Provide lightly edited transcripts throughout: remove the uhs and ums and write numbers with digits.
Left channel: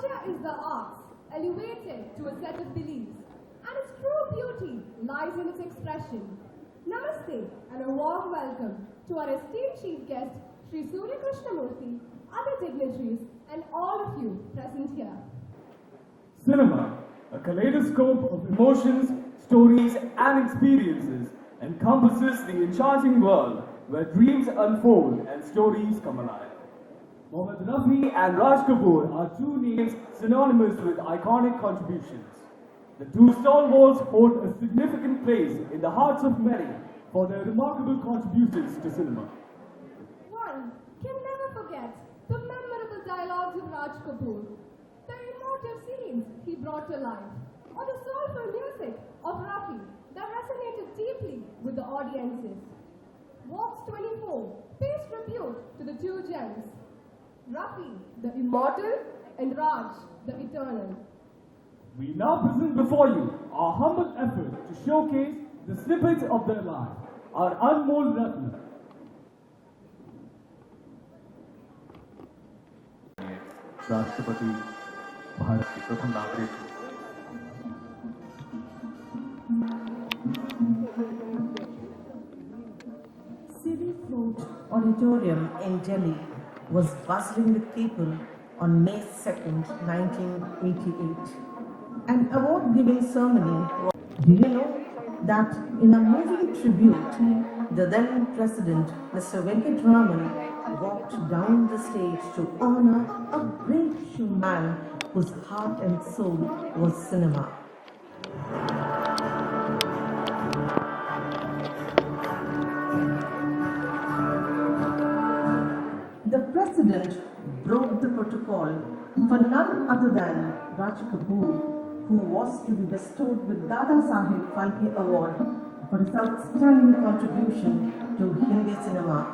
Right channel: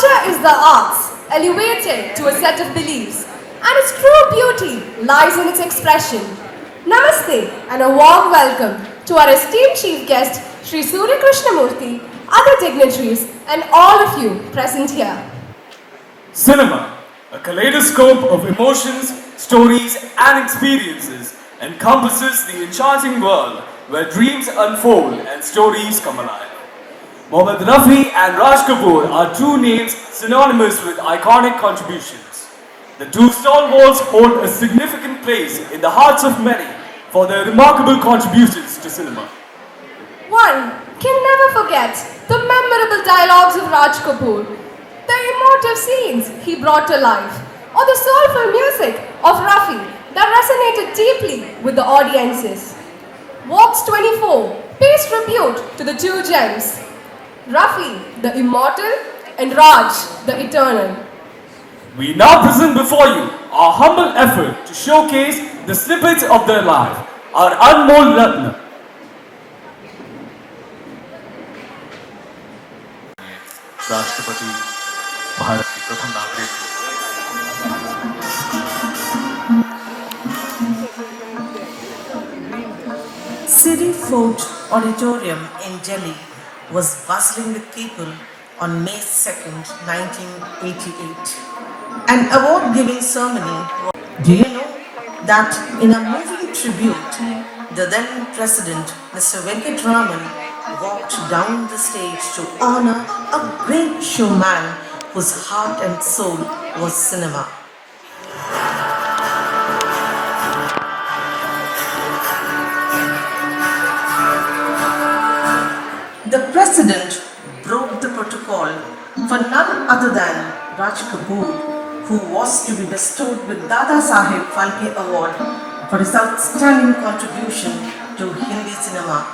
Culture is the arts, elevated to a set of beliefs, and its true beauty lies in its expression. Namaste and a warm welcome to our esteemed chief guest, Sri Surya Krishnamurthy, other dignitaries, and all of you present here. Cinema, a kaleidoscope of emotions, stories, and experiences, encompasses the enchanting world where dreams unfold and stories come alive. Mohammad Rafi and Raj Kapoor are two names synonymous with iconic contributions. The two stalwarts hold a significant place in the hearts of many for their remarkable contributions to cinema. One can never forget the memorable dialogues of Raj Kapoor, the emotive scenes he brought to life, or the soulful music of Rafi that resonated deeply with the audiences. Vox 24 pays tribute to the two gems, Rafi, the immortal, and Raj, the eternal. We now present before you our humble effort to showcase the snippets of their life, our Anmol Ratna. राष्ट्रपति भारत के प्रथम नागरिक Siri Fort Auditorium in Delhi was bustling with people on May 2nd, 1988. An award-giving ceremony. Do you know that in a moving tribute, the then President, Mr. Venkatraman, walked down the stage to honor a great showman whose heart and soul was cinema. The President broke the protocol for none other than Raj Kapoor, who was to be bestowed with Dada Saheb Phalke Award for his outstanding contribution to Hindi cinema.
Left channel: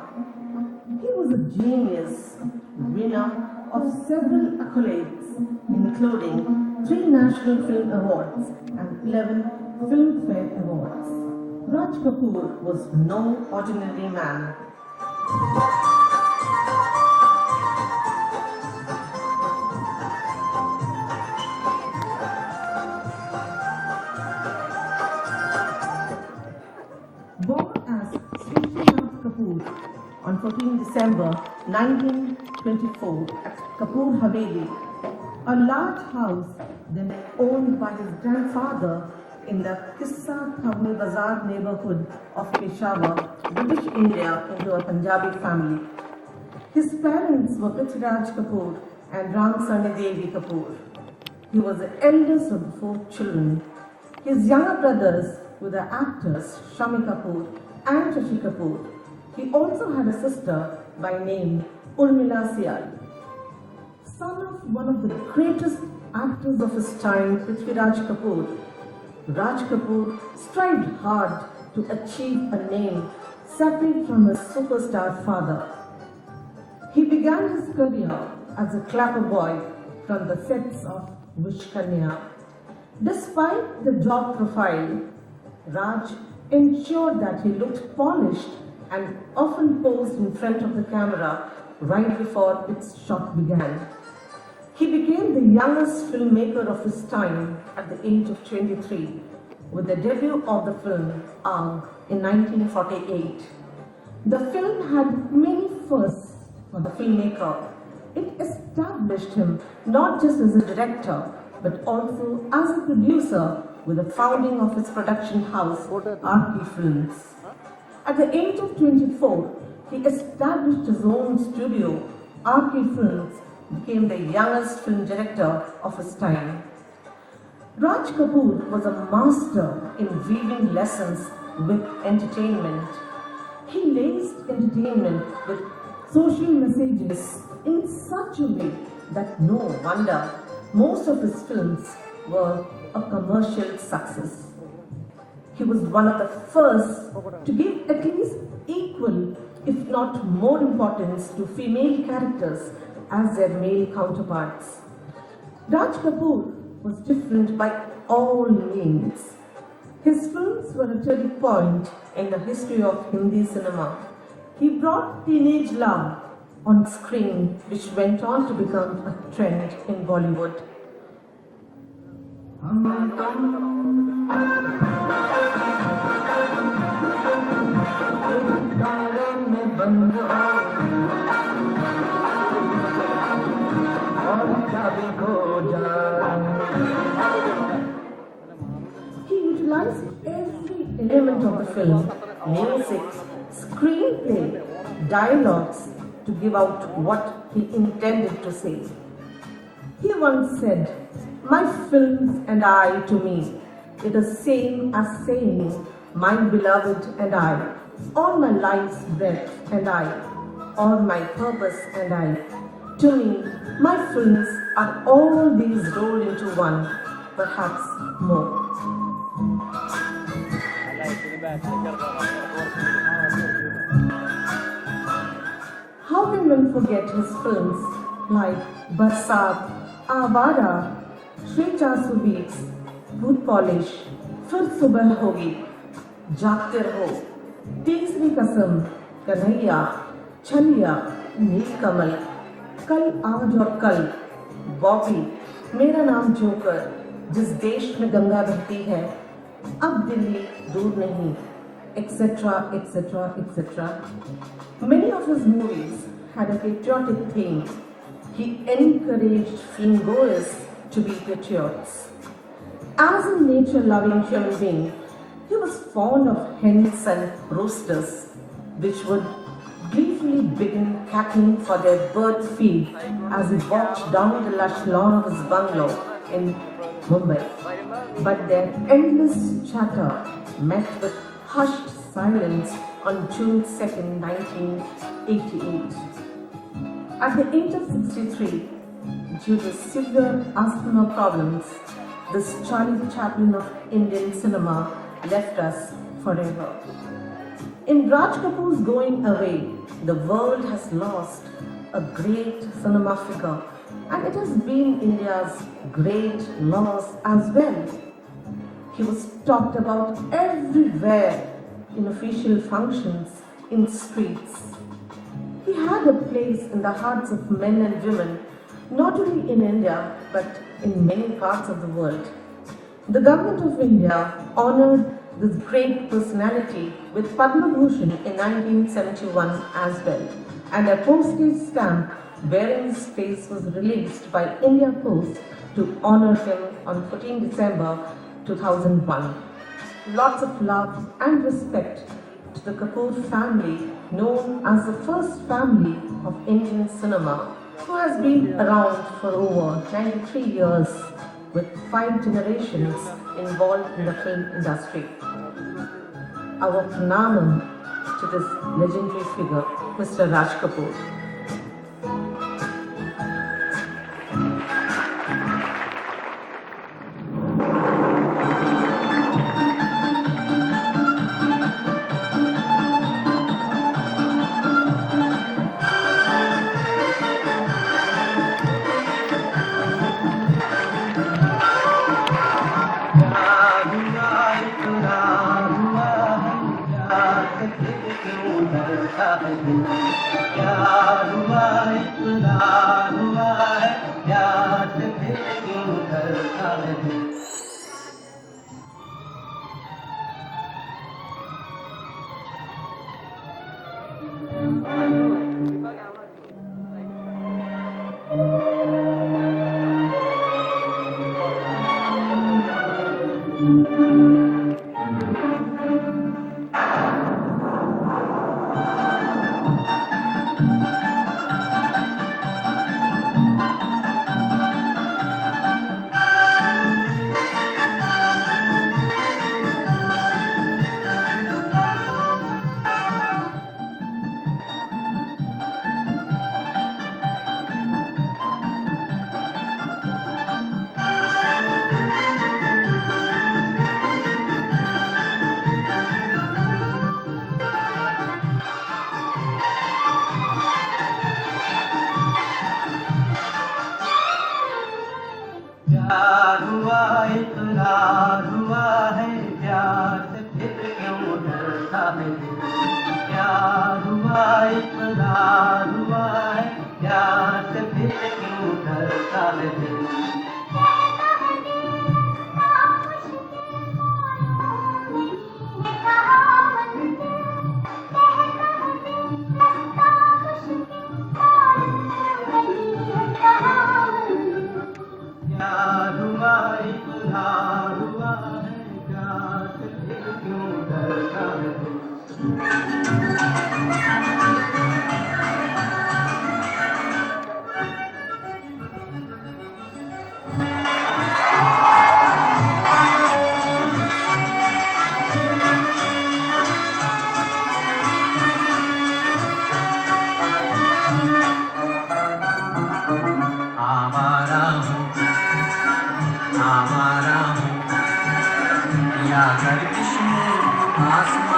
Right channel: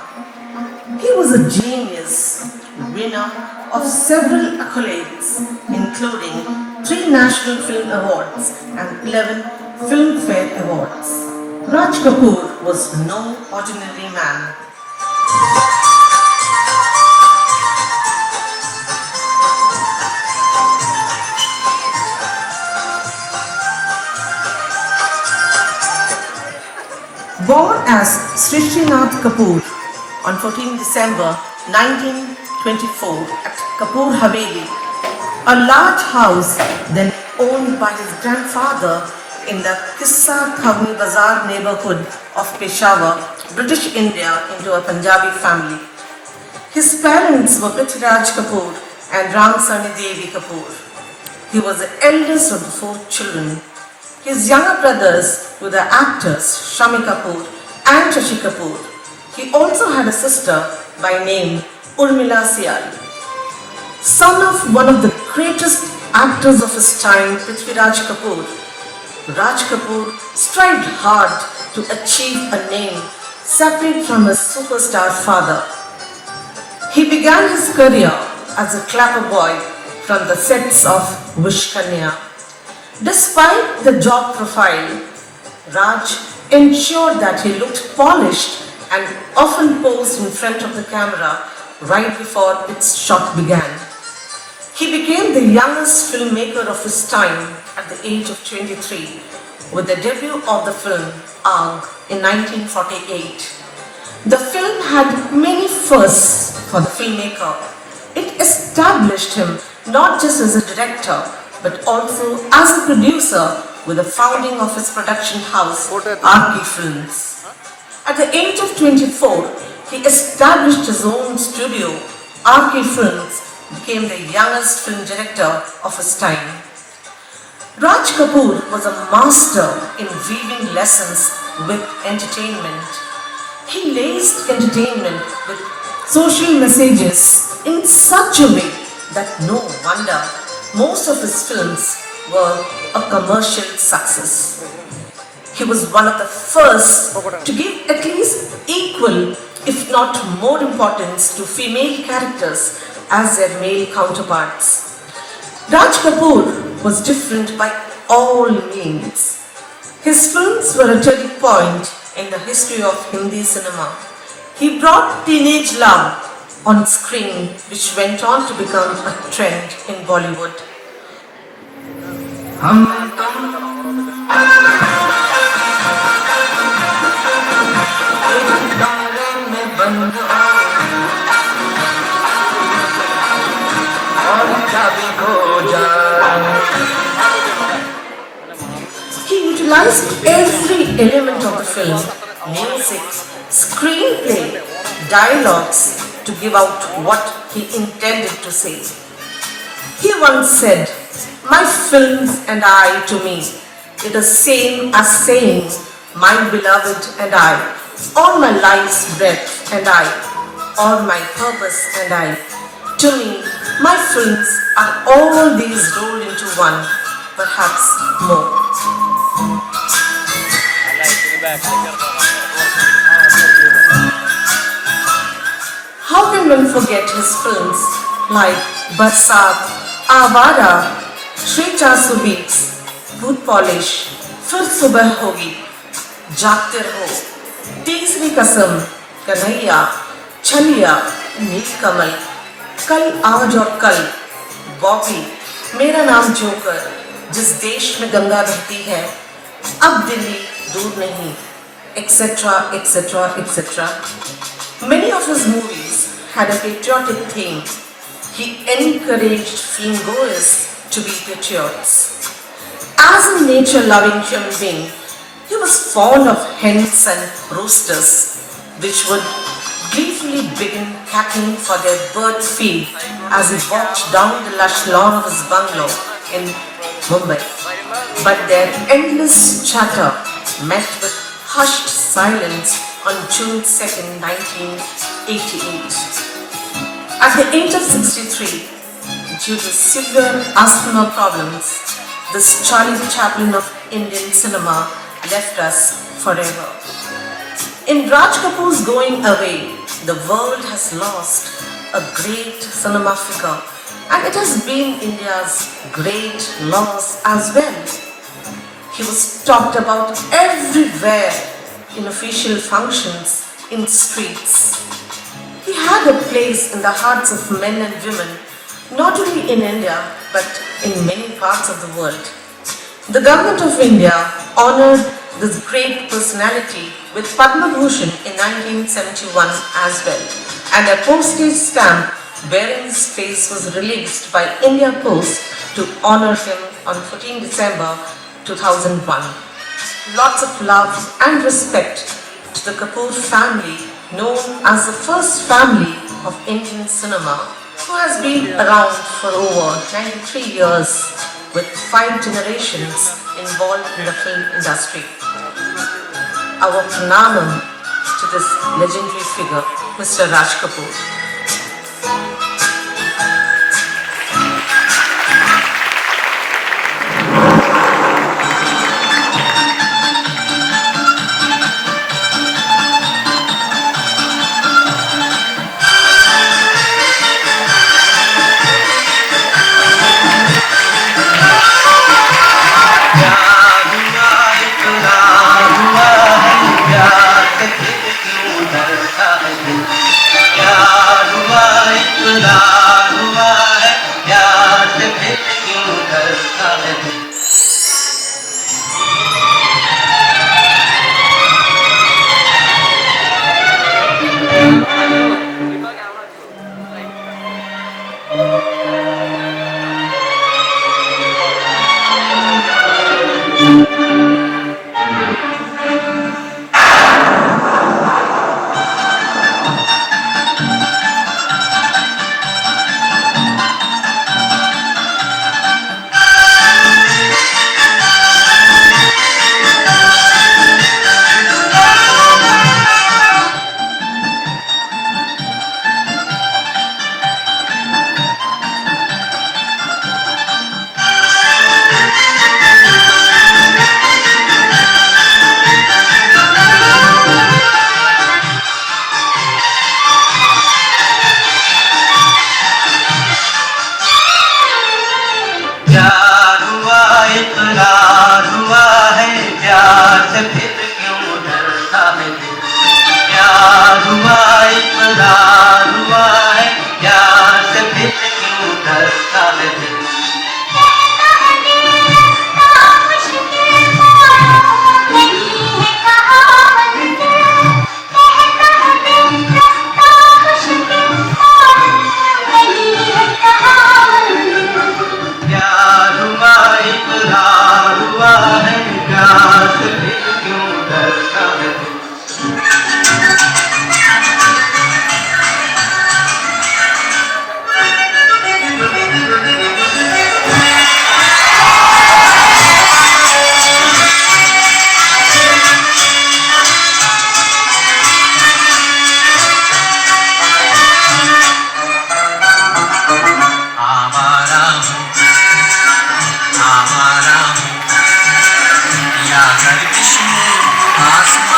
He was a genius, winner of several accolades, including 3 National Film Awards and 11 Filmfare Awards. Raj Kapoor was no ordinary man. Born as Srishinath Kapoor on 14 December 1924 at Kapoor Haveli, a large house then owned by his grandfather in the Kissa Thawni Bazar neighborhood of Peshawar, British India, into a Punjabi family. His parents were Prithviraj Kapoor and Ramsarni Devi Kapoor. He was the eldest of the 4 children. His younger brothers were the actors Shami Kapoor and Shashi Kapoor. He also had a sister by name Urmila Sial. Son of one of the greatest actors of his time, Prithviraj Kapoor, Raj Kapoor strived hard to achieve a name separate from his superstar father. He began his career as a clapper boy from the sets of Wish Kanya. Despite the job profile, Raj ensured that he looked polished and often posed in front of the camera right before its shot began. He became the youngest filmmaker of his time at the age of 23 with the debut of the film Aag in 1948. The film had many firsts for the filmmaker. It established him not just as a director but also as a producer with the founding of his production house, RK Films. At the age of 24, he established his own studio. RK Films became the youngest film director of his time. Raj Kapoor was a master in weaving lessons with entertainment. He laced entertainment with social messages in such a way that no wonder most of his films were a commercial success. He was one of the first to give at least equal, if not more importance to female characters as their male counterparts. Raj Kapoor was different by all means. His films were a turning point in the history of Hindi cinema. He brought teenage love on screen, which went on to become a trend in Bollywood. He utilized every element of the film, music, screenplay, dialogues, to give out what he intended to say. He once said, "My films and I to me, it is same as saying, my beloved and I, all my life's breath and I, all my purpose and I. To me, my films are all these rolled into one, perhaps more." How can one forget his films like Barsat, Avara, Shri 400 Beats, Boot Polish, Fir Subah Hogi, Jaagte Raho, Teesri Kasam, Kanhaiya, Chaliya, Neelkamal, Kal Aaj Aur Kal, Bobby, Mera Naam Joker, Jis Desh Mein Ganga Bahti Hai, Ab Delhi Dur Nahi, etc., etc., etc. Many of his movies had a patriotic theme. He encouraged filmgoers to be patriots. As a nature-loving human being, he was fond of hens and roosters, which would gleefully begin cackling for their bird feed as he walked down the lush lawn of his bungalow in Mumbai. But their endless chatter met with hushed silence on June 2nd, 1988. At the age of 63, due to severe asthma problems, this Charlie Chaplin of Indian cinema left us forever. In Raj Kapoor's going away, the world has lost a great cinema figure, and it has been India's great loss as well. He was talked about everywhere, in official functions, in streets. He had a place in the hearts of men and women, not only in India, but in many parts of the world. The government of India honored this great personality with Padma Bhushan in 1971 as well, and a postage stamp bearing his face was released by India Post to honor him on 14 December 2001. Lots of love and respect to the Kapoor family, known as the first family of Indian cinema, who has been around for over 93 years with 5 generations involved in the film industry. Our pranamam to this legendary figure, Mr. Raj Kapoor. क्या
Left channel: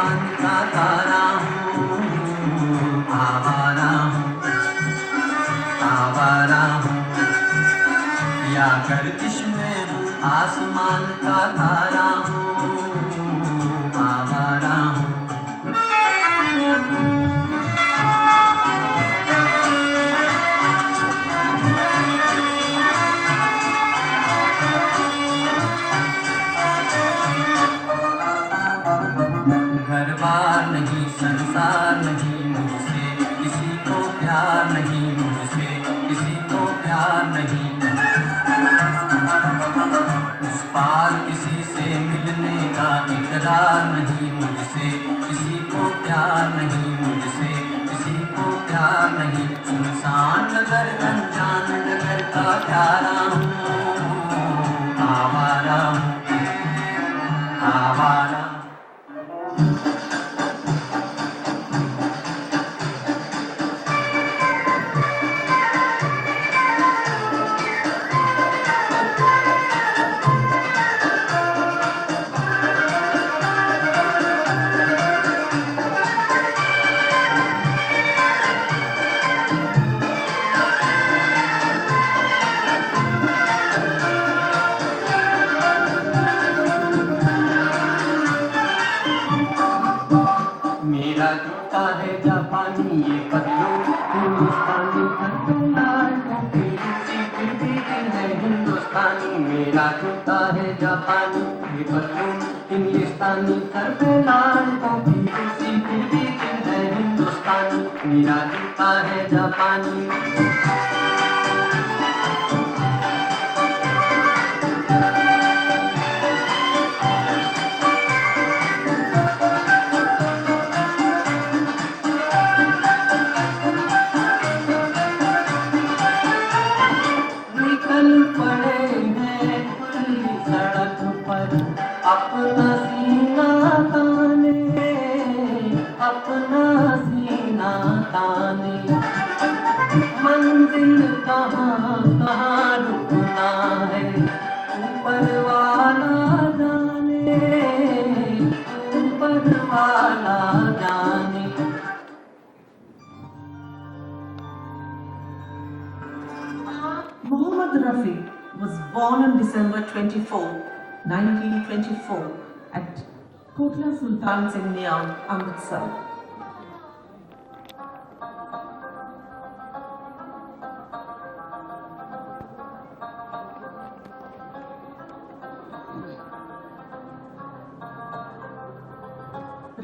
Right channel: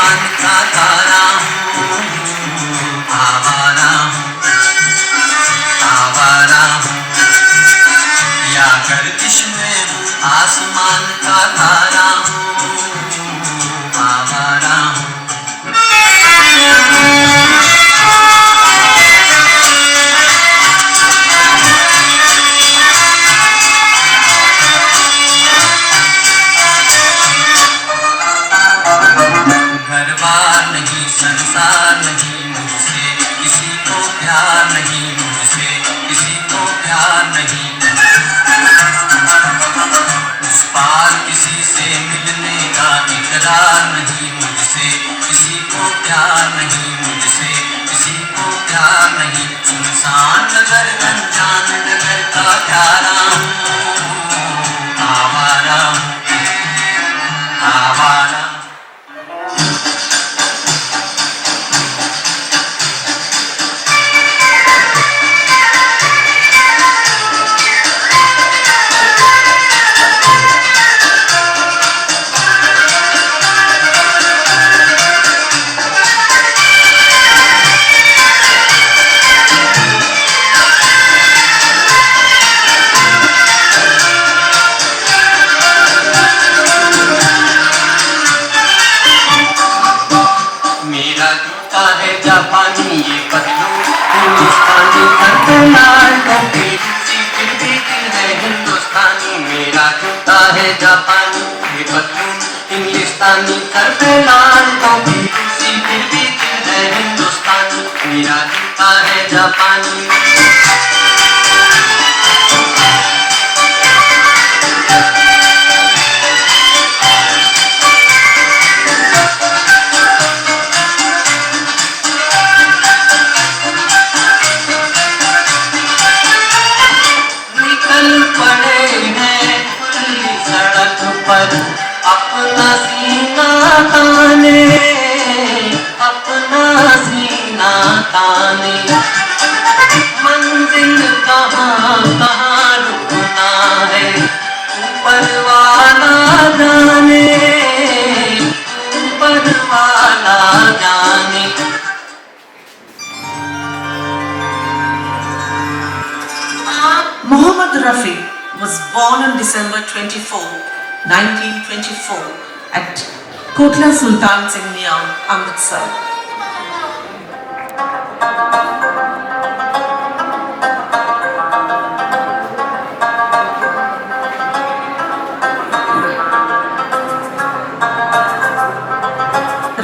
आसमान का तारा हूँ, आवारा हूँ, आवारा हूँ, या गर्दिश में हूँ, आसमान का तारा हूँ, आवारा हूँ। घर बार नहीं, संसार नहीं, मुझसे किसी को प्यार नहीं, मुझसे किसी को प्यार नहीं। उस पार किसी से मिलने का इकरार नहीं, मुझसे किसी को प्यार नहीं, मुझसे किसी को प्यार नहीं। इंसान नगर अनजान नगर का प्यारा हूँ, आवारा हूँ, आवारा। मेरा जूता है जापानी, ये पतलू हिंदुस्तानी, घर पे लाल टोपी रूसी, फिर भी दिल है हिंदुस्तानी। मेरा जूता है जापानी, ये पतलू हिंदुस्तानी, घर पे लाल टोपी रूसी, फिर भी दिल है हिंदुस्तानी। मेरा जूता है जापानी। निकल पड़े हैं खुली सड़क पर अपना सीना ताने, अपना सीना ताने। मंजिल कहाँ कहाँ रुकना है, ऊपर वाला जाने, ऊपर वाला जाने। Muhammad Rafi was born on December 24, 1924 at Kotla Sultan Singh Mian, Amritsar.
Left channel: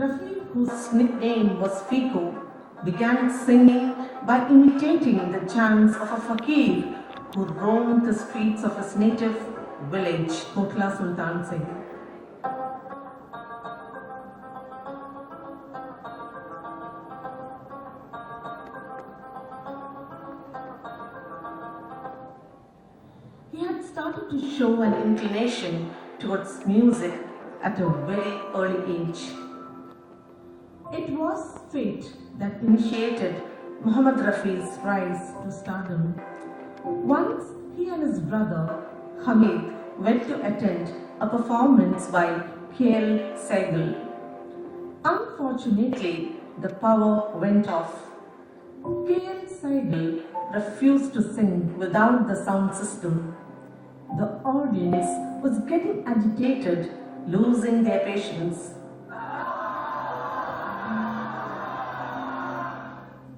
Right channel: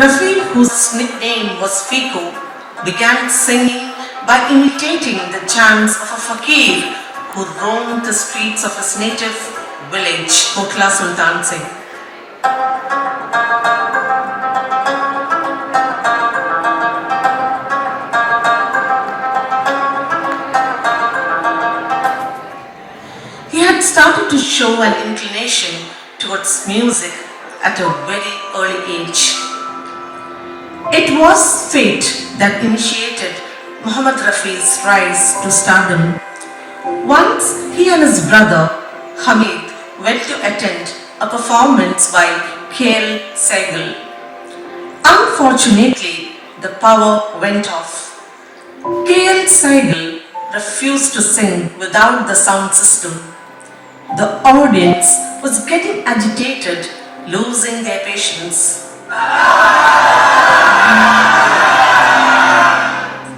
Rafi, whose nickname was Fiku, began singing by imitating the chants of a fakir who roamed the streets of his native village, Kotla Sultan Singh. He had started to show an inclination towards music at a very early age. It was fate that initiated Muhammad Rafi's rise to stardom. Once he and his brother Hamid went to attend a performance by K.L. Sehgal. Unfortunately, the power went off. K.L. Sehgal refused to sing without the sound system. The audience was getting agitated, losing their patience.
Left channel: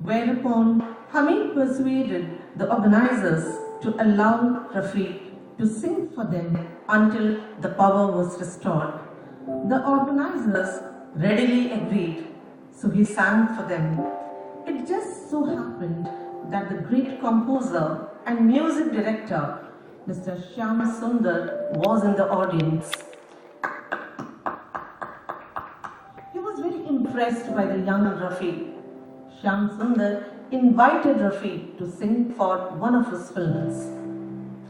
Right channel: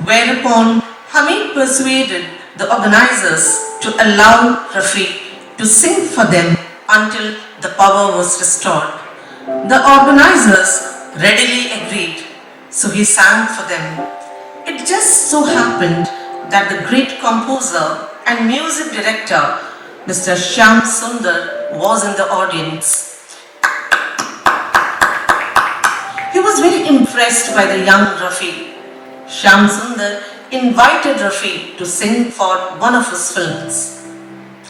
Whereupon Hamid persuaded the organizers to allow Rafi to sing for them until the power was restored. The organizers readily agreed, so he sang for them. It just so happened that the great composer and music director Mr. Shyam Sundar was in the audience. He was very impressed by the young Rafi. Shyam Sundar invited Rafi to sing for one of his films.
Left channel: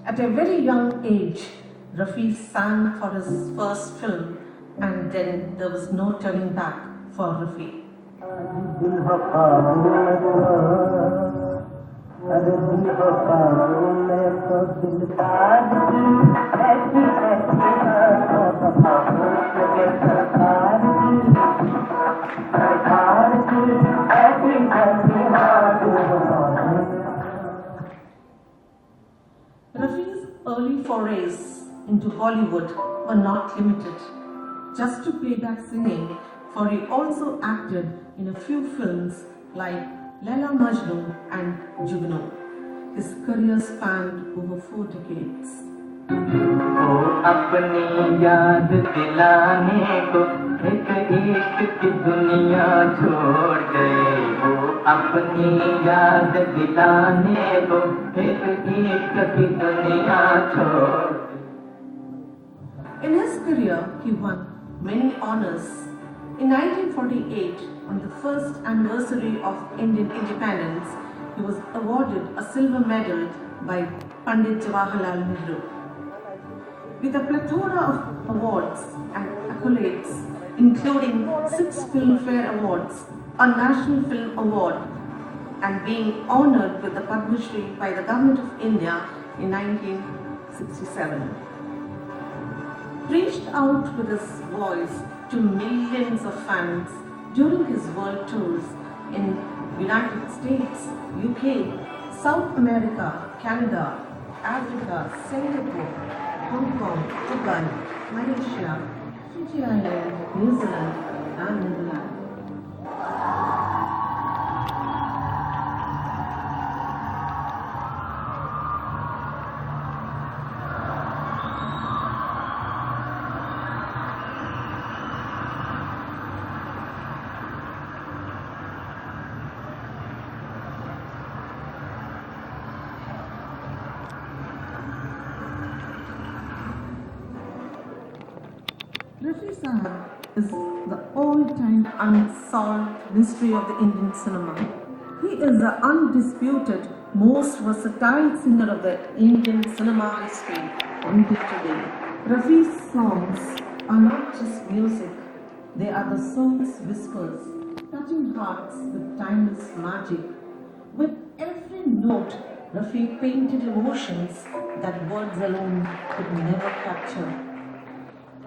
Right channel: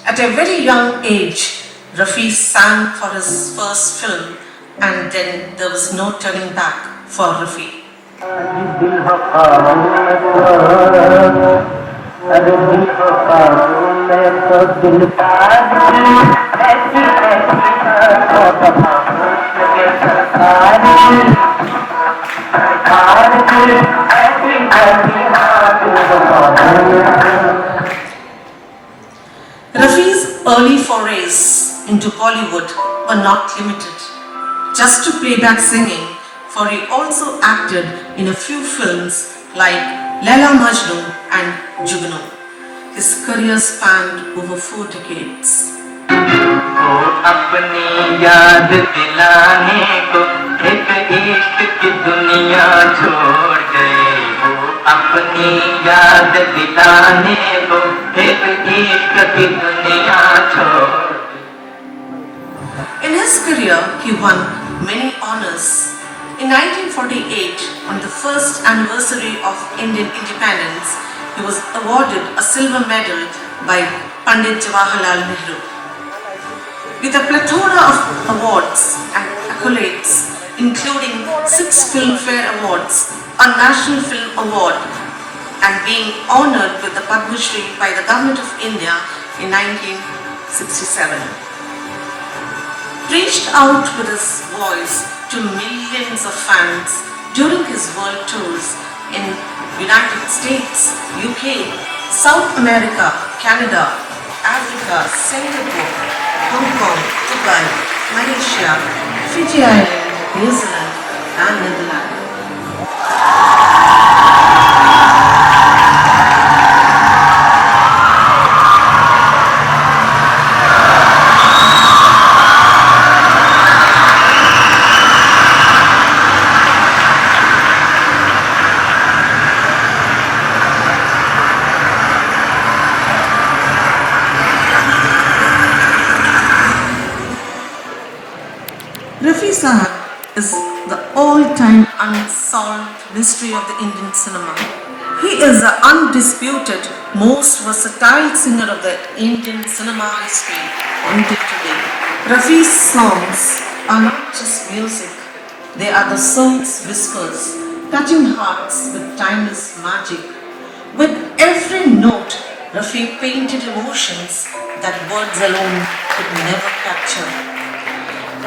At a very young age, Rafi sang for his first film, and then there was no turning back for Rafi. forays into Bollywood were not limited just to playback singing, for he also acted in a few films like Laila Majnu and Jugnu. His career spanned over 4 decades. वो अपनी याद दिलाने को एक इश्क की दुनिया छोड़ गए वो अपनी याद दिलाने को एक इश्क की दुनिया छोड़ In his career, he won many honors. In 1948, on the first anniversary of Indian independence, he was awarded a silver medal by Pandit Jawaharlal Nehru. With a plethora of awards and accolades, including 6 Filmfare Awards, a National Film Award, and being honored with the Padma Shri by the Government of India in 1967. Reached out with his voice to millions of fans during his world tours in United States, UK, South America, Canada, Africa, Singapore, Hong Kong, Dubai, Malaysia, Fiji Island, New Zealand, and Netherlands. Rafi Sahab is the all-time unsolved mystery of the Indian cinema. He is the undisputed most versatile singer of the Indian cinema history until today. Rafi's songs are not just music, they are the soul's whispers, touching hearts with timeless magic. With every note, Rafi painted emotions that words alone could never capture.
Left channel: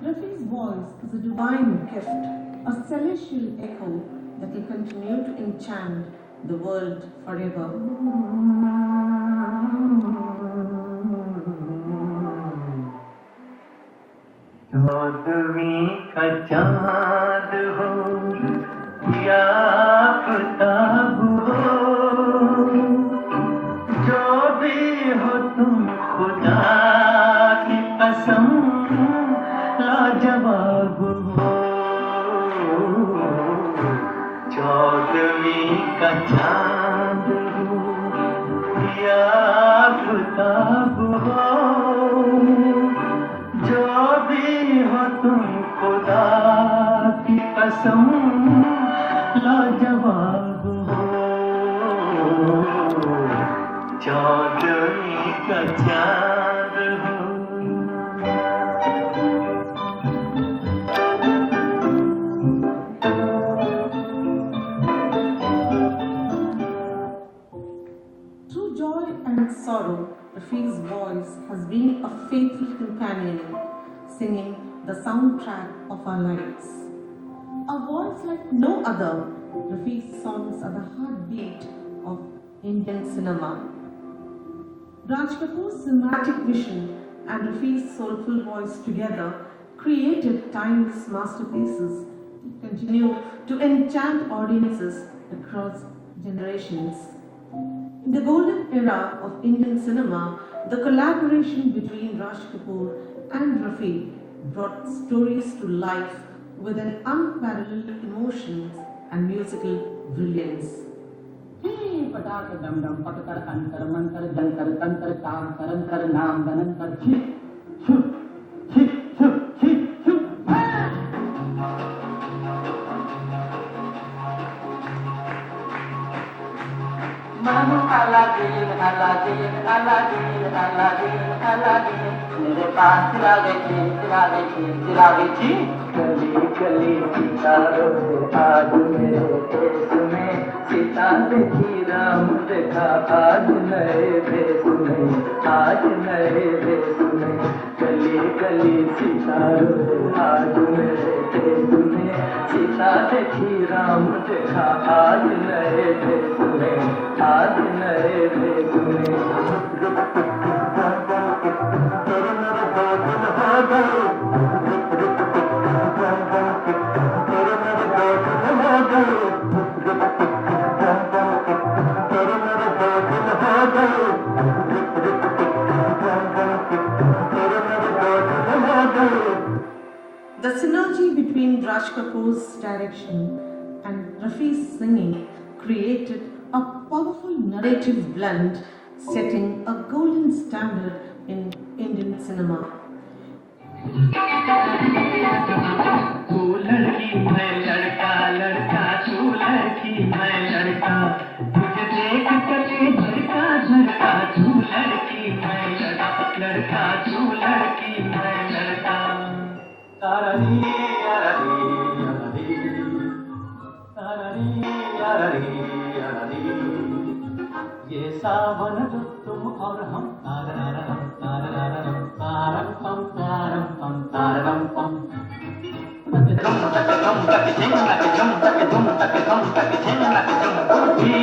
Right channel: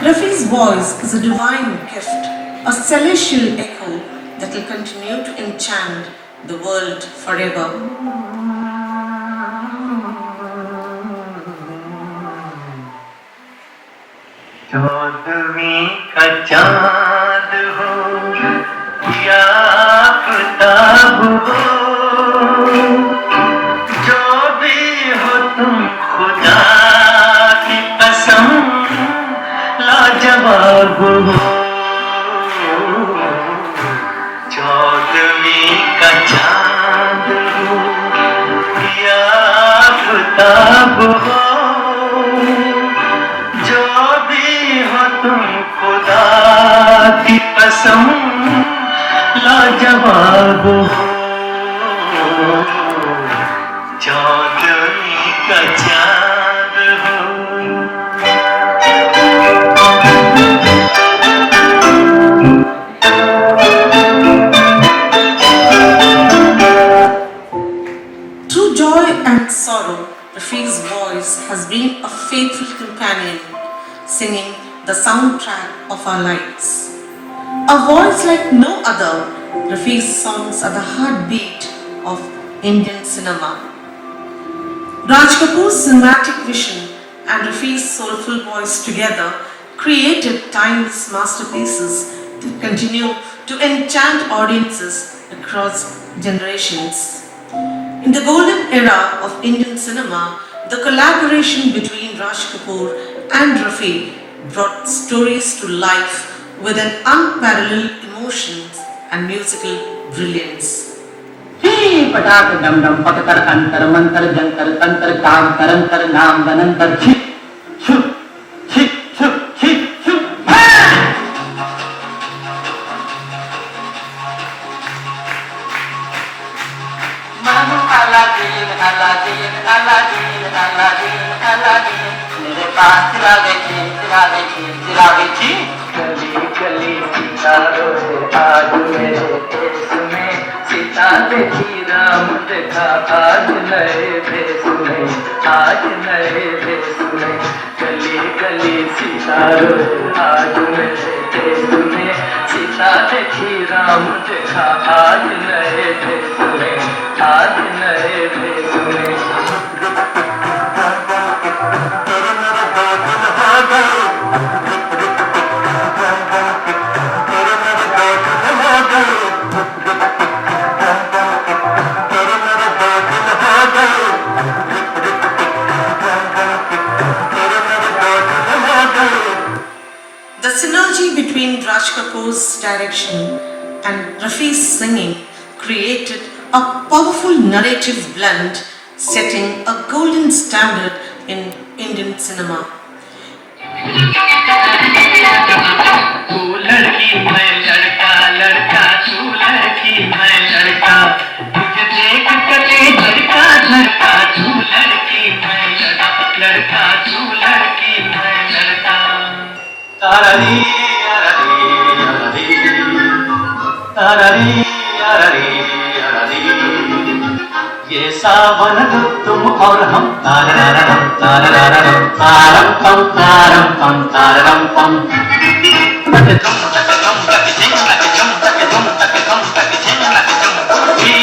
Rafi's voice is a divine gift, a celestial echo that will continue to enchant the world forever. चौदहवीं का चाँद हो या आफ़ताब हो जो भी हो तुम खुदा की कसम लाजवाब हो चौदहवीं का चाँद हो या आफ़ताब हो जो भी हो तुम खुदा की कसम लाजवाब हो चौदहवीं का चाँद हो Through joy and sorrow, Rafi's voice has been a faithful companion, singing the soundtrack of our lives. A voice like no other, Rafi's songs are the heartbeat of Indian cinema. Raj Kapoor's cinematic vision and Rafi's soulful voice together created timeless masterpieces that continue to enchant audiences across generations. In the golden era of Indian cinema, the collaboration between Raj Kapoor and Rafi brought stories to life with an unparalleled emotion and musical brilliance. ही पटाक डम डम पककर अंतर मंतर जंतर तंत्र काम करंतर नाम बनंतर छिप छुप छिप छुप छिप छुप Manu Aladdin Aladdin Aladdin Aladdin Aladdin मेरे पास चिरागे ची गली गली सितारों से आज मेरे देश में सीता देखी राम देखा आज नए देश में आज नए देश में गली गली सितारों से आज मेरे देश में सीता देखी राम देखा आज नए देश में आज नए देश में Raj Kapoor's direction and Rafi's singing created a powerful narrative blend, setting a golden standard in Indian cinema. तू लड़की मैं लड़का लड़का तू लड़की मैं लड़का तुझे देख कर धड़का धड़का तू लड़की मैं लड़का तू लड़की मैं लड़का तारारी यारारी यारारी तारारी यारारी यारारी ये सावन तुम और हम तारारारम तारारारम तारम पम तारम पम तारम पम तक तुम तक झिंग तक तुम तक झिंग तक तुम उठी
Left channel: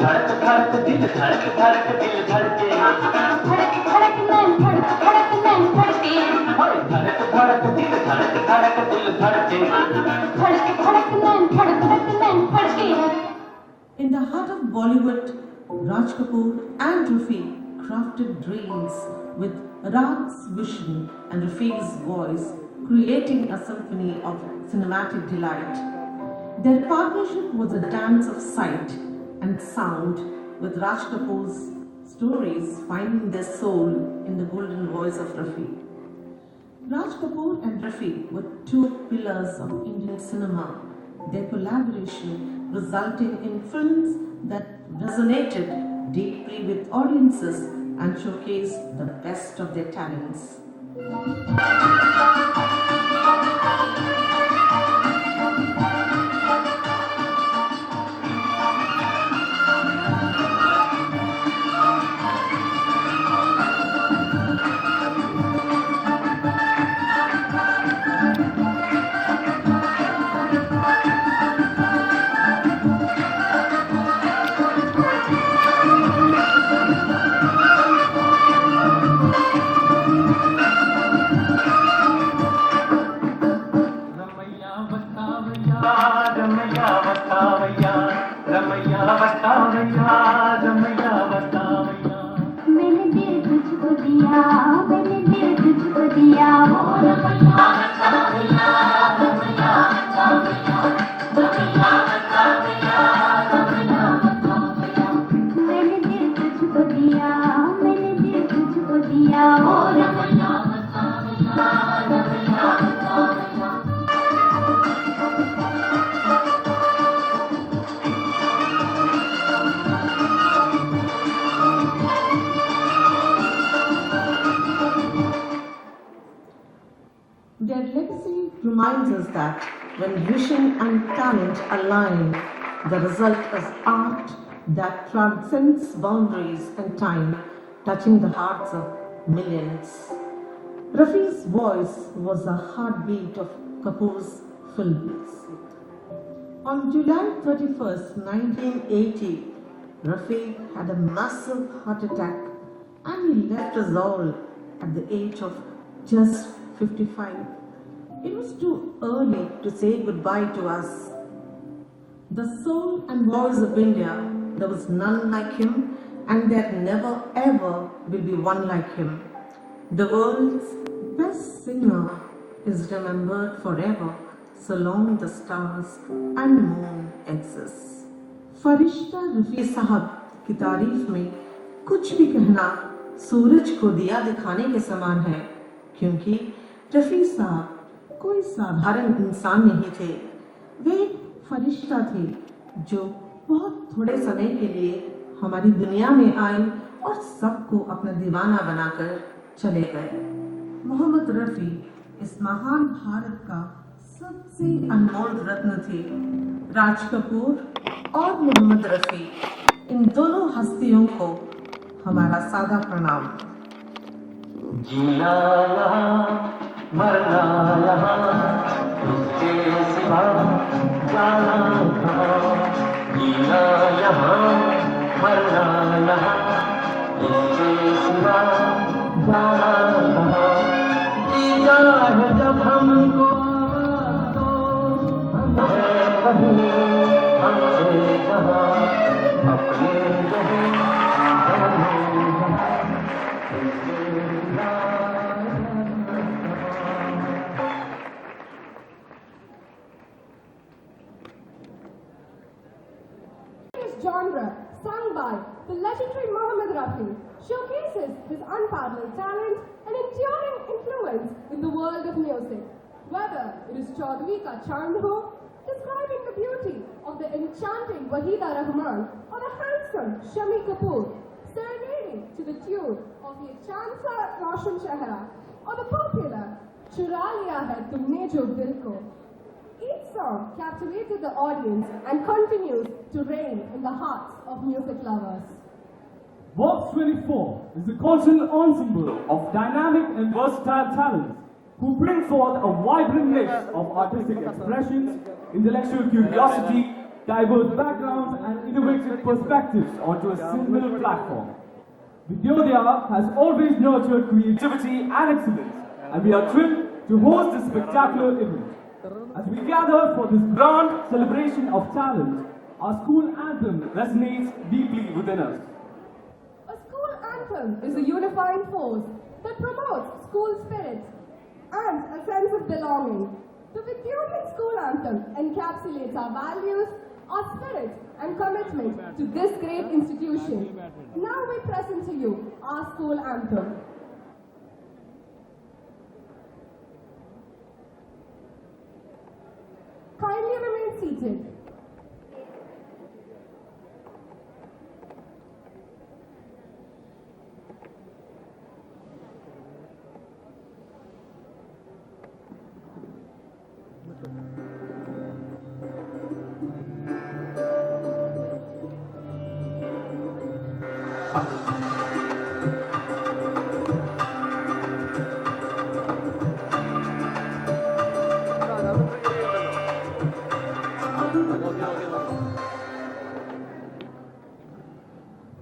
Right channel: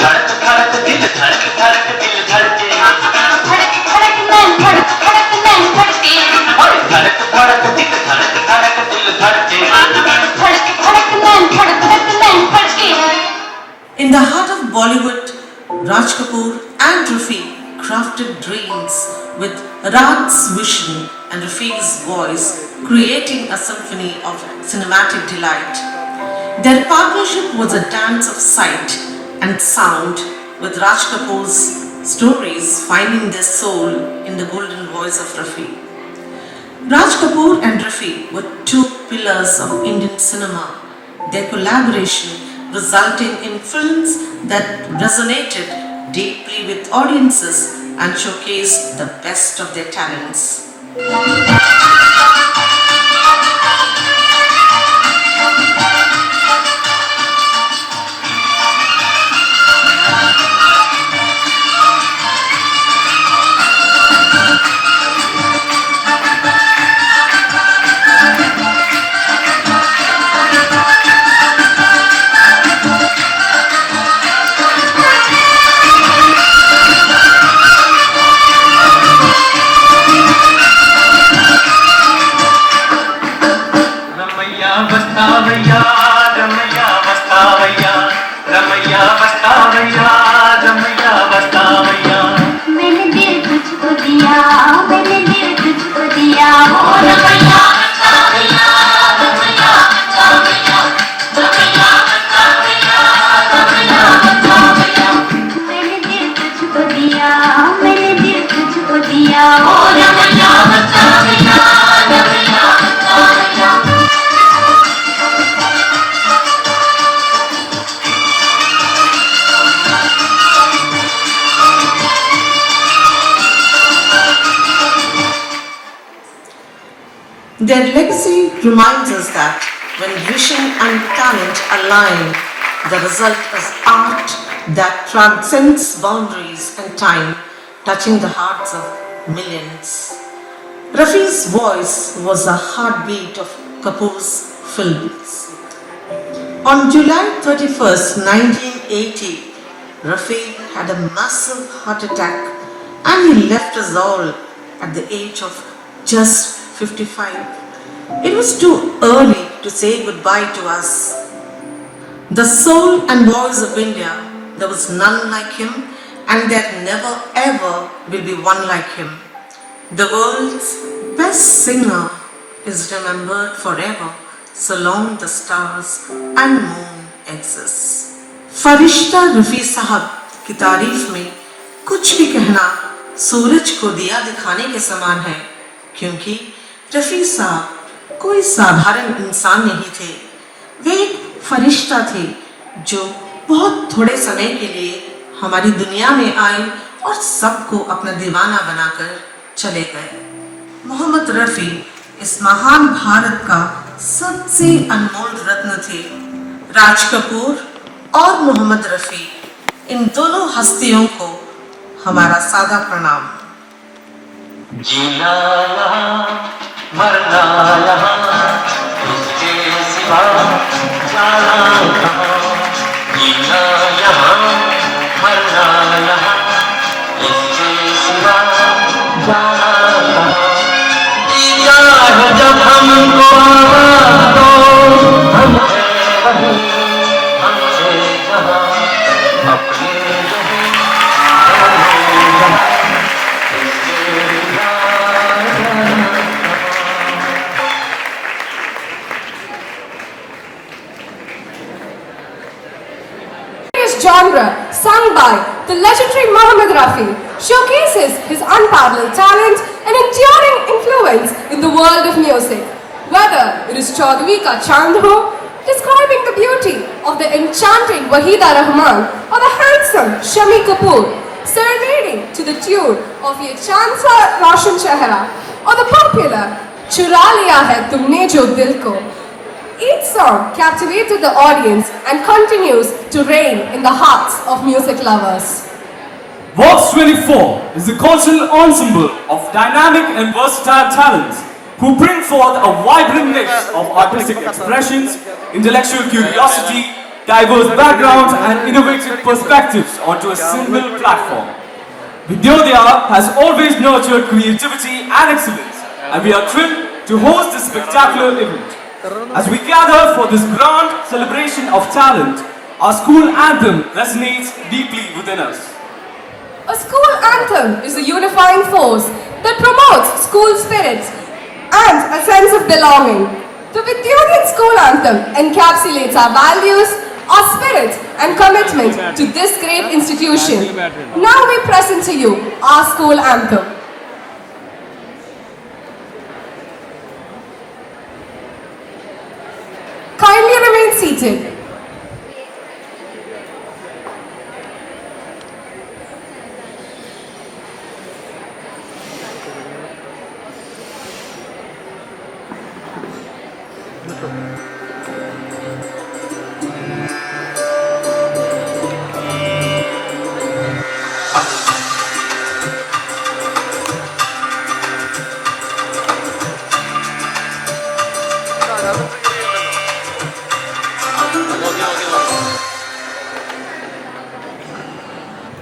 धड़क धड़क दिल धड़क धड़क दिल धड़के धड़क धड़क नैन धड़के और धड़क धड़क दिल धड़क धड़क दिल धड़के धड़क धड़क नैन धड़के In the heart of Bollywood, Raj Kapoor and Rafi crafted dreams with Raj's vision and Rafi's voice, creating a symphony of cinematic delight. Their partnership was a dance of sight and sound, with Raj Kapoor's stories finding their soul in the golden voice of Rafi. Raj Kapoor and Rafi were two pillars of Indian cinema. Their collaboration resulting in films that resonated deeply with audiences and showcased the best of their talents. Their legacy reminds us that when vision and talent align, the result is art that transcends boundaries and time, touching the hearts of millions. Rafi's voice was the heartbeat of Kapoor's films. On July 31st, 1980, Rafi had a massive heart attack and he left us all at the age of just 55. It was too early to say goodbye to us. The soul and voice of India, there was none like him, and there never ever will be one like him. The world's best singer is remembered forever, so long the stars and moon exist. फरिश्ता रफ़ी साहब की तारीफ में कुछ भी कहना सूरज को दिया दिखाने के समान है, क्योंकि रफ़ी साहब कोई साधारण इंसान नहीं थे। वे एक फरिश्ता थे जो बहुत थोड़े समय के लिए हमारी दुनिया में आए और सबको अपना दीवाना बनाकर चले गए। मोहम्मद रफ़ी इस महान भारत का सबसे अनमोल रत्न थे। राज कपूर और मोहम्मद रफ़ी, इन दोनों हस्तियों को हमारा सादा प्रणाम। जीना यहाँ मरना यहाँ इसके सिवा जाना कहाँ जीना यहाँ मरना यहाँ इसके सिवा जाना कहाँ दिया है जब हमको आवाज़ दो हम हैं वही हमसे जहाँ अपने जो हैं दोनों जहाँ इसके सिवा genre, sung by the legendary Mohammed Rafi, showcases his unparalleled talent and enduring influence in the world of music. Whether it is Chaudhary Ka Chand Ho, describing the beauty of the enchanting Wahida Rahman, or the handsome Shami Kapoor, serenading to the tune of Ye Chand Sa Roshan Chehra, or the popular Chura Liya Hai Tumne Jo Dil Ko. Each song captivated the audience and continues to reign in the hearts of music lovers. Vox 24 is a cultural ensemble of dynamic and versatile talents who bring forth a vibrant mix of artistic expressions, intellectual curiosity, diverse backgrounds and innovative perspectives onto a single platform. Vidyodaya has always nurtured creativity and excellence, and we are thrilled to host this spectacular event. As we gather for this grand celebration of talent, our school anthem resonates deeply within us. A school anthem is a unifying force that promotes school spirit and a sense of belonging. The Vidyodaya School Anthem encapsulates our values, our spirit and commitment to this great institution. Now we present to you our school anthem. Kindly remain seated.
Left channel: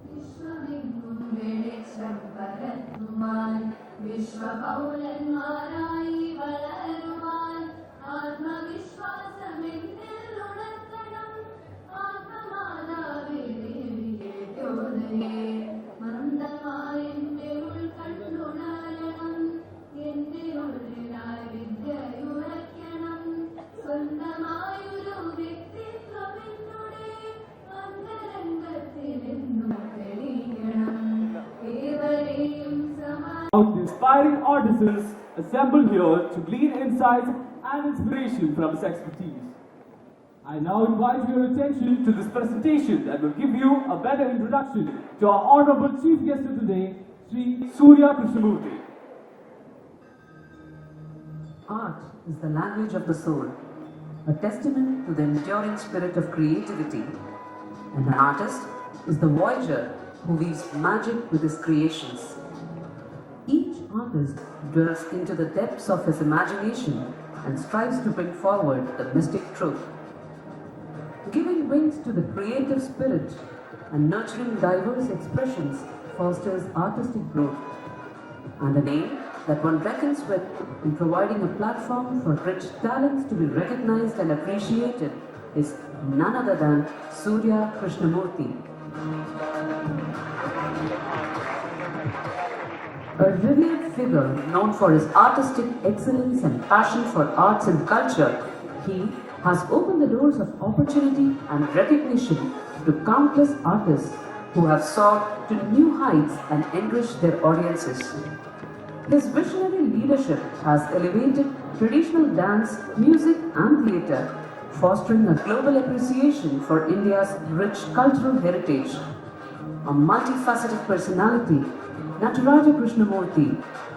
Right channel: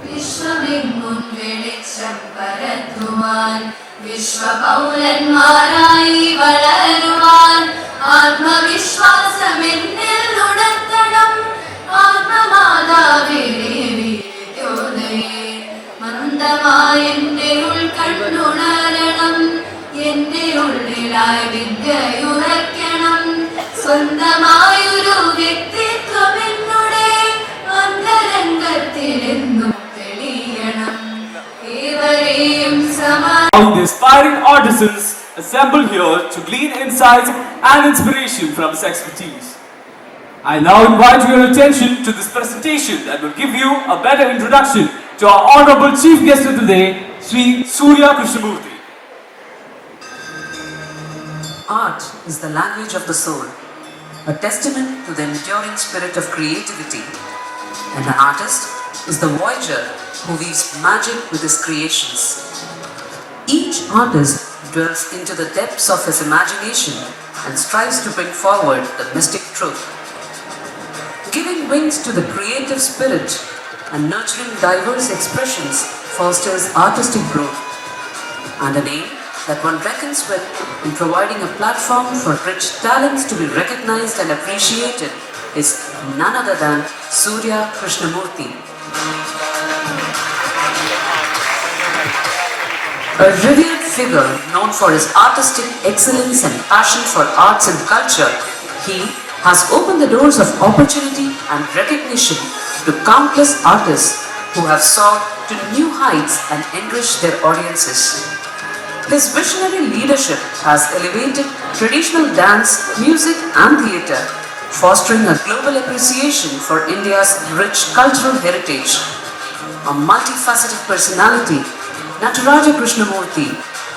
വിശ്വമെങ്ങും വെളിച്ചം പരത്തുവാൻ വിശ്വപൗരന്മാരായി വളരുവാൻ ആത്മവിശ്വാസമെന്നിൽ ഉണർത്തണം ആത്മമാതാവേ വിദ്യോദയേ മന്ദമായ എന്റെ ഉൾക്കണ്ണുണരണം എന്റെ ഉള്ളിലായി വിദ്യയുറയ്ക്കണം സ്വന്തമായൊരു വ്യക്തിത്വം എന്നുടെ അന്തരംഗത്തിലെന്നും Now the aspiring artisans assemble here to glean insights and inspiration from his expertise. I now invite your attention to this presentation that will give you a better introduction to our honorable chief guest of the day, Sri Surya Krishnamurthy. Art is the language of the soul, a testament to the enduring spirit of creativity, and an artist is the voyager who weaves magic with his creations. Each artist dwells into the depths of his imagination and strives to bring forward the mystic truth. Giving wings to the creative spirit and nurturing diverse expressions fosters artistic growth, and an aim that one reckons with in providing a platform for rich talents to be recognized and appreciated is none other than Surya Krishnamurthy. A revered figure known for his artistic excellence and passion for arts and culture, he has opened the doors of opportunity and recognition to countless artists who have soared to new heights and enriched their audiences. His visionary leadership has elevated traditional dance, music and theatre, fostering a global appreciation for India's rich cultural heritage. A multifaceted personality, Nataraja Krishnamurthy,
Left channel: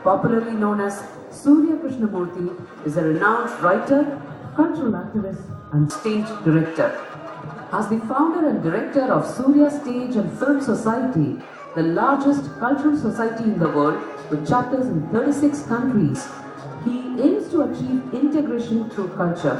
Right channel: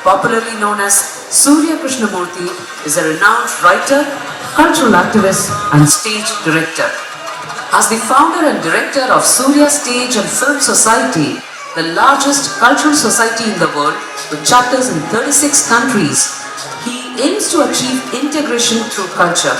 popularly known as Surya Krishnamurthy, is a renowned writer, cultural activist and stage director. As the founder and director of Surya Stage and Film Society, the largest cultural society in the world with chapters in 36 countries, he aims to achieve integration through culture.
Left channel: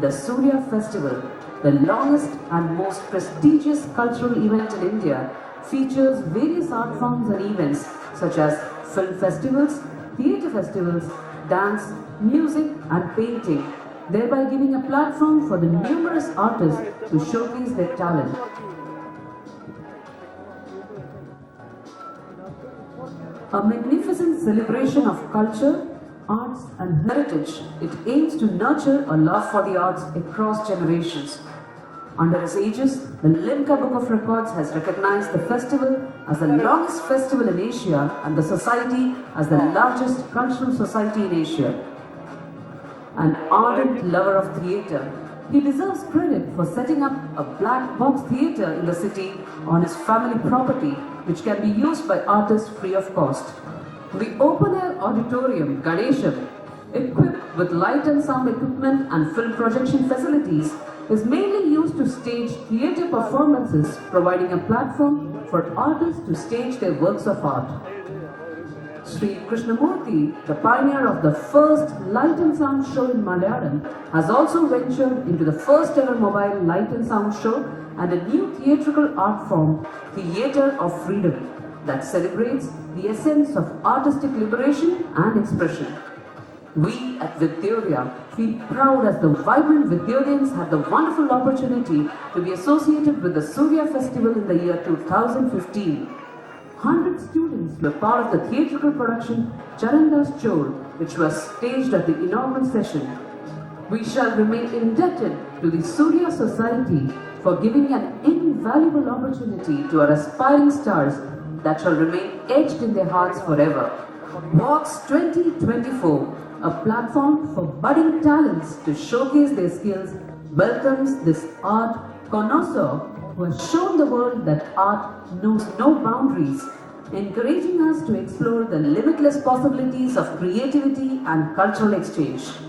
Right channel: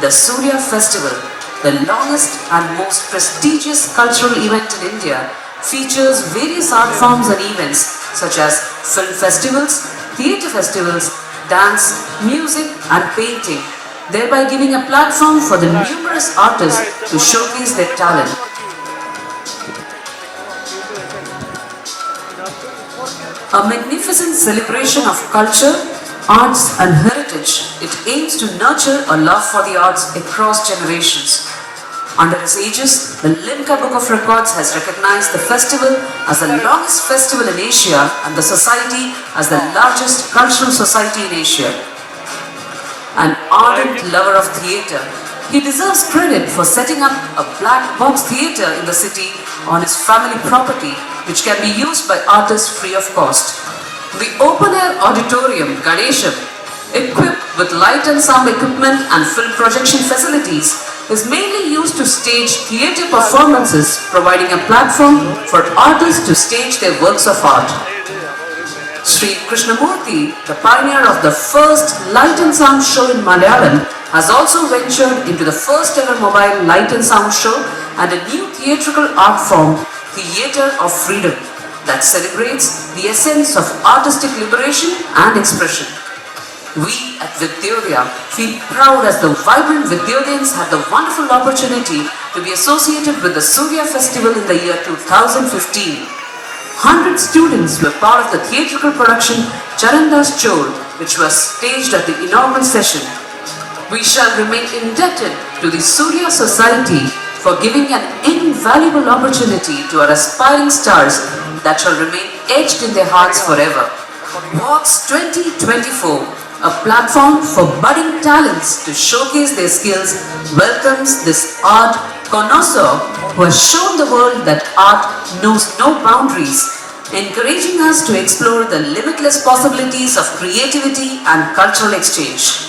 The Surya Festival, the longest and most prestigious cultural event in India, features various art forms and events such as film festivals, theatre festivals, dance, music and painting, thereby giving a platform for the numerous artists to showcase their talent. A magnificent celebration of culture, arts and heritage, it aims to nurture a love for the arts across generations. Under his aegis, the Limca Book of Records has recognized the festival as the longest festival in Asia and the society as the largest cultural society in Asia. An ardent lover of theatre, he deserves credit for setting up a black box theatre in the city on his family property, which can be used by artists free of cost. The open-air auditorium, Ganesham, equipped with light and sound equipment and film projection facilities, is mainly used to stage theatre performances, providing a platform for artists to stage their works of art. Sri Krishnamurthy, the pioneer of the first light and sound show in Malayalam, has also ventured into the first ever mobile light and sound show and a new theatrical art form, Theatre of Freedom, that celebrates the essence of artistic liberation and expression. We at Vidyodaya feel proud as the vibrant Vidyodayans had the wonderful opportunity to be associated with the Surya Festival in the year 2015. 100 students were part of the theatrical production Charandas Chol, which was staged at the inaugural session. We shall remain indebted to the Surya Society for giving an invaluable opportunity to our aspiring stars that shall remain etched in their hearts forever. Walks 2024, a platform for budding talents to showcase their skills, welcomes this art connoisseur who has shown the world that art knows no boundaries, encouraging us to explore the limitless possibilities of creativity and cultural exchange.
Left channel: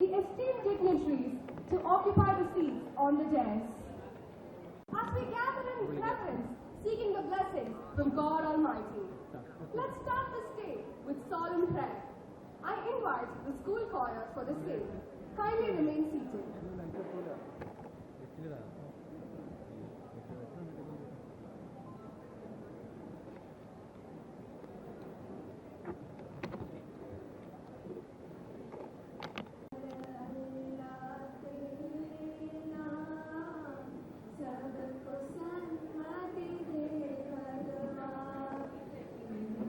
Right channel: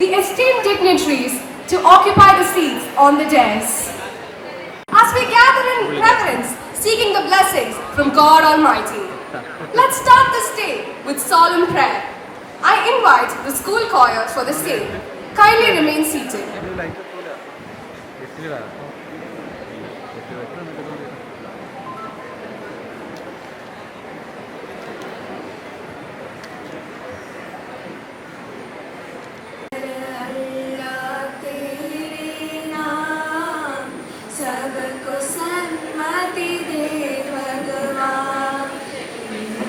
The esteemed dignitaries to occupy the seats on the dais. As we gather in reverence, seeking the blessings from God Almighty, let's start this day with solemn prayer. I invite the school choir for the same. Kindly remain seated. सबको सन्मति दे भगवान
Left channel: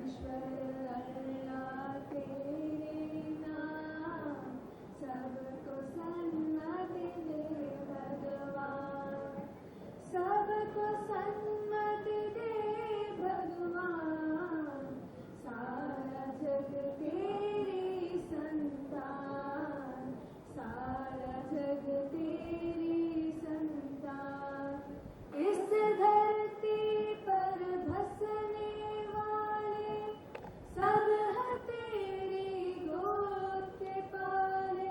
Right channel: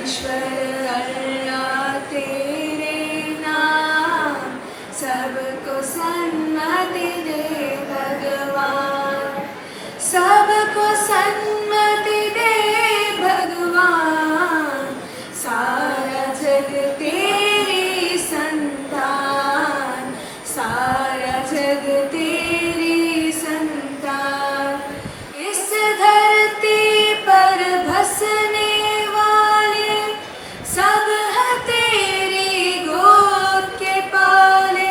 ईश्वर अल्लाह तेरे नाम सबको सन्मति दे भगवान सबको सन्मति दे भगवान सारा जग तेरी संतान सारा जग तेरी संतान इस धरती पर बसने वाले सब है तेरी गोद के पाले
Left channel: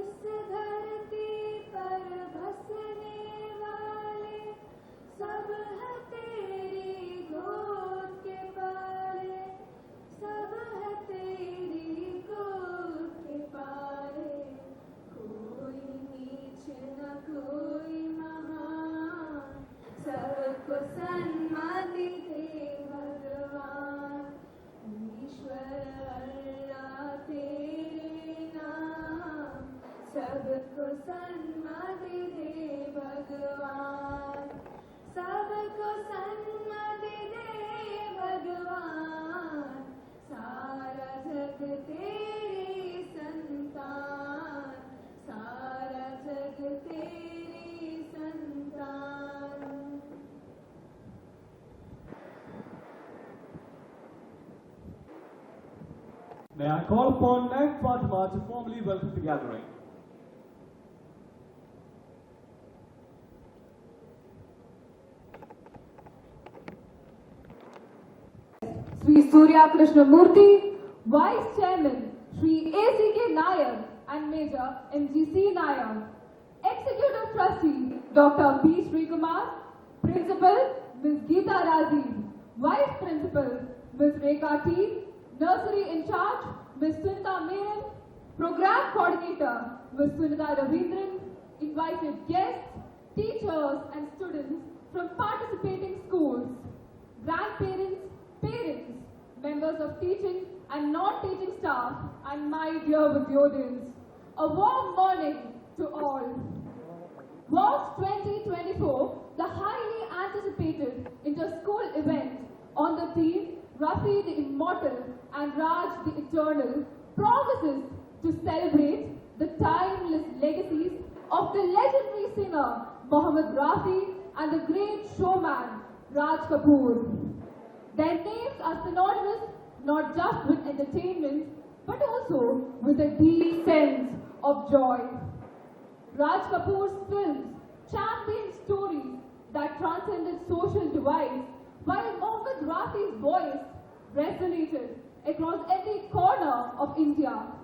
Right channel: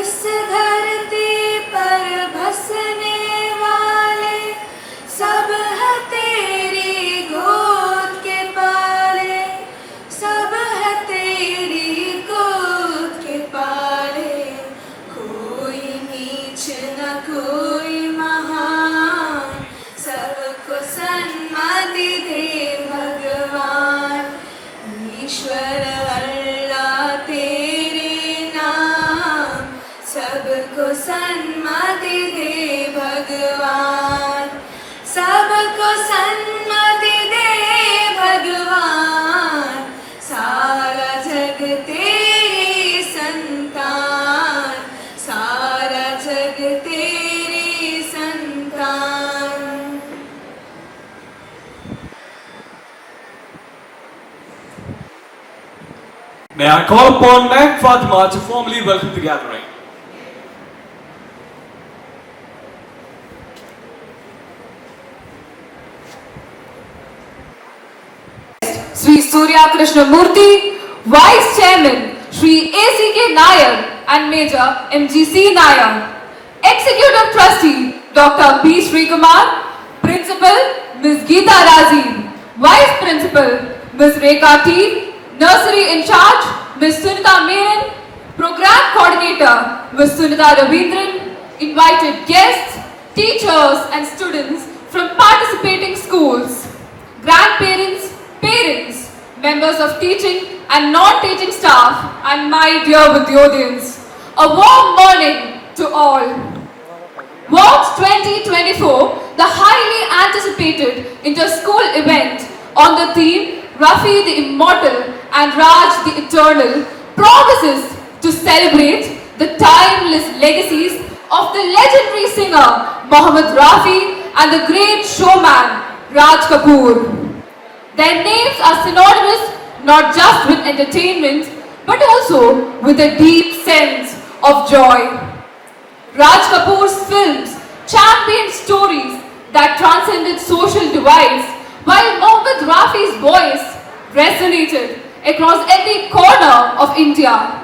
इस धरती पर बसने वाले सब है तेरी गोद के पाले सब है तेरी गोद के पाले कोई नीच न कोई महान सबको सन्मति दे भगवान ईश्वर अल्लाह तेरे नाम सबको सन्मति दे भगवान सबको सन्मति दे भगवान सारा जग तेरी संतान सारा जग तेरी संतान May I call upon Meg Fatima to formally welcome the gathering. Sri Surya Krishnamurthy, Vice Chairman Sri A.C.K. Nair and Major M.G.C. Nair, Executive Trustee Dr. B. Srikumar, Principal Ms. Geeta Razin, Vice Principal Ms. Rekha T, Nursery in Charge Ms. Sunita Menon, Program Coordinator Ms. Sunita Ravindran, invited guests, teachers and students from participating schools, grandparents, parents, members of teaching and non-teaching staff, and my dear Vidyodayans, a warm morning to all. Walks 2024, the highly anticipated inter-school event on the theme Rafi the Immortal and Raj the Eternal, promises to celebrate the timeless legacies of the legendary singer Mohammed Rafi and the great showman Raj Kapoor. Their names are synonymous not just with entertainment but also with a deep sense of joy. Raj Kapoor's films championed stories that transcended social divides, while Mohammed Rafi's voice resonated across every corner of India.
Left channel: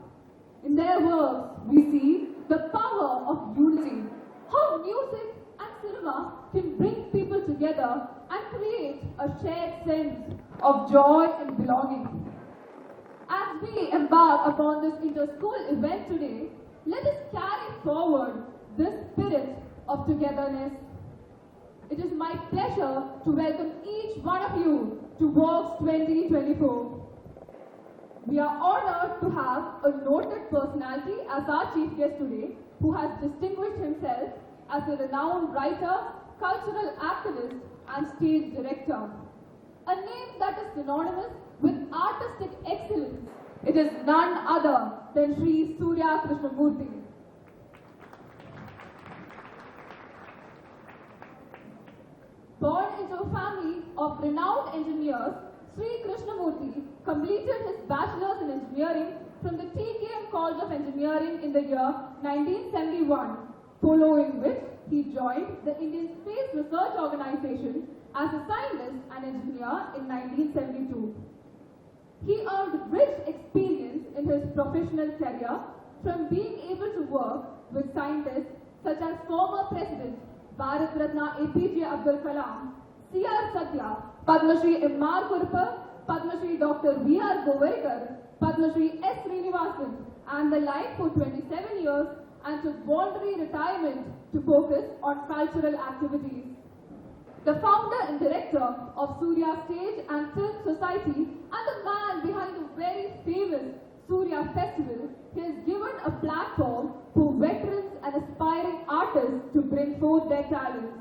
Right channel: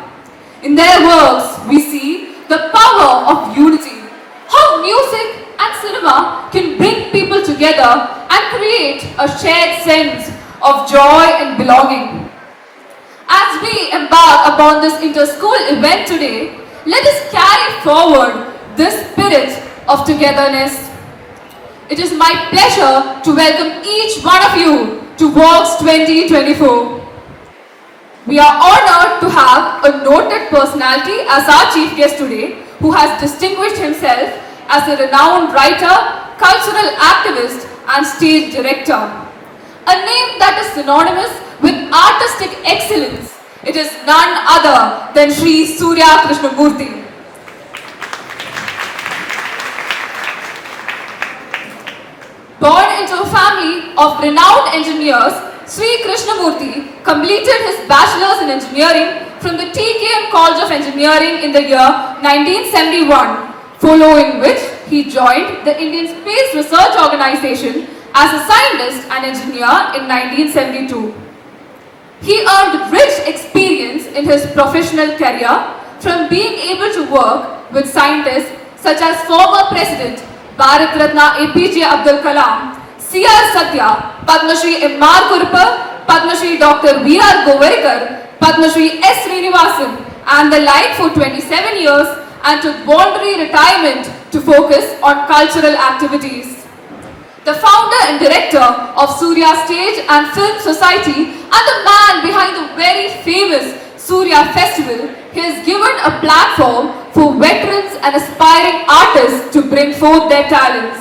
In their works, we see the power of unity, how music and cinema can bring people together and create a shared sense of joy and belonging. As we embark upon this inter-school event today, let us carry forward this spirit of togetherness. It is my pleasure to welcome each one of you to Walks 2024. We are honored to have a noted personality as our chief guest today, who has distinguished himself as a renowned writer, cultural activist, and stage director. A name that is synonymous with artistic excellence. It is none other than Sri Surya Krishnamurthy. Born into a family of renowned engineers, Sri Krishnamurthy completed his bachelor's in engineering from the TKM College of Engineering in the year 1971, following which he joined the Indian Space Research Organization as a scientist and engineer in 1972. He earned rich experience in his professional career from being able to work with scientists such as former President Bharat Ratna APJ Abdul Kalam, C.R. Satya, Padma Shri M.R. Kurupal, Padma Shri Dr. V.R. Govarikar, Padma Shri S. Srinivasan, and the like for 27 years, and took voluntary retirement to focus on cultural activities. The founder and director of Surya Stage and Film Society and the man behind the very famous Surya Festival, he has given a platform for veterans and aspiring artists to bring forth their talents.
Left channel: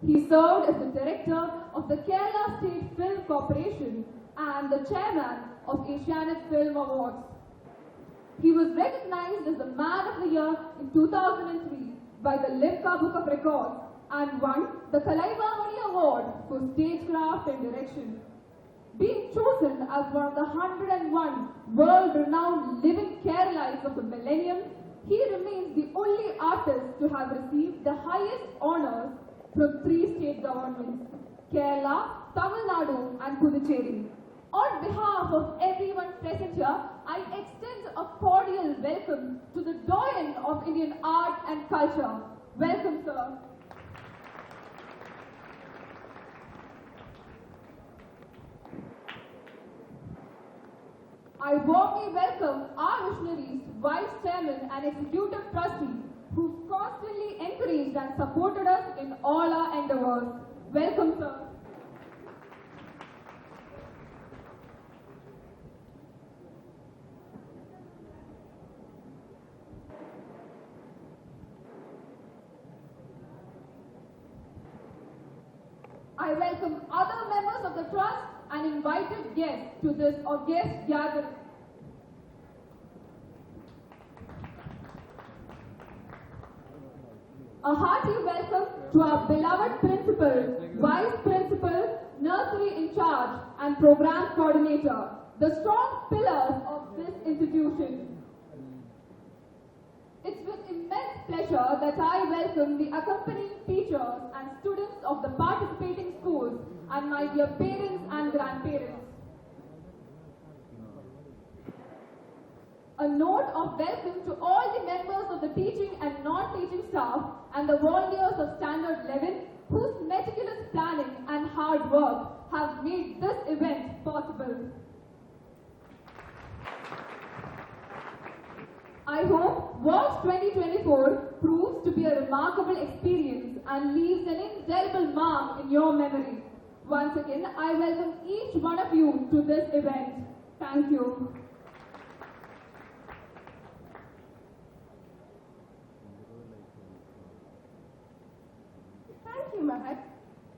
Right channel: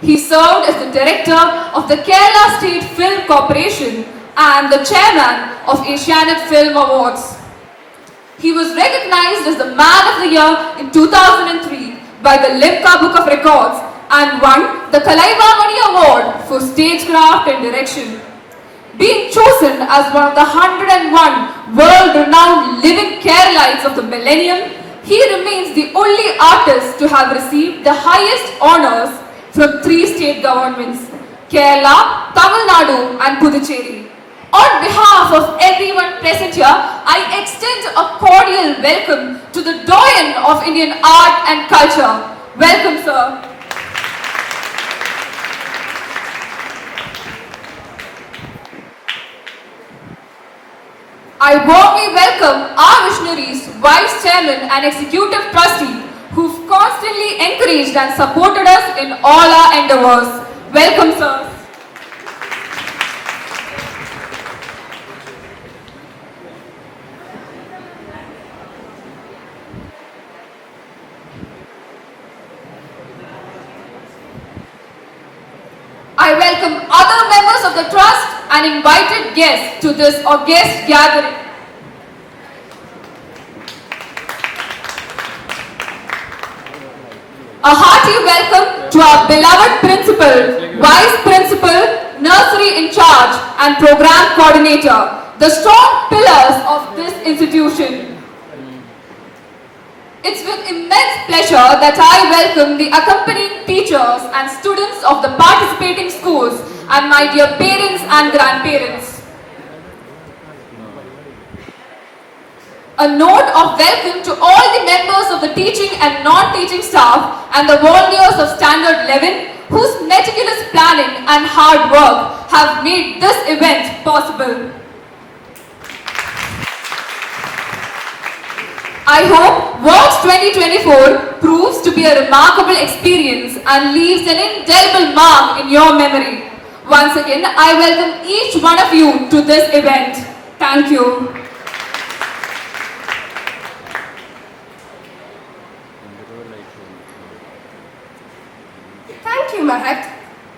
He served as the director of the Kerala State Film Corporation and the chairman of Asianet Film Awards. He was recognized as the Man of the Year in 2003 by the Limca Book of Records and won the Kalaivamani Award for Stagecraft and Direction. Being chosen as one of the 101 world-renowned living Keralites of the millennium, he remains the only artist to have received the highest honors from 3 state governments, Kerala, Tamil Nadu and Puducherry. On behalf of everyone present here, I extend a cordial welcome to the doyen of Indian art and culture. Welcome, sir. I warmly welcome our missionaries, Vice Chairman and Executive Trustee, who've constantly encouraged and supported us in all our endeavors. Welcome, sir. I welcome other members of the trust and invited guests to this august gathering. A hearty welcome to our beloved principal, vice principal, nursery in charge and program coordinator, the strong pillars of this institution. It's with immense pleasure that I welcome the accompanying teachers and students of the participating schools and my dear parents and grandparents. A note of welcome to all the members of the teaching and non-teaching staff and the volunteers of Standard 11 whose meticulous planning and hard work have made this event possible. I hope Walks 2024 proves to be a remarkable experience and leaves an indelible mark in your memory. Once again, I welcome each one of you to this event. Thank you. Thank you, Mahek.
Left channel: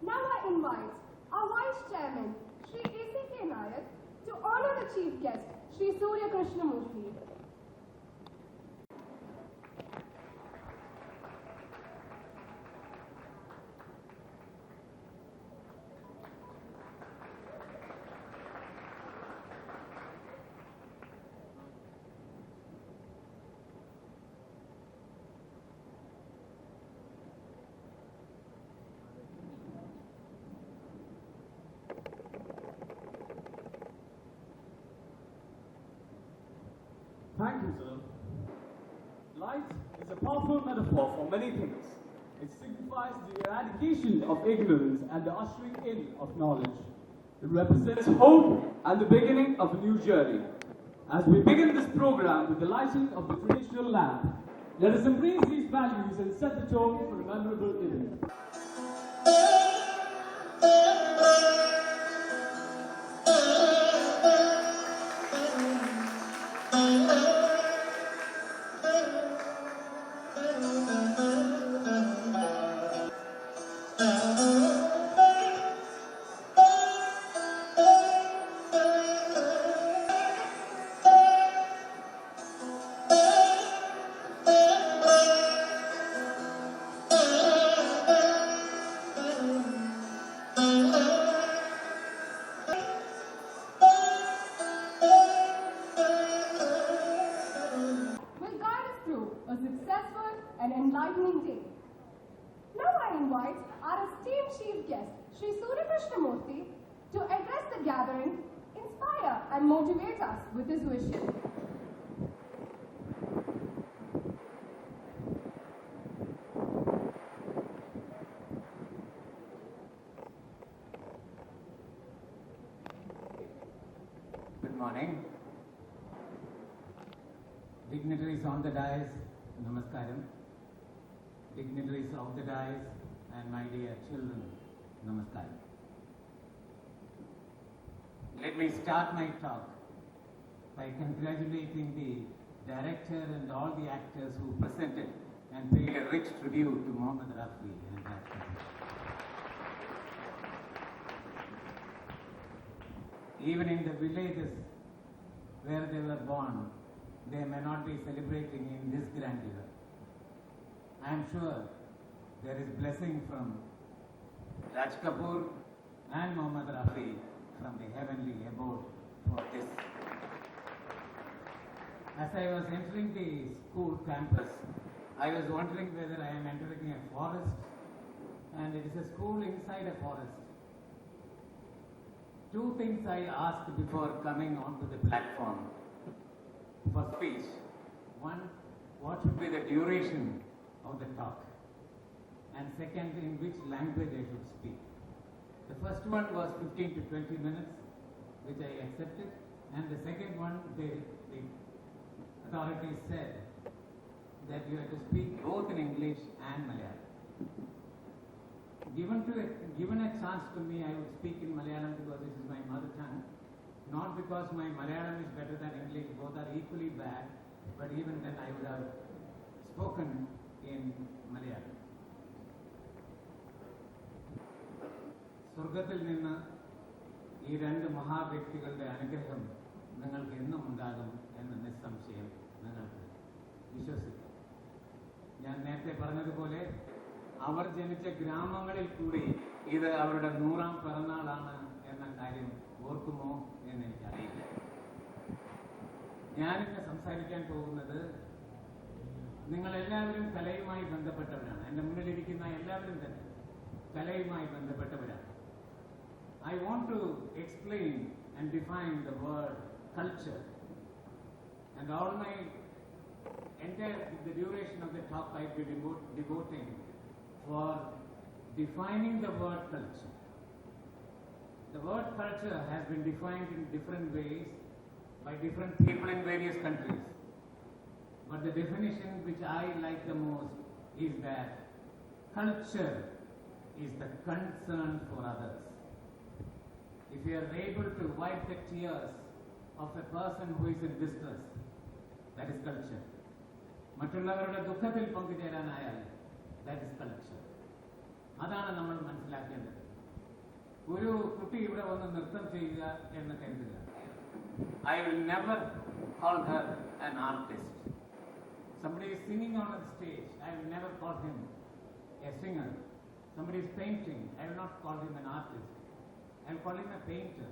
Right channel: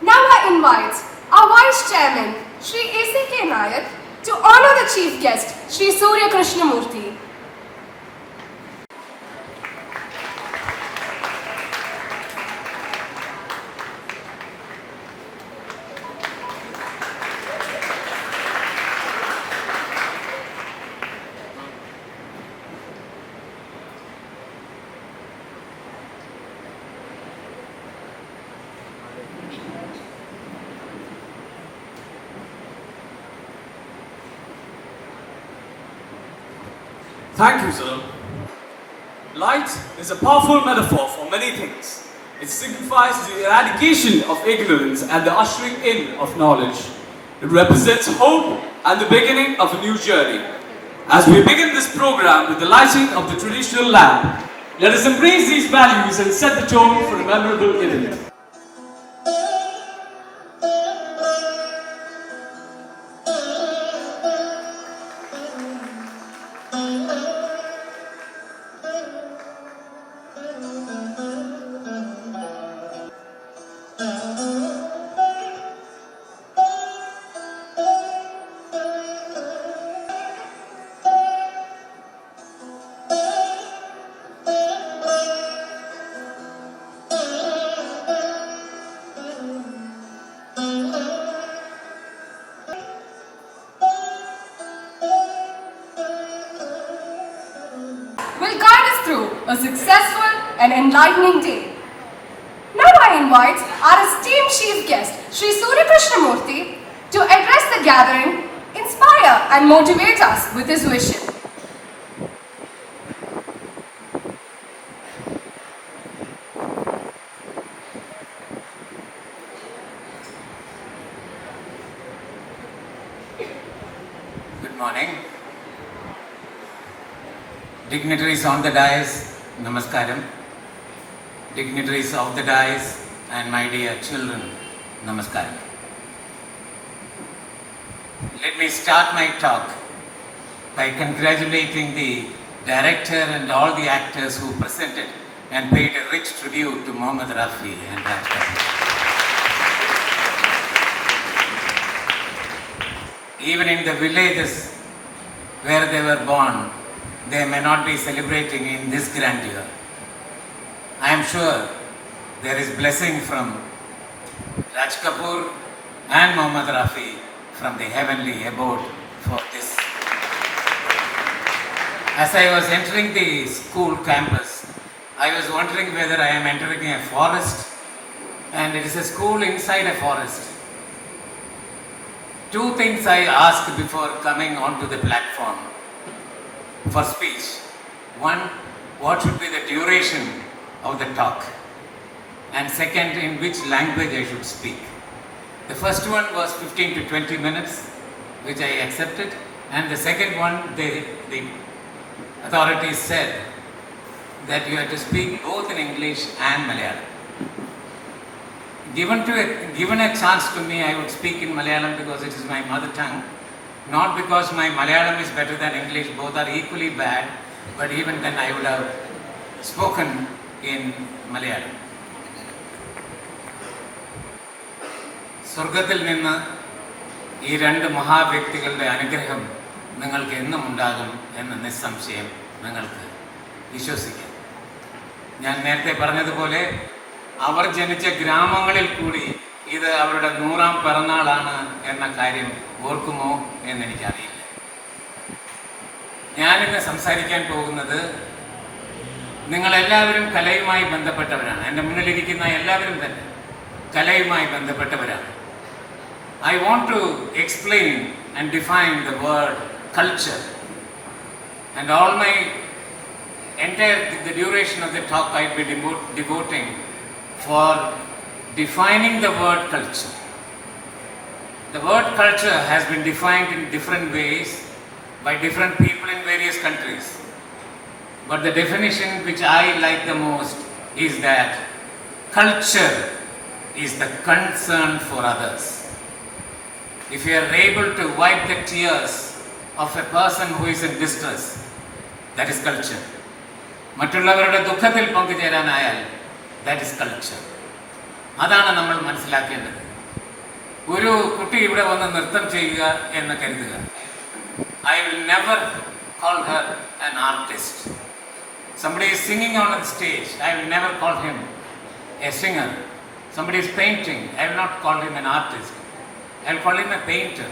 Now I invite our Vice Chairman, Shri A.C.K. Nayak, to honor the Chief Guest, Shri Surya Krishnamurthy. Thank you, sir. Light is a powerful metaphor for many things. It signifies the eradication of ignorance and the ushering in of knowledge. It represents hope and the beginning of a new journey. As we begin this program with the lighting of the traditional lamp, let us embrace these values and set the tone for a memorable event. Will guide us through a successful and enlightening day. Now I invite our esteemed Chief Guest, Shri Surya Krishnamurthy, to address the gathering, inspire and motivate us with his vision. Good morning. Dignitaries on the dais, namaskaram. Dignitaries of the dais and my dear children, namaskaram. Let me start my talk by congratulating the director and all the actors who presented and paid a rich tribute to Mohammad Rafi and Raj Kapoor. Even in the villages where they were born, they may not be celebrating in this grandeur. I am sure there is blessing from Raj Kapoor and Mohammad Rafi from the heavenly abode for this. As I was entering the school campus, I was wondering whether I am entering a forest, and it is a school inside a forest. Two things I asked before coming onto the platform for speech. One, what should be the duration of the talk? And second, in which language I should speak. The first one was 15 to 20 minutes, which I accepted. And the second one, the authorities said that you have to speak both in English and Malayalam. Given a chance to me, I would speak in Malayalam because it is my mother tongue. Not because my Malayalam is better than English, both are equally bad, but even then I would have spoken in Malayalam. സ്വർഗത്തിൽ നിന്ന് ഈ രണ്ട് മഹാവ്യക്തികളുടെ അനുഗ്രഹം നിങ്ങൾക്ക് എന്നും ഉണ്ടാകും എന്ന് നിസ്സംശയം നിങ്ങൾക്ക് വിശ്വസിക്കാം. ഞാൻ നേരത്തെ പറഞ്ഞതുപോലെ അവർ ജനിച്ച ഗ്രാമങ്ങളിൽ കൂടി ഇത് അവരുടെ 100ാം പിറന്നാളാണ് എന്ന കാര്യം ഓർക്കുമോ എന്നെനിക്കറിയില്ല. ഞാനിന്ന് സംസാരിക്കാൻ പോകുന്നത് നിങ്ങളെല്ലാവരും കലയുമായി ബന്ധപ്പെട്ടവരാണ്. എൻ്റെ മുന്നിലിരിക്കുന്ന എല്ലാവരും തന്നെ കലയുമായി ബന്ധപ്പെട്ടവരാണ്. I want to explain and define the word culture, and all my the duration of the talk I'll be devoting for defining the word culture. The word culture has been defined in different ways by different people in various countries. But the definition which I like the most is that culture is the concern for others. If you are able to wipe the tears of a person who is in distress, that is culture. മറ്റുള്ളവരുടെ ദുഃഖത്തിൽ പങ്കുചേരാനായാൽ that is culture. അതാണ് നമ്മൾ മനസ്സിലാക്കേണ്ടത്. ഒരു കുട്ടി ഇവിടെ വന്ന് നൃത്തം ചെയ്യുക എന്ന് കരുതുക. I will never call her an artist. Somebody is singing on the stage, I will never call him a singer. Somebody is painting, I will not call him an artist. I will call him a painter.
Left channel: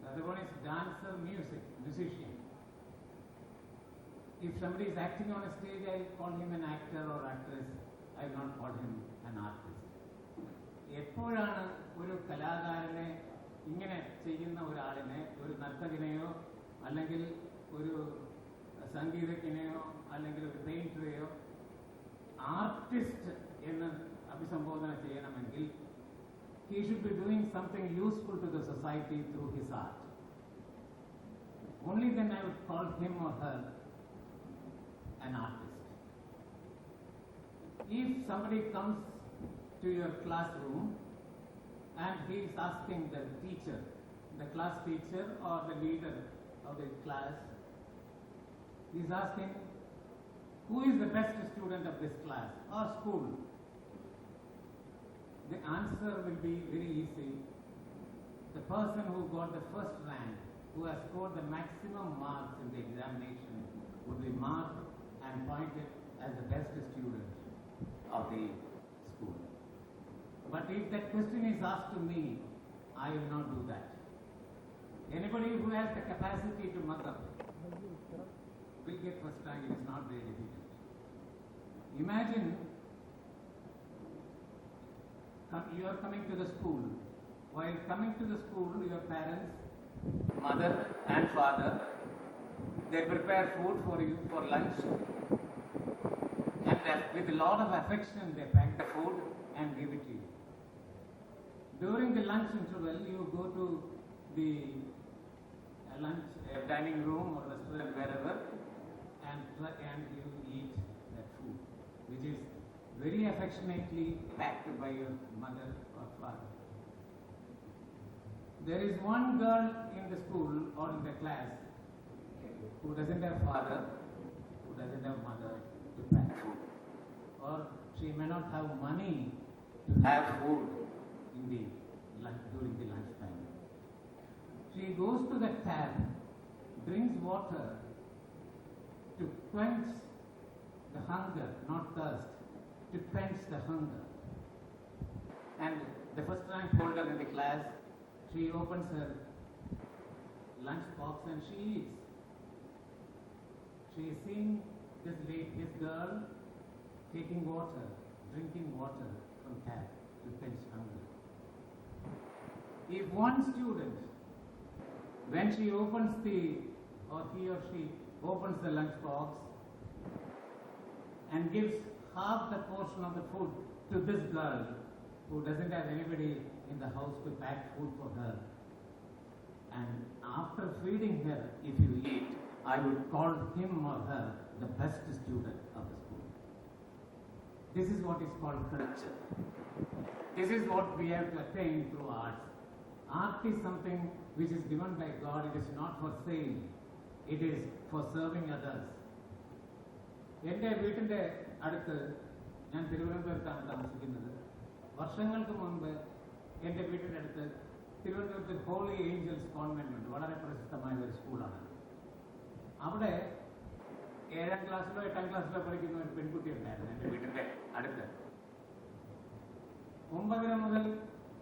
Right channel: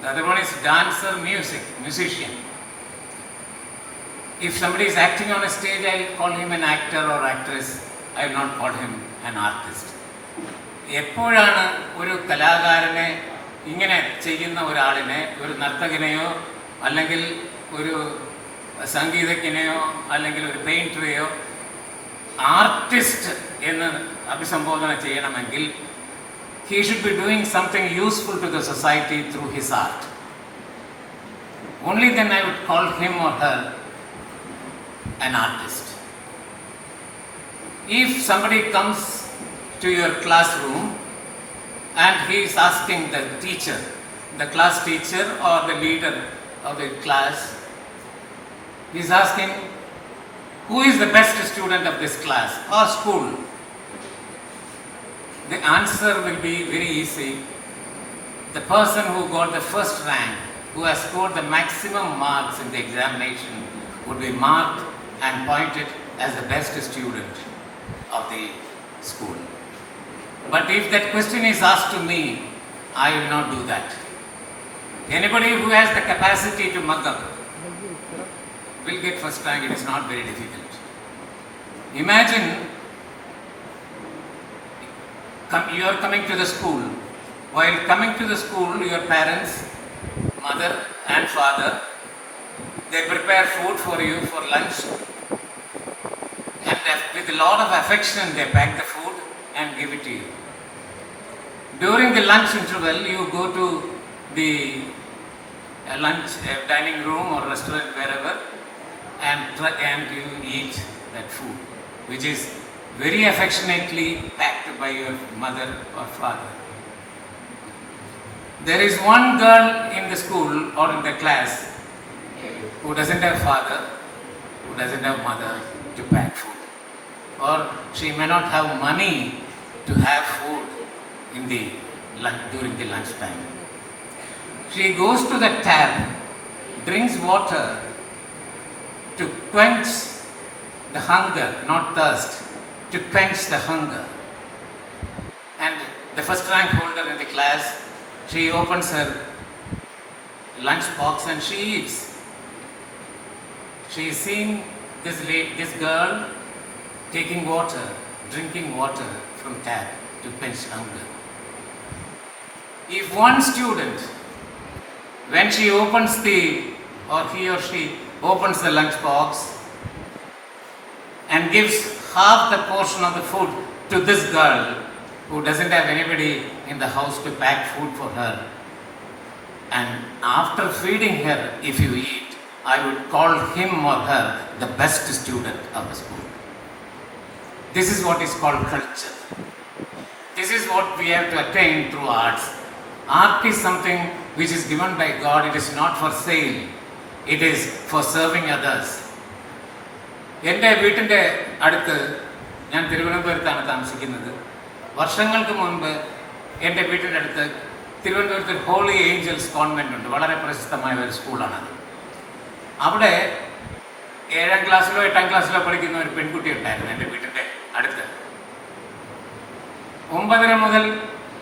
The other one is dancer, musician. If somebody is acting on a stage, I will call him an actor or actress. I will not call him an artist. എപ്പോഴാണ് ഒരു കലാകാരനെ ഇങ്ങനെ ചെയ്യുന്ന ഒരാളിനെ, ഒരു നർത്തകനെയോ അല്ലെങ്കിൽ ഒരു സംഗീതജ്ഞനെയോ അല്ലെങ്കിൽ ഒരു പെയിൻറ്ററെയോ ആർട്ടിസ്റ്റ് എന്ന് അഭിസംബോധന ചെയ്യണമെങ്കിൽ he should be doing something useful to the society through his art. Only then I would call him or her an artist. If somebody comes to your classroom and he is asking the teacher, the class teacher or the leader of the class, he is asking, who is the best student of this class or school? The answer will be very easy. The person who got the first rank, who has scored the maximum marks in the examination, would be marked and pointed as the best student of the school. But if that question is asked to me, I will not do that. Anybody who has the capacity to mug up will get first rank. It is not very difficult. Imagine you are coming to the school. While coming to the school, your parents, mother and father, they prepare food for you for lunch. And with a lot of affection, they pack the food and give it to you. During the lunch interval, you go to the lunch dining room or restaurant, wherever, and you eat that food, which is very affectionately packed by your mother or father. There is one girl in the school or in the class who doesn't have father, who doesn't have mother to pack food, or she may not have money to have food in the during the lunch time. She goes to the tap, drinks water to quench the hunger, not thirst, to quench the hunger. And the first rank holder in the class, she opens her lunch box and she eats. She is seeing this girl taking water, drinking water from tap to quench hunger. If one student, when she opens he or she opens the lunch box and gives half the portion of the food to this girl who doesn't have anybody in the house to pack food for her, and after feeding her, if you eat, I would call him or her the best student of the school. This is what is called culture. This is what we have to attain through arts. Art is something which is given by God. It is not for sale. It is for serving others. എൻ്റെ വീട്ടിൻ്റെ അടുത്ത്, ഞാൻ തിരുവനന്തപുരത്താണ് താമസിക്കുന്നത്. വർഷങ്ങൾക്ക് മുൻപ് എൻ്റെ വീട്ടിൻ്റെ അടുത്ത് തിരുവനന്തപുരത്ത് ഹോളി ഏഞ്ചൽസ് കോൺവെൻ്റ് ഉണ്ട്. വളരെ പ്രശസ്തമായ ഒരു സ്കൂളാണത്. അവിടെ 7ാം ക്ലാസ്സിലോ 8ാം ക്ലാസ്സിലോ പഠിക്കുന്ന ഒരു പെൺകുട്ടി ഉണ്ടായിരുന്നു എൻ്റെ വീട്ടിൻ്റെ അടുത്ത്. 9:30 മുതൽ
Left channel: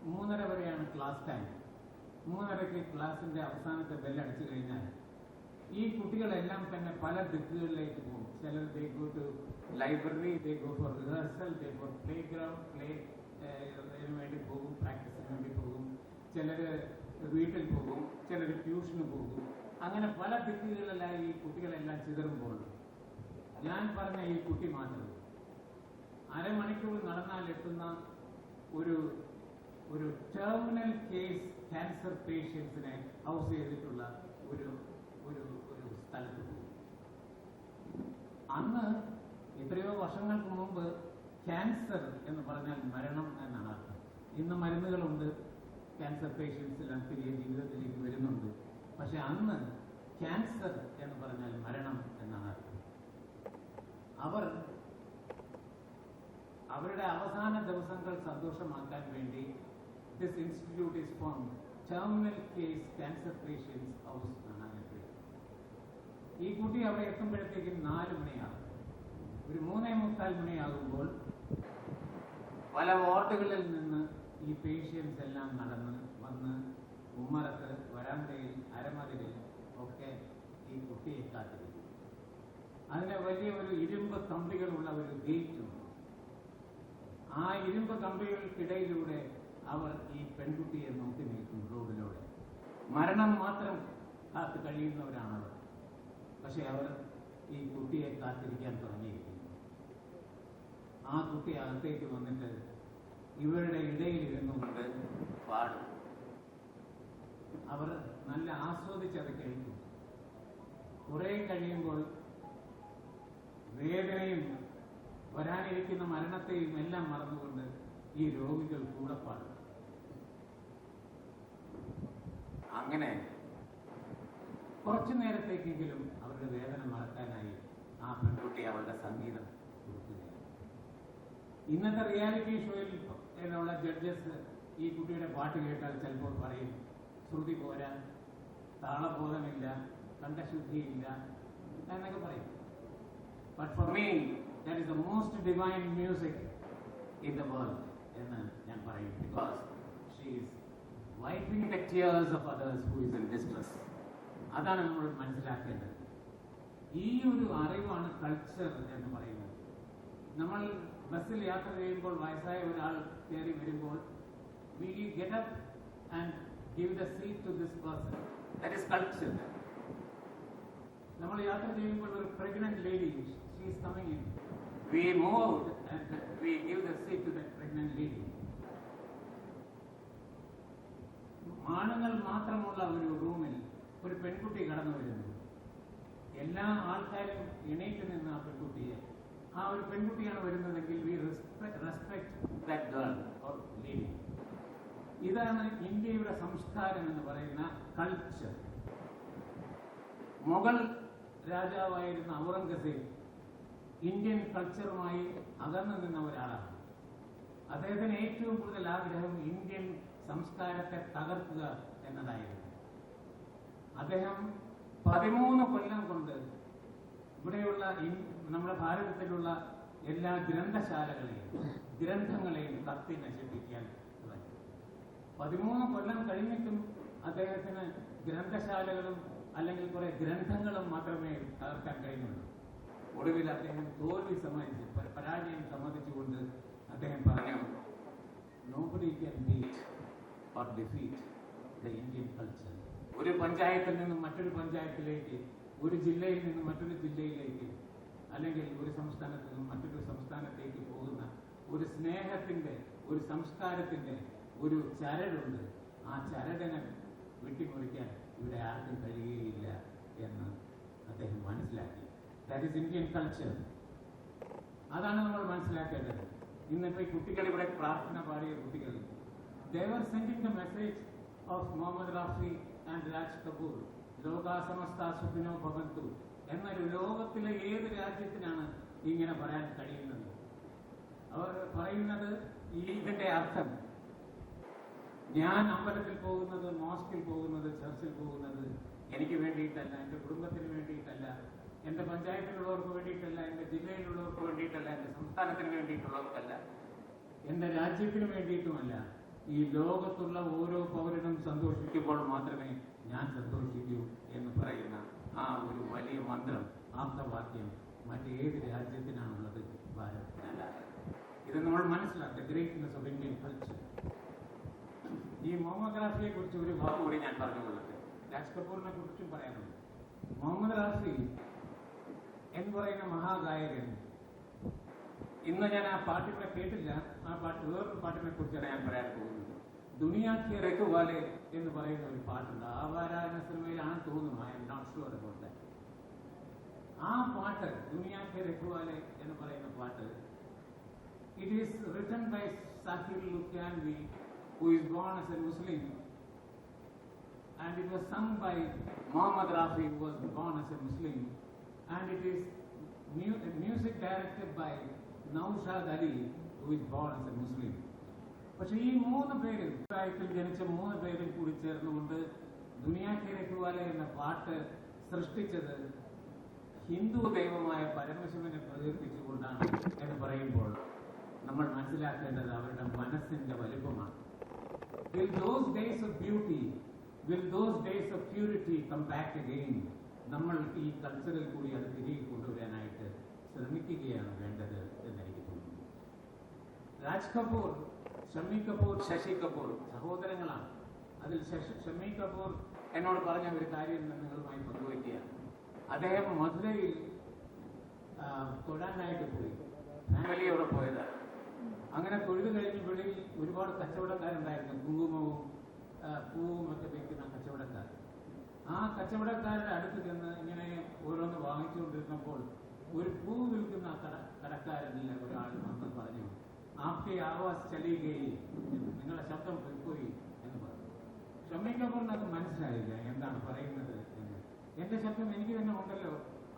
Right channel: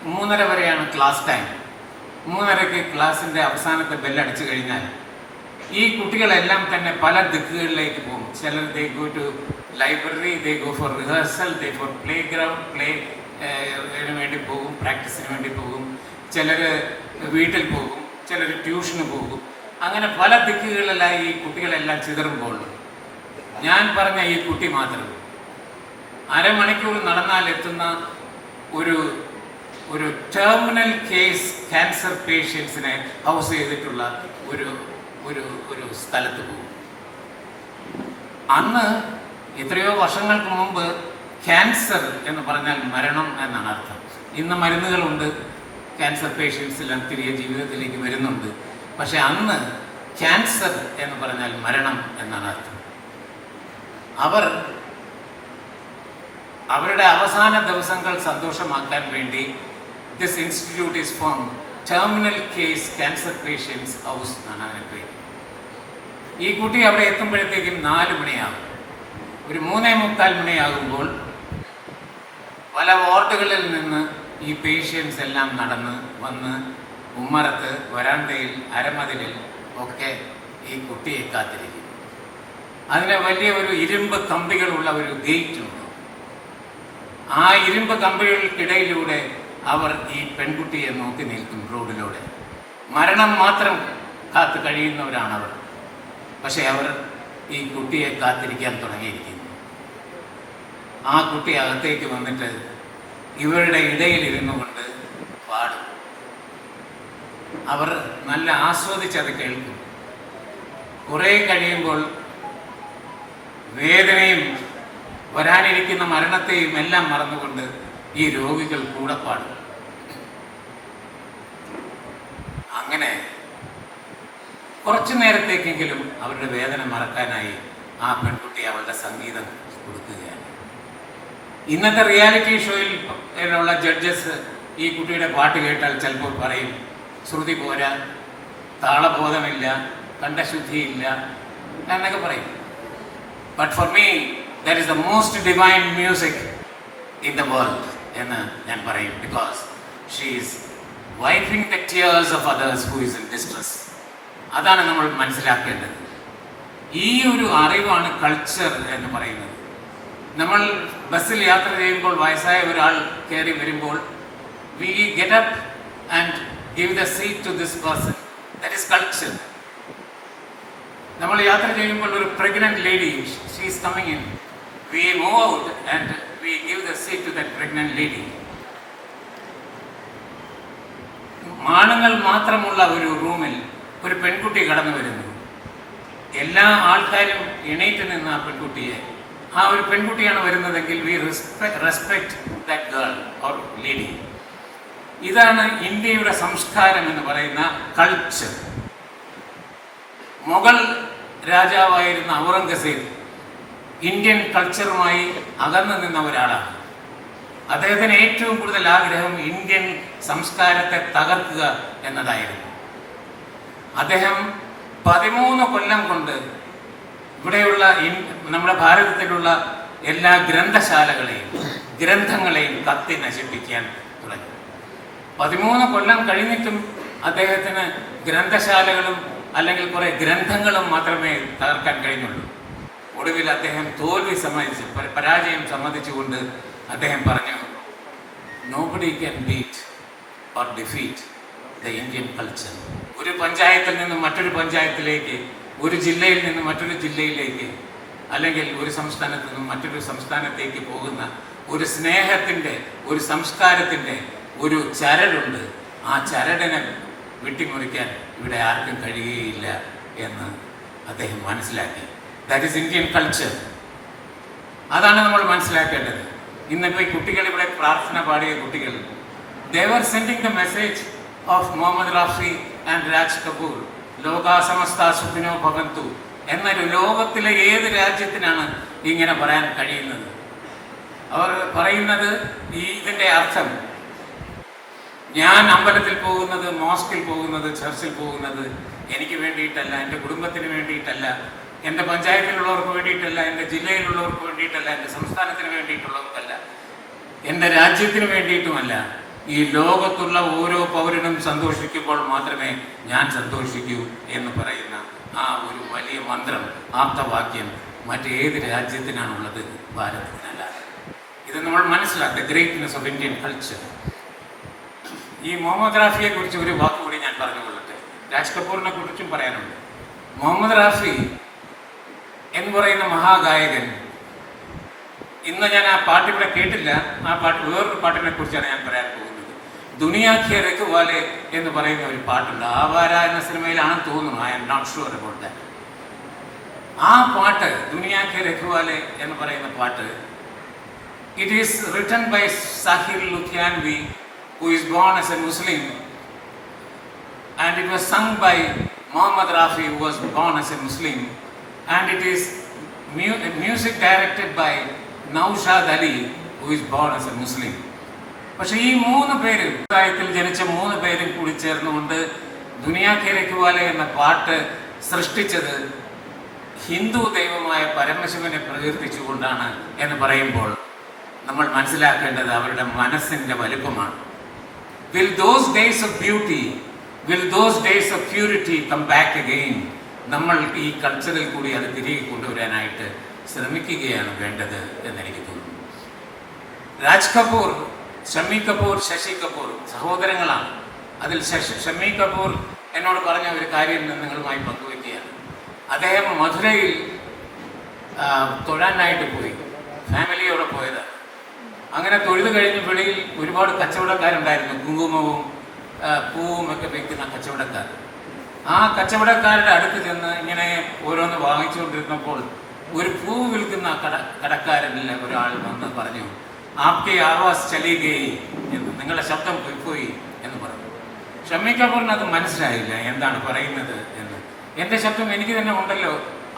3:30 വരെയാണ് ക്ലാസ് ടൈം. 3:30 ക്ലാസ്സിൻ്റെ അവസാനത്തെ ബെല്ലടിച്ചു കഴിഞ്ഞാൽ ഈ കുട്ടികളെല്ലാം തന്നെ പല ദിക്കുകളിലേക്ക് പോകും. ചിലർ they go to library, they go for rehearsal, they for play ground, വേണ്ടി പോകും, പ്രാക്ടീസിന് വേണ്ടി പോകും. ചിലർ വീട്ടിൽ പോകും, ചിലർ ട്യൂഷന് പോകും. അങ്ങനെ പല ദിക്കുകളിലായി ഈ കുട്ടികളെല്ലാം ചിതറുമ്പോൾ ഞാൻ പറഞ്ഞ ഈ കുട്ടി മാത്രം അരമണിക്കൂർ നടന്നാൽ എത്തുന്ന ഒരു ടെർമിനൽ കേസ് ക്യാൻസർ പേഷ്യൻസിനെ ഹൗസ് ചെയ്തിട്ടുള്ള ഒരു സ്ഥലത്ത് പോകും. അന്ന് എത്രയോ വർഷങ്ങൾക്ക് മുമ്പ് ക്യാൻസർ എന്ന് പറഞ്ഞാൽ മരണം എന്നാണ് അർത്ഥം. ഇന്ന് മരുന്നുകളുണ്ട്, ക്യാൻസർ പേഷ്യൻസിലെല്ലാം തിരികെ ജീവിതത്തിലേക്ക് വരുന്നുണ്ട്. പക്ഷെ അന്ന് ക്യാൻസർ എന്ന് പറഞ്ഞാൽ മരണം എന്നാണ് അർത്ഥം. അവർ അവരുടെ അവസാന ദിവസങ്ങൾ സന്തോഷമാക്കാൻ വേണ്ടി this institute is form terminal case cancer patients house എന്നാണ് അതിനെ പേര്. ഈ കുട്ടി അവിടെ എത്തുമ്പോഴത്തേക്കും 4 മണിയാകും. ഒരു 3:45 മണിയാകുമ്പോൾ പല വാർഡുകളിൽ നിന്ന് ഈ പേഷ്യൻസ് എല്ലാം നടന്ന് വന്ന് ഉമ്മറത്ത് വരാന്തയിൽ അരമതിലിൽ ഒക്കെ ഈ കുട്ടിയെ കാത്തിരിക്കും. അതിന് വലിയ ഒരു ഇരുമ്പ് കമ്പികളുള്ള ഒരു ഗേറ്റ് ഉണ്ട്. ആ ഇരുമ്പ് കമ്പികൾക്കിടയിലൂടെ അവർ ഈ പെൺകുട്ടിയെ നോക്കി നിൽക്കും റോഡിലൂടെ. മരണം മാത്രം കാത്തു കഴിയുന്നവരാണവർ. പക്ഷെ അവർ ഈ കുട്ടിയെ കാത്തിരിക്കാൻ തുടങ്ങിയിരിക്കുന്നു. ആ കുട്ടി അകത്തേക്ക് വന്നിട്ട് ഇവരുടെ ഇടയിൽ ഇരുന്നു കൊണ്ട് പാടും. അവർ നല്ല ആസ്വദിച്ചത് കേൾക്കും. കുറേ കഴിയുമ്പോൾ വേദനയും വരാനിരിക്കുന്ന മരണത്തെയും എല്ലാം മറന്നുകൊണ്ട് ഈ രോഗികൾ കൂടെ പാടും. അങ്ങനെ കുറച്ചു നേരത്തേക്കെങ്കിലും അവരുടെ വേദന മറക്കാനായി ആ പെൺകുട്ടി അവളുടെ സംഗീതം കൊടുക്കുകയാണ്. ഇന്നത്തെ റിയാലിറ്റി ഷോയിലുള്ള ജഡ്ജസ് ഈ കുട്ടിയുടെ പാട്ട് കേട്ടാൽ ചിലപ്പോൾ പറയും ശ്രുതി പോരാ, താളബോധമില്ല, കണ്ഠശുദ്ധിയില്ല എന്നൊക്കെ പറയും. But for me that is the most divine music in the world എന്ന് ഞാൻ പറയും. Because she is wiping the tears of others who is in distress. അതാണ് നമ്മൾ മനസ്സിലാക്കേണ്ടത്. ഈ ഒരു അറിവാണ് കൾച്ചർ എന്ന് പറയുന്നത്. നമ്മൾ ബസ്സിൽ യാത്ര ചെയ്യുമ്പോൾ വയസ്സായ ഒരാൾ കയറി വരുമ്പോൾ we get up and give the seat to this person. That is culture. നമ്മൾ യാത്ര ചെയ്യുമ്പോൾ ഒരു pregnant lady, she is coming in, we move out and we give the seat to that pregnant lady. ആണുങ്ങൾ മാത്രമുള്ള ഒരു റൂമിൽ ഒരു പെൺകുട്ടി കടന്നു വരുന്നു. എല്ലാ ആൾക്കാരും എണീറ്റ് നിന്ന് ആ പെൺകുട്ടിയെ, ആ ഒരു പെൺകുട്ടിയാണ് വരുന്നതെങ്കിൽ V respect that girl or lady. ഇതാണ് ഇന്ത്യയുടെ സംസ്കാരം എന്ന് പറയുന്ന കൾച്ചർ. മുഗൾ രാജാവായിരുന്ന ഔറംഗസേബ് ഇന്ത്യൻ കൾച്ചറുമായി അകന്നു നിന്ന ഒരാളാണ്. അദ്ദേഹത്തിന് ഏറ്റവും കൂടുതൽ ആഗ്രഹം ഇന്ത്യൻ സംസ്കാരത്തെ തകർക്കുക എന്നതായിരുന്നു. അദ്ദേഹം 13 കൊല്ലം കൊണ്ട് ഇവിടെയുള്ള നമ്മുടെ ഭാരതത്തിലുള്ള എല്ലാ ഗ്രന്ഥശാലകളെയും ഗ്രന്ഥങ്ങളെയും കത്തി നശിപ്പിക്കാൻ തുടങ്ങി. 13 കൊല്ലം കഴിഞ്ഞിട്ടും അദ്ദേഹത്തിന് ഗ്രന്ഥശാലകളും അല്ലെങ്കിൽ കുറെ ഗ്രന്ഥങ്ങളും മാത്രമേ തകർക്കാൻ കഴിഞ്ഞുള്ളൂ. ഒടുവിൽ അദ്ദേഹം തോൽവി സമ്മതിച്ച്, പരാജയം സമ്മതിച്ചുകൊണ്ട് അദ്ദേഹം പറഞ്ഞു, nobody can beat or defeat the Indian culture. ഒരു പഞ്ചായത്തിൽ നിന്ന് മറ്റൊരു പഞ്ചായത്തിലേക്ക്, ഒരു ജില്ലയിൽ നിന്ന് മറ്റൊരു ജില്ലയിലേക്ക്, അല്ലെങ്കിൽ ഒരു സംസ്ഥാനത്ത് നിന്നും മറ്റൊരു സംസ്ഥാനത്തേക്ക് പോകുന്ന ഒരു സ്നേഹത്തിൻ്റെ, ഒരു സംസ്കാരത്തിൻ്റെ ഒരു ചരടുണ്ട്. ആ ചരടിനെ വെട്ടിമുറിക്കാൻ ഇവിടെ ആർക്കും കഴിയുകയില്ല എന്ന് അദ്ദേഹം മനസ്സിലാക്കി. That is Indian culture. അതാണ് നമ്മൾ മനസ്സിലാക്കേണ്ടത്. ഇന്നിപ്പോൾ ഈ കുട്ടികൾ ഇവിടെ പ്രാർത്ഥന പാടിയ കുട്ടികൾ, they were sending the message of Mohammed Rafi and Raj Kapoor, ലോകാ സമസ്ത സുഖിനോ ഭവന്തു എന്നൊരു ലോകത്തിലെ ഏത് രാജ്യത്തിനാണ് ഇങ്ങനെ പറയാൻ കഴിയുന്നത്? അവർ പറയുന്നത് ഇതിൻ്റെ അർത്ഥം, ഞാൻ അമ്പലത്തിൽ പോകുന്നത്, മോസ്കിൽ പോകുന്നത്, ചർച്ചിൽ പോകുന്നത് എനിക്ക് വേണ്ടിയിട്ടല്ല, എൻ്റെ കുടുംബത്തിന് വേണ്ടിയിട്ടല്ല, എൻ്റെ പഞ്ചായത്തിലുള്ളവർക്ക് വേണ്ടിയിട്ടല്ല, എൻ്റെ ജില്ലയിലുള്ളവർക്ക് വേണ്ടിയിട്ടല്ല, എൻ്റെ സംസ്ഥാനത്തിന് വേണ്ടിയിട്ടുള്ളവർക്കല്ല, എൻ്റെ രാജ്യത്തിന് വേണ്ടിയിട്ടുമല്ല. ഈ ലോകത്തുള്ള ഓരോ പൗരനും സന്തോഷിക്കുമ്പോൾ മാത്രമേ ഞാൻ സന്തോഷിക്കൂ എന്ന് പറയുന്ന ആ ഒരു വലിയ മന്ത്രം, ആപ്തവാക്യം മറ്റേത് രാജ്യത്തിനാണുള്ളത്? ഭാരതത്തിനല്ല. ഇത് നമ്മൾ മനസ്സിലാക്കുക. Greatness of Indian culture. ഈ മുഹമ്മദ് റാഫിയെ കുറിച്ച് ഒരു വാക്കുകൂടി ഞാൻ പറഞ്ഞുകൊള്ളട്ടെ. രാജ് കപൂറിനെ കുറിച്ചും പറയാനുണ്ട്. മുഹമ്മദ് റാഫി എന്ന് പറയുന്ന മഹാഗായകൻ, ഇന്ന് ഞാൻ ആ പാട്ട് ഇവിടെ കേട്ടില്ല. ആ പാട്ട് വേറൊരു പാട്ടിനെ കുറിച്ചാണ് ഞാൻ പറയാൻ പോകുന്നത്. ദുനിയാ കെ രഖ്വാലെ എന്ന് പറയുന്ന ഒരു പാട്ടുണ്ട്. ആവാര എന്ന സിനിമയിലാണെന്ന് തോന്നുന്നു. I am not sure about that. ആ പാട്ട്, ദുനിയാ കെ രഖ്വാലെ എന്ന് പറയുന്ന പാട്ട്, it is written by Sahir Ludhianvi, who is born as a Muslim, and it was sung by Muhammad Rafi, who was born as a Muslim, and it is music directed by Naushad Ali, who is born as a Muslim. പക്ഷേ ഈ 3 പേര് പ്രായത്തിൽ ജനിച്ച 3 പേരും കൂടി ചേർന്നുകൊണ്ട് ദുനിയാ കെ രഖ്വാലെ എന്ന പാട്ട് സൃഷ്ടിച്ചത് ഹിന്ദു ദൈവമായ പരമശിവനെ പ്രകീർത്തിച്ചുകൊണ്ടാണ് എന്ന് പറയുമ്പോൾ നമ്മൾ മനസ്സിലാക്കേണ്ടത് അവരുടെ മനസ്സിൻ്റെ വലുപ്പമാണ്. Will those days of beauty, will those days of purity come back again? നമ്മൾ ഈ കൾച്ചറിൽ കൂടി അത് തിരികെ കൊണ്ടുവരാനായിട്ട് ശ്രമിക്കുകയാണ് വേണ്ടത് എന്നെനിക്ക് തോന്നുന്നു. രാജ് കപൂർ, ഷമ്മി കപൂർ, ശശി കപൂർ സഹോദരങ്ങളാണ്. അതിൽ ഷമ്മി കപൂർ എന്നോട് പറഞ്ഞ ഒരു കാര്യം നിങ്ങളുമായി പങ്കുവയ്ക്കുകയാണ്. അദ്ദേഹം മധുരയിൽ തൊഴാനായിട്ട് പോയി, ഫാമിലിയോടെ പോയതാണ്. അങ്ങനെ തൊഴുത് കഴിഞ്ഞ് വെളിയിൽ ഒരുപാട് കച്ചവടക്കാരുണ്ടായിരുന്നു, കുങ്കുമവും പൂവും ഒക്കെ വിൽക്കുന്ന കച്ചവടക്കാർ. ആ കച്ചവടക്കാരുടെ അടുത്ത് ചെന്ന് ഇങ്ങനെ ഓരോന്ന് വാങ്ങിച്ചുകൊണ്ടിരുന്നപ്പോൾ ഒരു പൂ വിൽക്കുന്ന കടക്കാരനിൽ ഒരാൾ വന്ന് പറഞ്ഞു, ആപ്കെ ആവാസ് ചലി ഗയി എന്ന്, നിങ്ങളുടെ ശബ്ദം പോയി എന്ന് പറഞ്ഞു. ഷമ്മി കപൂറിന് അത് മനസ്സിലായില്ല എന്താണ് പറയുന്നത് എന്ന്. എൻ്റെ ശബ്ദം എനിക്ക് തന്നെ ഉണ്ടല്ലോ,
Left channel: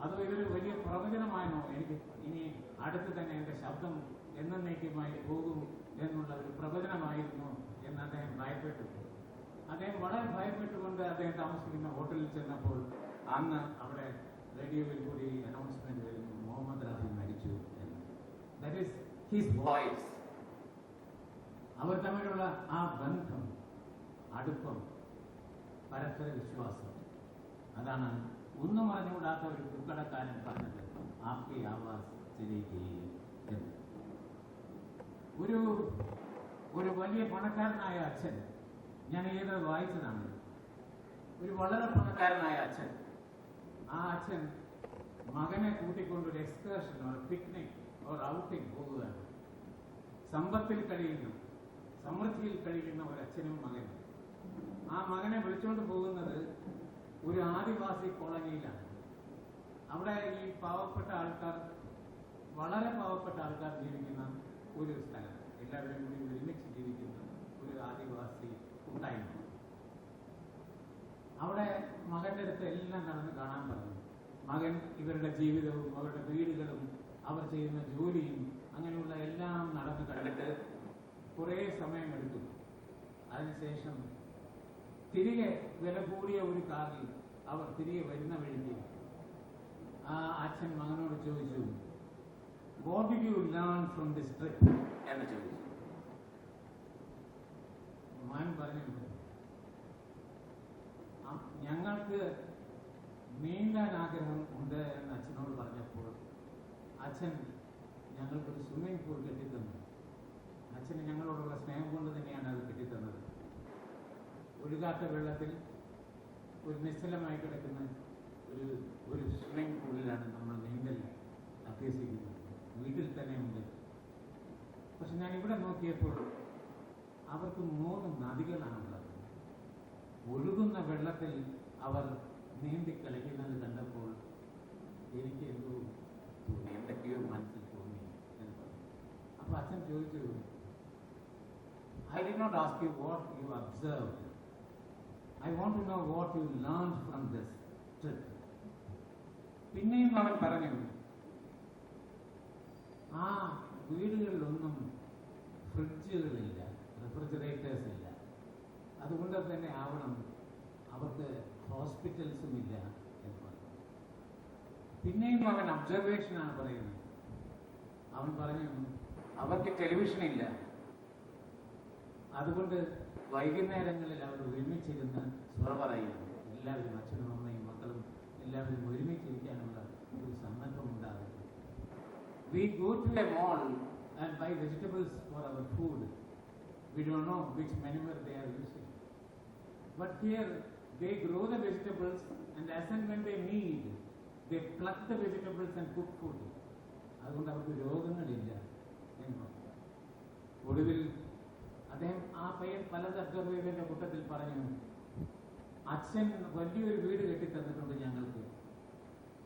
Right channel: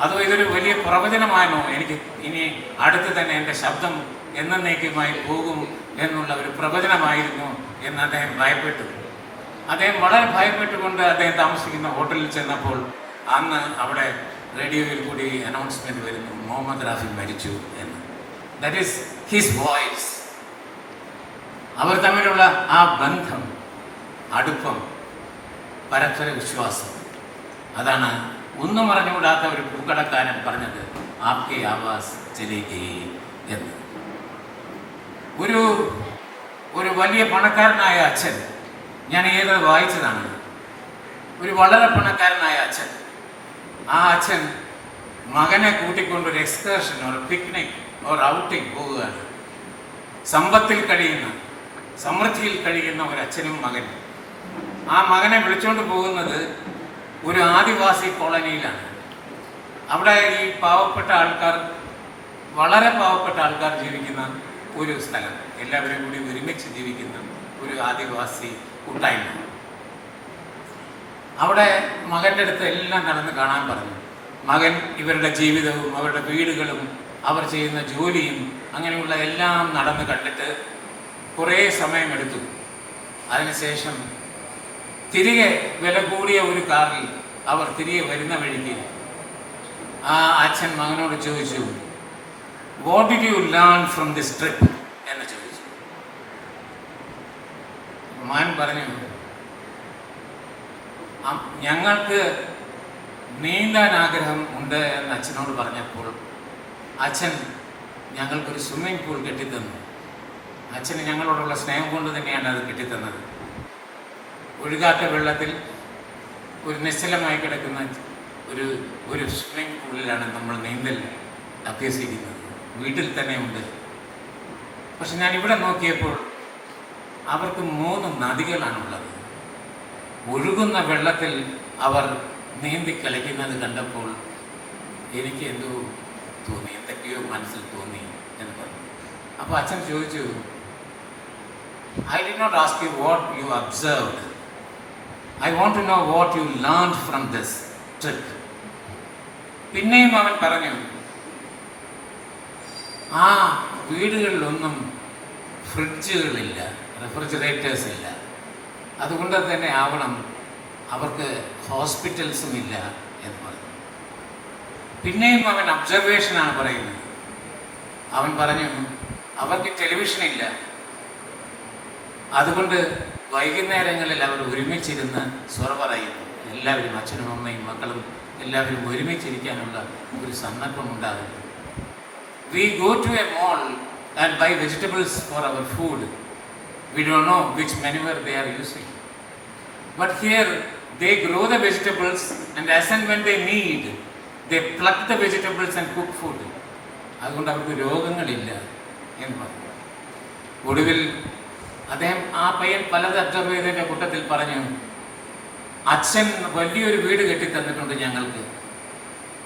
അതോ ഇതൊരു വലിയ പ്രവചനമാണോ, എനിക്ക് ഇനി അടുത്ത് തന്നെ എൻ്റെ ശബ്ദം എന്നേക്കുമായി പോകും എന്നുള്ള ഒരു പ്രവചനമായിരുന്നു എന്ന് അദ്ദേഹം ഭയപ്പെട്ടു. അദ്ദേഹം വളരെ ഭയപ്പെട്ടുകൊണ്ട് അദ്ദേഹം താമസിക്കുന്ന ഹോട്ടലിൽ ചെന്നപ്പോൾ അന്ന് അവിടെ റേഡിയോയിൽ കൂടി അനൗൺസ്മെൻറ്റ് വരുന്നു, മുഹമ്മദ് റാഫി മരിച്ചു എന്ന്. That is his voice. അവർ തമ്മിലുള്ള ആ ബന്ധം, അടുപ്പം, പരസ്പര വിശ്വാസം, അതാണ് ഒന്നും അറിഞ്ഞുകൂടാത്ത ഒരു പൂക്കടക്കാരൻ പറഞ്ഞത് ആപ്കെ ആവാസ് ചലി ഗയി എന്ന്. ഒരു വലിയ പണക്കാരനായ അച്ഛൻ, ഞാൻ ഏത് വായിച്ചതാണ്, ഒരു വളരെ പണക്കാരനായ അച്ഛൻ, ആ അച്ഛൻ മകനെ കൂട്ടിക്കൊണ്ടൊരു എക്സ്കർഷൻ ഒരു പിക്നിക് ഒരു ഔട്ടിങ് പോവുകയാണ്. സമൃദ്ധിയിൽ കഴിയുന്ന ഒരു അച്ഛനും മകനും. ആ മകനെ വിളിച്ചുകൊണ്ട് പോകുന്നത് ഒരു ആദിവാസി കോളനിയിലാണ്. അവിടെ ഈ പാവപ്പെട്ട ആൾക്കാർ, വളരെ പാവപ്പെട്ട ആൾക്കാർ ജീവിക്കുന്ന ഒരു സ്ഥലം, എല്ലാവരും കൂടി ഒരുമിച്ച് ജീവിക്കുന്ന ഒരു ആദിവാസി കൂട്ടായ്മ. അവിടെ മകൻ്റെ അടുത്ത് എല്ലാം നടന്ന് കാണാൻ പറഞ്ഞു. മകൻ ഇവരുടെ ജീവിതവും അവരുടെ വീടുകളും അവർ ചെയ്യുന്ന ജോലിയും അങ്ങനെയുള്ള എല്ലാം നടന്ന് കണ്ടിട്ട് കുറേ സമയമെടുത്തു. അതിനുശേഷം തിരികെ വില കൂടിയ ഒരു കാറിൽ അവർ തിരികെ വരുന്ന വഴിക്ക് ആ അച്ഛൻ മകനോട് ചോദിച്ചു, what did you learn from this trip എന്ന് ചോദിച്ചു. മകൻ പറഞ്ഞു, ഞങ്ങൾക്ക് നീന്താൻ ആഗ്രഹം ഉണ്ട് എന്ന് അച്ഛനോട് പറഞ്ഞപ്പോൾ അച്ഛൻ ഞങ്ങൾക്കൊരു സ്വിമ്മിംഗ് പൂൾ കെട്ടിത്തന്നു. അച്ഛന് ഞങ്ങളോടുള്ള സ്നേഹം കൊണ്ട് തന്നെയാണ് അത് കെട്ടിത്തന്നത്. ഒഴുകാത്ത വെള്ളത്തിൽ ഒരു നിശ്ചലമായി കിടക്കുന്ന ഒരു സ്വിമ്മിംഗ് പൂളിലാണ് നമ്മൾ നീന്തൽ അഭ്യസിക്കുന്നത്. വീട്ടിൽ തന്നെ ഉണ്ട്. പക്ഷെ ഞാൻ ഇവിടെ നോക്കിയപ്പോൾ അവർക്ക് 3 നദികളാണുള്ളത്. ഒഴുകുന്ന വെള്ളത്തിൽ അവർ നീന്തി കളിക്കുന്നത് കണ്ടപ്പോൾ എനിക്ക് എന്തോ തോന്നി, എന്തൊക്കെയോ മനസ്സിൽ തോന്നി എന്ന് പറഞ്ഞു. അപ്പോൾ അച്ഛൻ ചോദിച്ചു, I did not ask you what you observed. I want to know what you learned from this trip. പിന്നെയും അവൻ പറഞ്ഞു, ആ വീടുകളിലൊന്നും ഫ്രിഡ്ജുകളില്ല, റെഫ്രിജറേറ്റേഴ്സ് ഇല്ല, അതുകൊണ്ട് തന്നെ ആവണം അവർക്ക് ഹോസ്പിറ്റൽസും ഇല്ല എന്ന് പറഞ്ഞു. പിന്നെയും അവൻ ഒബ്സർവേഷനാണ് പറയുന്നത്. അവൻ പറഞ്ഞു, അവർക്ക് ടെലിവിഷൻ ഇല്ല, അതുകൊണ്ട് വൈകുന്നേരങ്ങളിൽ അവർ ഒരുമിച്ചിരുന്ന് സ്വറ പറയുന്നു. എല്ലാവരും, അച്ഛനും അമ്മയും മക്കളും എല്ലാവരും ഒരുമിച്ചിരിക്കാനുള്ള ഒരു സന്ദർഭം ഉണ്ടാകുന്നു. We go to a mall and buy vegetables for our food. We don't know which manure they are using. But here they grow the vegetables and as and when they need, they pluck the vegetables and cook food. അതുകൊണ്ട് അവർക്ക് രോഗങ്ങളില്ല എന്ന് പറഞ്ഞു. ഒടുവിൽ അദ്ദേഹം, ആ പയ്യൻ പലത് അബ്സർവ് ചെയ്തതിൻ്റെ കൂട്ടത്തിൽ പറഞ്ഞു, അച്ഛൻ വലിയൊരു വീട് കെട്ടിത്തന്നിട്ടുണ്ട് ഞങ്ങൾക്ക്,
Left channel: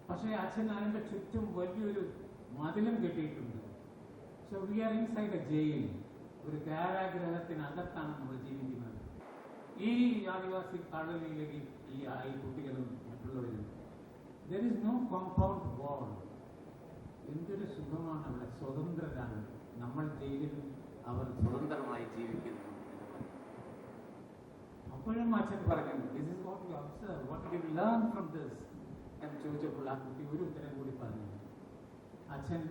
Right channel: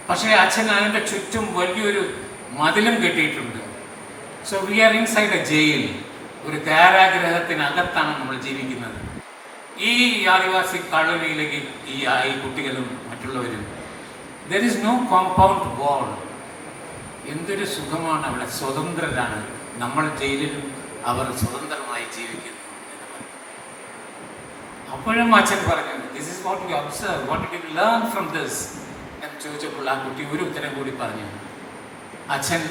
പക്ഷേ അച്ഛൻ അതിൻ്റെ ചുറ്റും വലിയൊരു മതിലും കെട്ടിയിട്ടുണ്ട്. So we are inside a jail. ഒരു കാരാഗ്രഹത്തിനകത്താണ് നമ്മൾ ജീവിക്കുന്നത്. ഈ ആദിവാസി കോളനിയിലേക്ക് ഈ കുട്ടികളും മറ്റുള്ളവരും, there is no compound wall. എന്തൊരു സുഖമാണ് അവിടെ, സ്വതന്ത്രരാണ്. നമ്മൾ ജയിലിലും അവർ സ്വതന്ത്രമായി ജീവിക്കുന്നു എന്ന് പറഞ്ഞു. അപ്പോഴും അച്ഛൻ പറഞ്ഞു, this is what you observe, what you learn from this എന്ന് ചോദിച്ചപ്പോൾ ആ കുട്ടി ഒരു ഉത്തരം കൂടി പറഞ്ഞു. അച്ഛൻ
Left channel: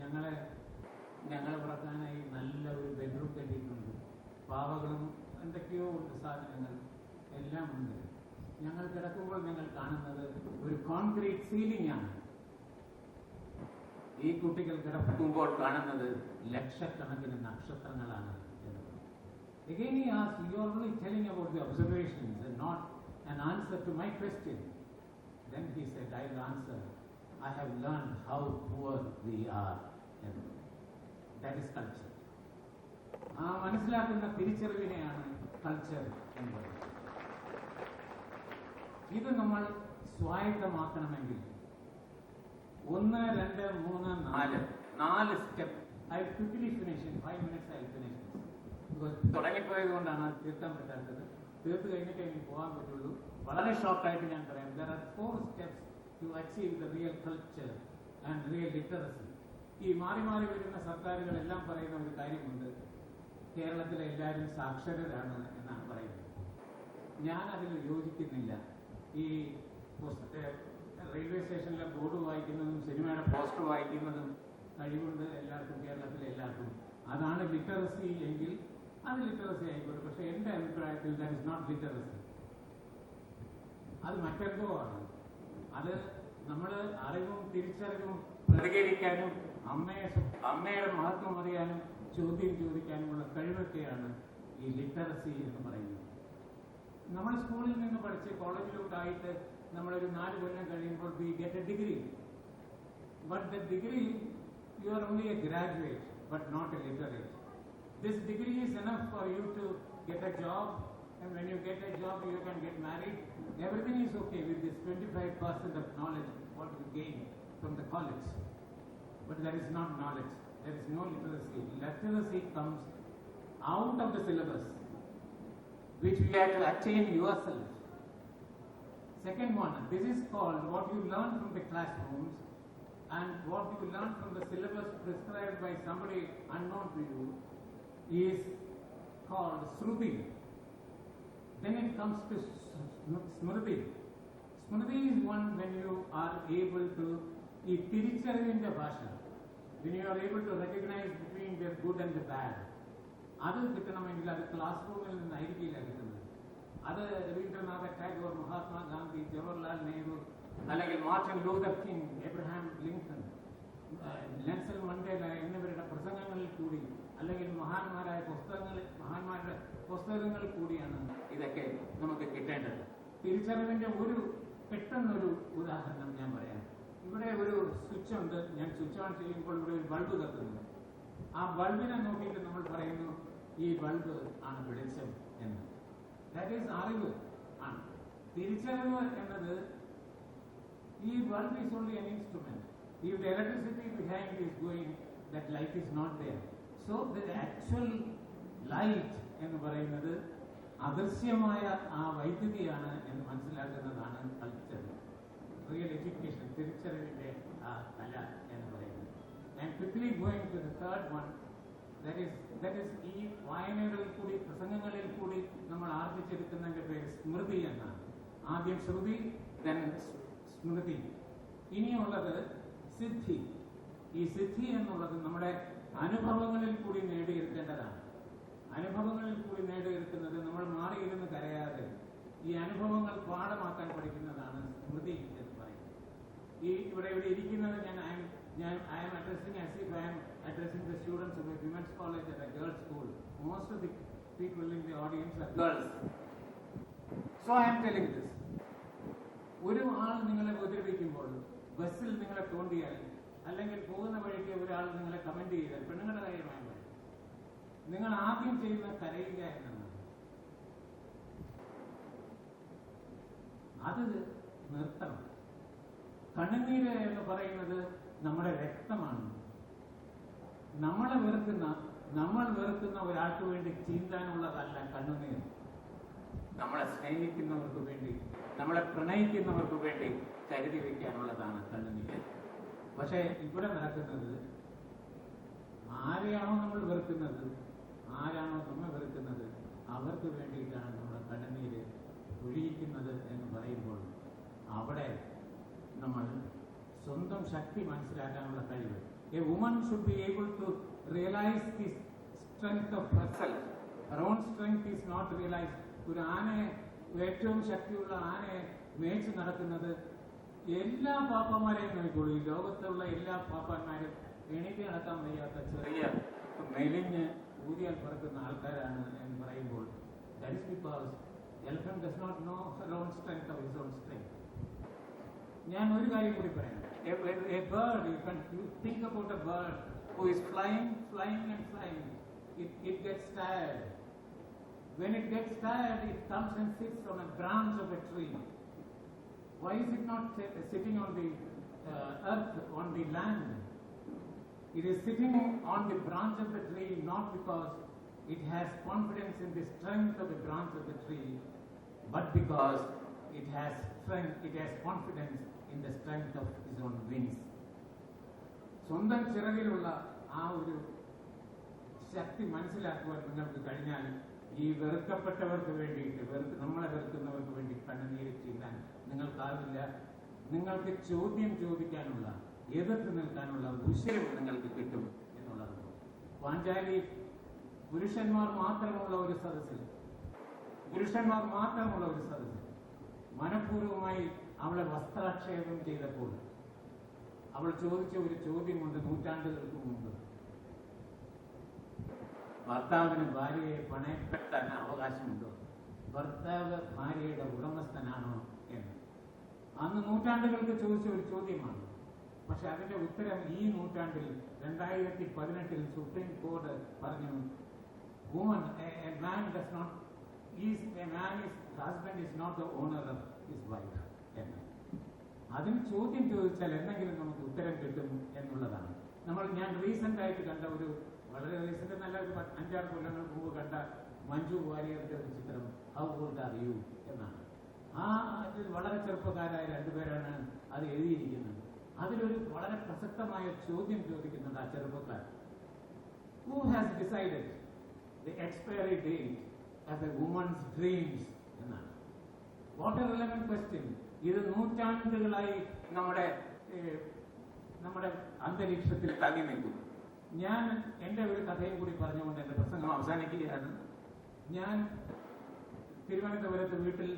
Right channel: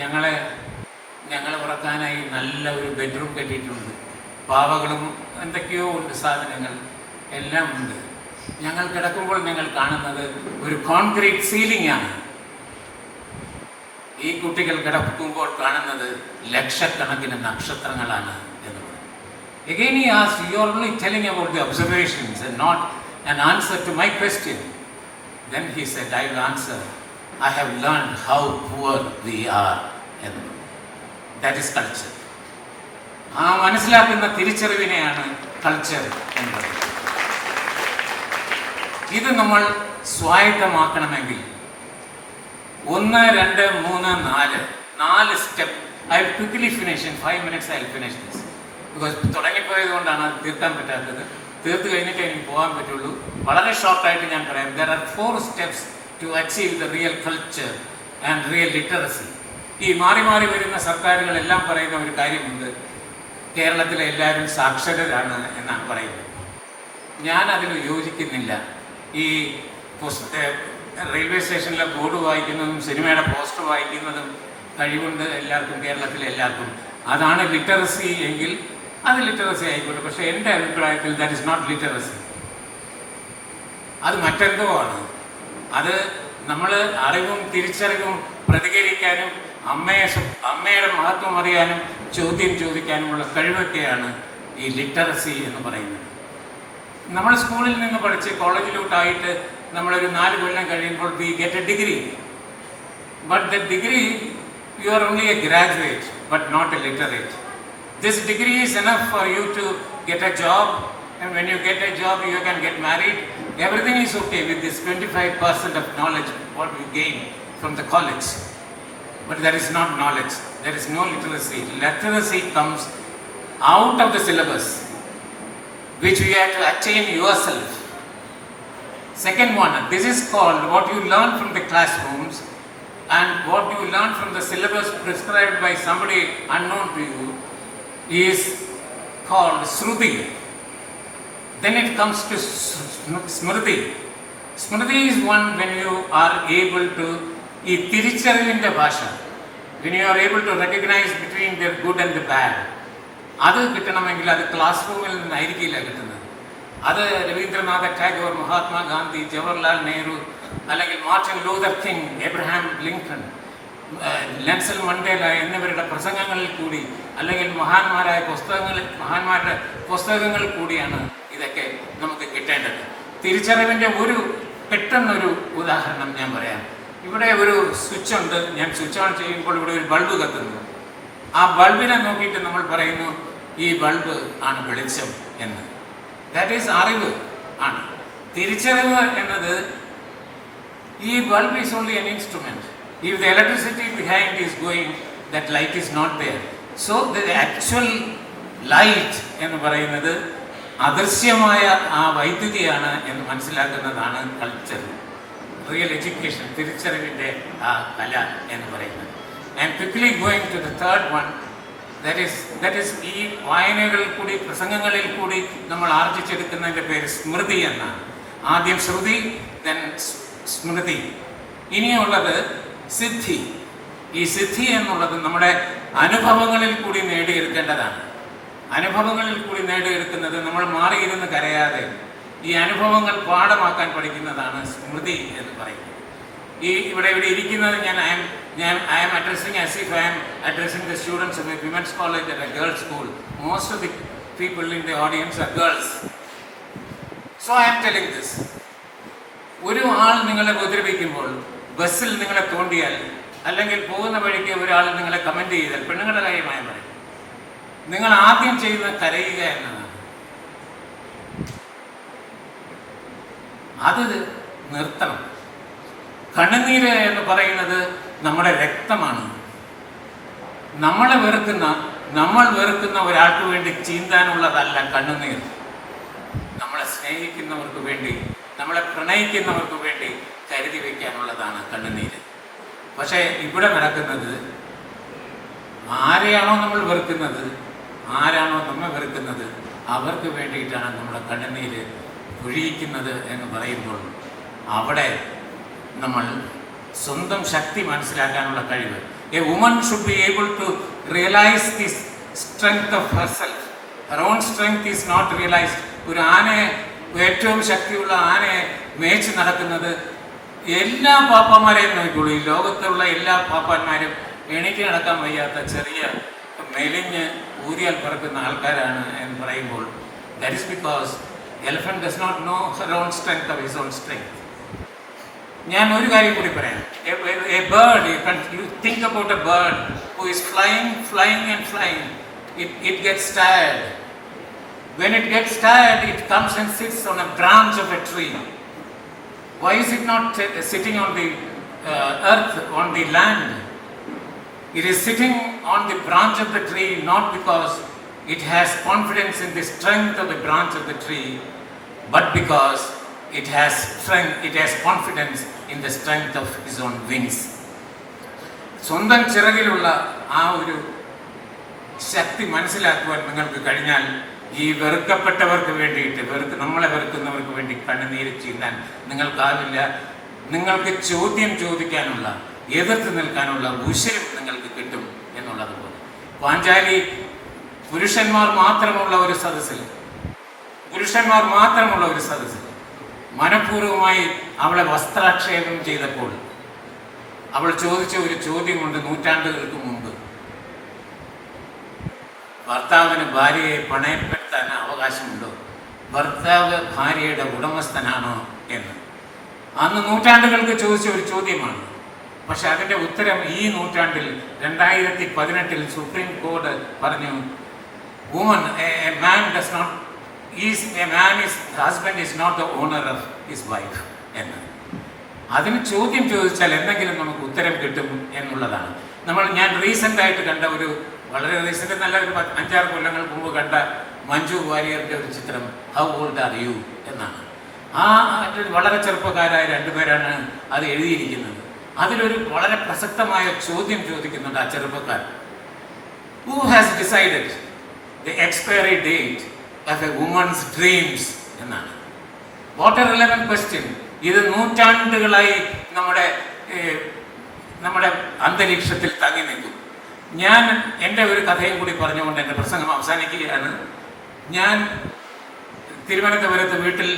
ഞങ്ങളെ ഉറക്കാനായി നല്ല ഒരു ബെഡ്റൂം കെട്ടിയിട്ടുണ്ട്, പാവകളും എന്തൊക്കെയോ ഉണ്ട്, സാധനങ്ങൾ എല്ലാം ഉണ്ട്. ഞങ്ങൾ കിടക്കുമ്പോൾ ഞങ്ങൾ കാണുന്നത് ഒരു കോൺക്രീറ്റ് സീലിംഗ് ആണ്. ഈ കുട്ടികൾ കിടക്കുമ്പോൾ കാണുന്നത് ലക്ഷക്കണക്കിന് നക്ഷത്രങ്ങളാണ് എന്ന് പറഞ്ഞു. Again he asked, you are only telling about the observations and not an answer to my question. Then he said, I will answer. I have learned how poor we are എന്ന് പറഞ്ഞു. That is culture. ആ മനസ്സിലാക്കുന്ന തിരിച്ചറിവിനെയാണ് കൾച്ചർ എന്ന് പറയുന്നത്. ഇത് നമ്മൾ സ്വായത്തമാക്കണമെങ്കിൽ 1, 2, 3, 4 step. I will quickly finish in 5 minutes. I will finish this because തുടങ്ങിപ്പോയത് കൊണ്ടാണ് അത് തീർക്കാൻ പറ്റാത്തത്. തീർത്ത് കഴിഞ്ഞിട്ട് എനിക്ക് പോകാൻ പറ്റുള്ളൂ. വളരെ ഷോർട്ടായിട്ട് ഞാൻ പറയാം. There are 4 steps to achieve the real culture and real literacy. ഈ മാറി മാറി വരുന്ന സർക്കാരുകളെല്ലാം പറയുന്ന ഒരു കാര്യമുണ്ട്, കേരളത്തിലെ എല്ലാവരും സാക്ഷരരാണ് എന്നാണ് പറയുന്നത്. ഞാൻ അതിൽ യോജിക്കുന്നില്ല. ഈ റെയിൽവേ സ്റ്റേഷനിലെ ബോർഡ് വായിക്കുന്നതും സിനിമയുടെ പോസ്റ്റർ വായിക്കുന്നതും കഴിവുണ്ട് എല്ലാവർക്കും, കേരളത്തിലെ എല്ലാവർക്കും. അതാണ് ലിറ്ററസി എങ്കിൽ അത് ലിറ്ററസി ആയിക്കോട്ടെ. പക്ഷേ എൻ്റെ അഭിപ്രായത്തിൽ ദാറ്റ് ഇസ് നോട്ട് ലിറ്ററസി. അത് മറ്റെന്തോ ആണ്. അത് നമ്മൾ അറിവും തിരിച്ചറിവും പ്രതികരിക്കാനും അമ്മയുടെ മഹത്വം അറിയാനും ചോദ്യം ചോദിക്കാനുമുള്ള കഴിവൊക്കെയാണ് ഈ ലിറ്ററസി എന്ന് പറയുന്നത്. നമ്മൾ സ്കൂളിൽ നിന്ന് പഠിച്ച് കോളേജിലോട്ടായിട്ട് നമ്മളൊരു 4 കൊല്ലം കഴിയുമ്പോൾ we get a degree. But the degree you are only a graduate but not a literate. This degree is enough for you to get a job. And when you get a job, you can get married. Everything is okay with this 25% of knowledge what we gain from the college. But that is not knowledge. There is no literacy. Literacy comes out of the syllabus, which you have to attain yourself. Second one, this is called what you learn from the classrooms and what you learn from the syllabus prescribed by somebody unknown to you is called Shruti. Then it comes to Smriti. Smriti is one when you are able to ഈ തിരിച്ചറിവിൻ്റെ ഭാഷ, when you are able to recognize between the good and the bad, അത് കിട്ടണമെങ്കിൽ അത് ക്ലാസ് റൂമിൽ നിന്നായിരിക്കില്ല കിട്ടുന്നത്. അത് രവീന്ദ്രനാഥ ടാഗോർ, മഹാത്മാഗാന്ധി, ജവഹർലാൽ നെഹ്റു, അല്ലെങ്കിൽ Martin Luther king, Abraham Lincoln, Nelson Mandela എന്നിവരുടെ പ്രസംഗങ്ങളിൽ കൂടി, അല്ലെങ്കിൽ മഹാന്മാരുടെ പുസ്തകങ്ങളിൽ കൂടിയാണ് ഇതൊക്കെ നമുക്ക് കിട്ടേണ്ടത്. തിരിച്ചറിവിൻ്റെ പെട്ടെന്നൊരു ഉദാഹരണം ഞാൻ പറയാം. ഇവിടെ ഒരു സ്വിച്ച് ഉണ്ട്. ഞാൻ സ്വിച്ച് ഓൺ ചെയ്യുമ്പോൾ ഇവിടെ ഒരു ബൾബ് കത്തുന്നു. ആ ബൾബിനെ നോക്കിയിട്ട് നമ്മൾ പറയുന്നു ഈ ബൾബ് ആണ് വെളിച്ചം എന്ന്. ദാറ്റ് ഈസ് അറിവ് ആണ്. തിരിച്ചറിവ് എന്നത് ഈ bulb is only an instrument. If the electricity behind is going, that light is not there. So the actual light എന്ന് പറയുന്നത് അദൃശ്യമായ ആ വൈദ്യുതിയാണ് എന്ന് മനസ്സിലാക്കുന്നതാണ് കൾച്ചർ, റിയൽ എഡ്യൂക്കേഷൻ, തിരിച്ചറിവിൻ്റെ ആ കല എന്ന് പറയുന്നത്. I am quickly going to the third one. That is ഈ വായനകളിൽ കൂടി, പ്രസംഗങ്ങളിൽ കൂടി നമ്മൾ ആർജിച്ചെടുക്കുന്നതിൻ്റെ പേര് സ്മൃതി എന്നാണ്. ആദ്യം ശ്രുതി, ദെൻ സ്മൃതി. ഇനിയുള്ളത് സിദ്ധി. ഈ സിദ്ധി എന്നുള്ളത് നമ്മുടെ അനുഭവങ്ങളിൽ കൂടി നേടിയെടുക്കേണ്ടതാണ്. അനുഭവങ്ങളിൽ കൂടി നേടിയെടുക്കുന്നത് നമ്മൾ മാറിയിരുന്ന് കരയാതെ ഈ അനുഭവങ്ങൾ പാഠമാക്കാൻ പഠിക്കുന്നതാണ് സ്മൃതി എന്ന് പറയുന്നത്. ഇവിടെ ഇരിക്കുന്നത് I am addressing as if I am addressing the students of a women's college at a girls' school. Most of the people in the audience are girls. So I am telling this. ഒരു ആൾ നിങ്ങളെ ഉപദ്രവിക്കുമ്പോൾ, ബസ്സിൽ നിങ്ങളെ തോണ്ടിയാൽ, അല്ലെങ്കിൽ പോകുന്ന വഴിക്ക് ഒരാൾ നിങ്ങളെ കമൻറ്റ് ചെയ്താൽ, പെണ്ണുങ്ങളുടെ കാര്യമായി പറയും, നിങ്ങൾ ആദ്യം ചെയ്യുന്ന കരയുക എന്നതാണ്. അത് നിർത്തണം. കണ്ണുനീര് എന്ന് പറയുന്നത് നമ്മുടെ രക്തമാണ്. നമ്മൾ വെറുക്കുന്ന ഒരാൾക്ക് വേണ്ടി ചീന്താനുള്ളതല്ല കണ്ണുനീർ. നമ്മളെ സ്നേഹിക്കുന്നവർക്ക് വേണ്ടി, നമ്മളെ പ്രണയിക്കുന്നവർക്ക് വേണ്ടി കരുതി വയ്ക്കാനുള്ളതാണ് കണ്ണുനീര്. പക്ഷേ ഇവിടെ നടക്കുന്നത് ആരെയാണോ നമ്മൾ വെറുക്കുന്നത്, ആരാണോ നമ്മെ വെറുക്കുന്നത്, അവർക്ക് വേണ്ടിയിട്ടാണ് നമ്മുടെ കണ്ണുനീര് ഒഴിയിക്കുന്നത് എന്ന് പറയുമ്പോൾ അവിടെ നമ്മൾ സ്വന്തം ശക്തി മനസ്സിലാക്കാനുള്ള കഴിവ്. A woman should be able to realise the strength of herself. Her own strength is not realised. ഒരു ആനയെ, ഏറ്റവും ശക്തിയുള്ള ആനയെ മേച്ച് നടക്കുന്നത് എല്ലാ പാപ്പാന്മാരെയും നോക്കിക്കോളൂ. ഈ ലോകത്തുള്ള എല്ലാ പാപ്പാന്മാരും എണീറ്റ് നടക്കാൻ വയ്യാത്ത ചെറിയ മെലിഞ്ഞ് ഊരിയാൽ പറക്കുന്ന ആൾക്കാരാണ് എന്ന് പറയുമ്പോൾ that is because elephant does not know her own strength of his own strength. ഞാൻ ഒരു കാര്യം കൂടി പറയാം. A bird, you think about a bird who is flying and flying. It gets tired. When it gets tired, it comes and sits on a branch of a tree. Why is it not sitting on the earth, on the land? It is sitting on the branch of the tree not because it has confidence in the strength of the branch of the tree, but because it has strength, it has confidence in the strength of its own wings. സ്വന്തം ചിറകിലുള്ള ആ ഒരു ശക്തി മനസ്സിലാക്കുവാൻ നിങ്ങൾക്ക് കഴിഞ്ഞാൽ ഈ വെറുക്കപ്പെട്ടവർക്ക് വേണ്ടിയിട്ട്, നമ്മളെ വെറുക്കുന്നവർക്ക് വേണ്ടി കണ്ണുനീര് ചീന്താൻ നിങ്ങൾക്കാവില്ല. നിങ്ങൾക്ക് ചോദ്യം ചോദിക്കാനുള്ള, എതിർത്ത് നിൽക്കാനുള്ള ഉശിരും നിങ്ങൾക്ക് കിട്ടും എന്നുള്ളതുപോലെ. പാഞ്ചാലി പുരുഷന്മാർ മാത്രമുള്ള ഒരു സദസ്സിൽ മനഃപൂർവ്വമായി അവളെ വസ്ത്രാക്ഷേപം ചെയ്തപ്പോൾ അവൾ ചോദിച്ച ഒരു ചോദ്യമുണ്ട്. നൂറ്റാണ്ടുകൾക്ക് മുമ്പ് ഭർത്താവിന് ഭാര്യയെ പണയപ്പെടുത്താൻ അവകാശമുണ്ടോ, ഭർത്താവ് ഭാര്യയുടെ ഉടമസ്ഥനാണോ എന്ന് അന്ന് നൂറ്റാണ്ടുകൾക്ക് ചോദിച്ച ഒരു ചോദ്യമാണ്. പക്ഷെ അതിൻ്റെ ഉത്തരം ഈ നൂറ്റാണ്ടിൽ 2018 സുപ്രീം കോടതി പറഞ്ഞു, husband is not the owner of his wife എന്ന്. അതിന് ചോദ്യം ചോദിച്ചാൽ എന്തെങ്കിലും നമുക്ക് ഉത്തരം കിട്ടും എന്നുള്ളതാണ്. ഞാൻ റീസെൻ്റായിട്ട് കണ്ട ഒരു, വളരെ റീസെൻ്റ് നല്ല ഒരു 5-6 കൊല്ലങ്ങൾക്ക് മുമ്പ് കണ്ട മഞ്ജു വാര്യറിൻ്റെ ഒരു ചിത്രം ഹൗ ഓൾഡ് ആർ യു എന്നാണ്. വളരെ ചെറുപ്പക്കാരായ 2 പേരാണ് അത് എഴുതിയിരിക്കുന്നത്. അതിലൊരു വളരെ പ്രസക്തമായ ചോദ്യം ചോദിക്കുന്നുണ്ട് ആ ചെറുപ്പക്കാർ. Who has decided the expiry date of a woman's dreams എന്നാണ്. What a relevant question. ഇത് നൂറ്റാണ്ടുകളായി നമ്മുടെ അന്തരീക്ഷത്തിൽ തങ്ങി നിൽക്കും. ഞാൻ എൻ്റെ ഒരു കഥയും കൂടി പറഞ്ഞുകൊണ്ട് എൻ്റെ പ്രസംഗം അവസാനിക്കുകയാണ്. ഞാൻ തിരുവനന്തപുരത്ത് വീട്ടിൽ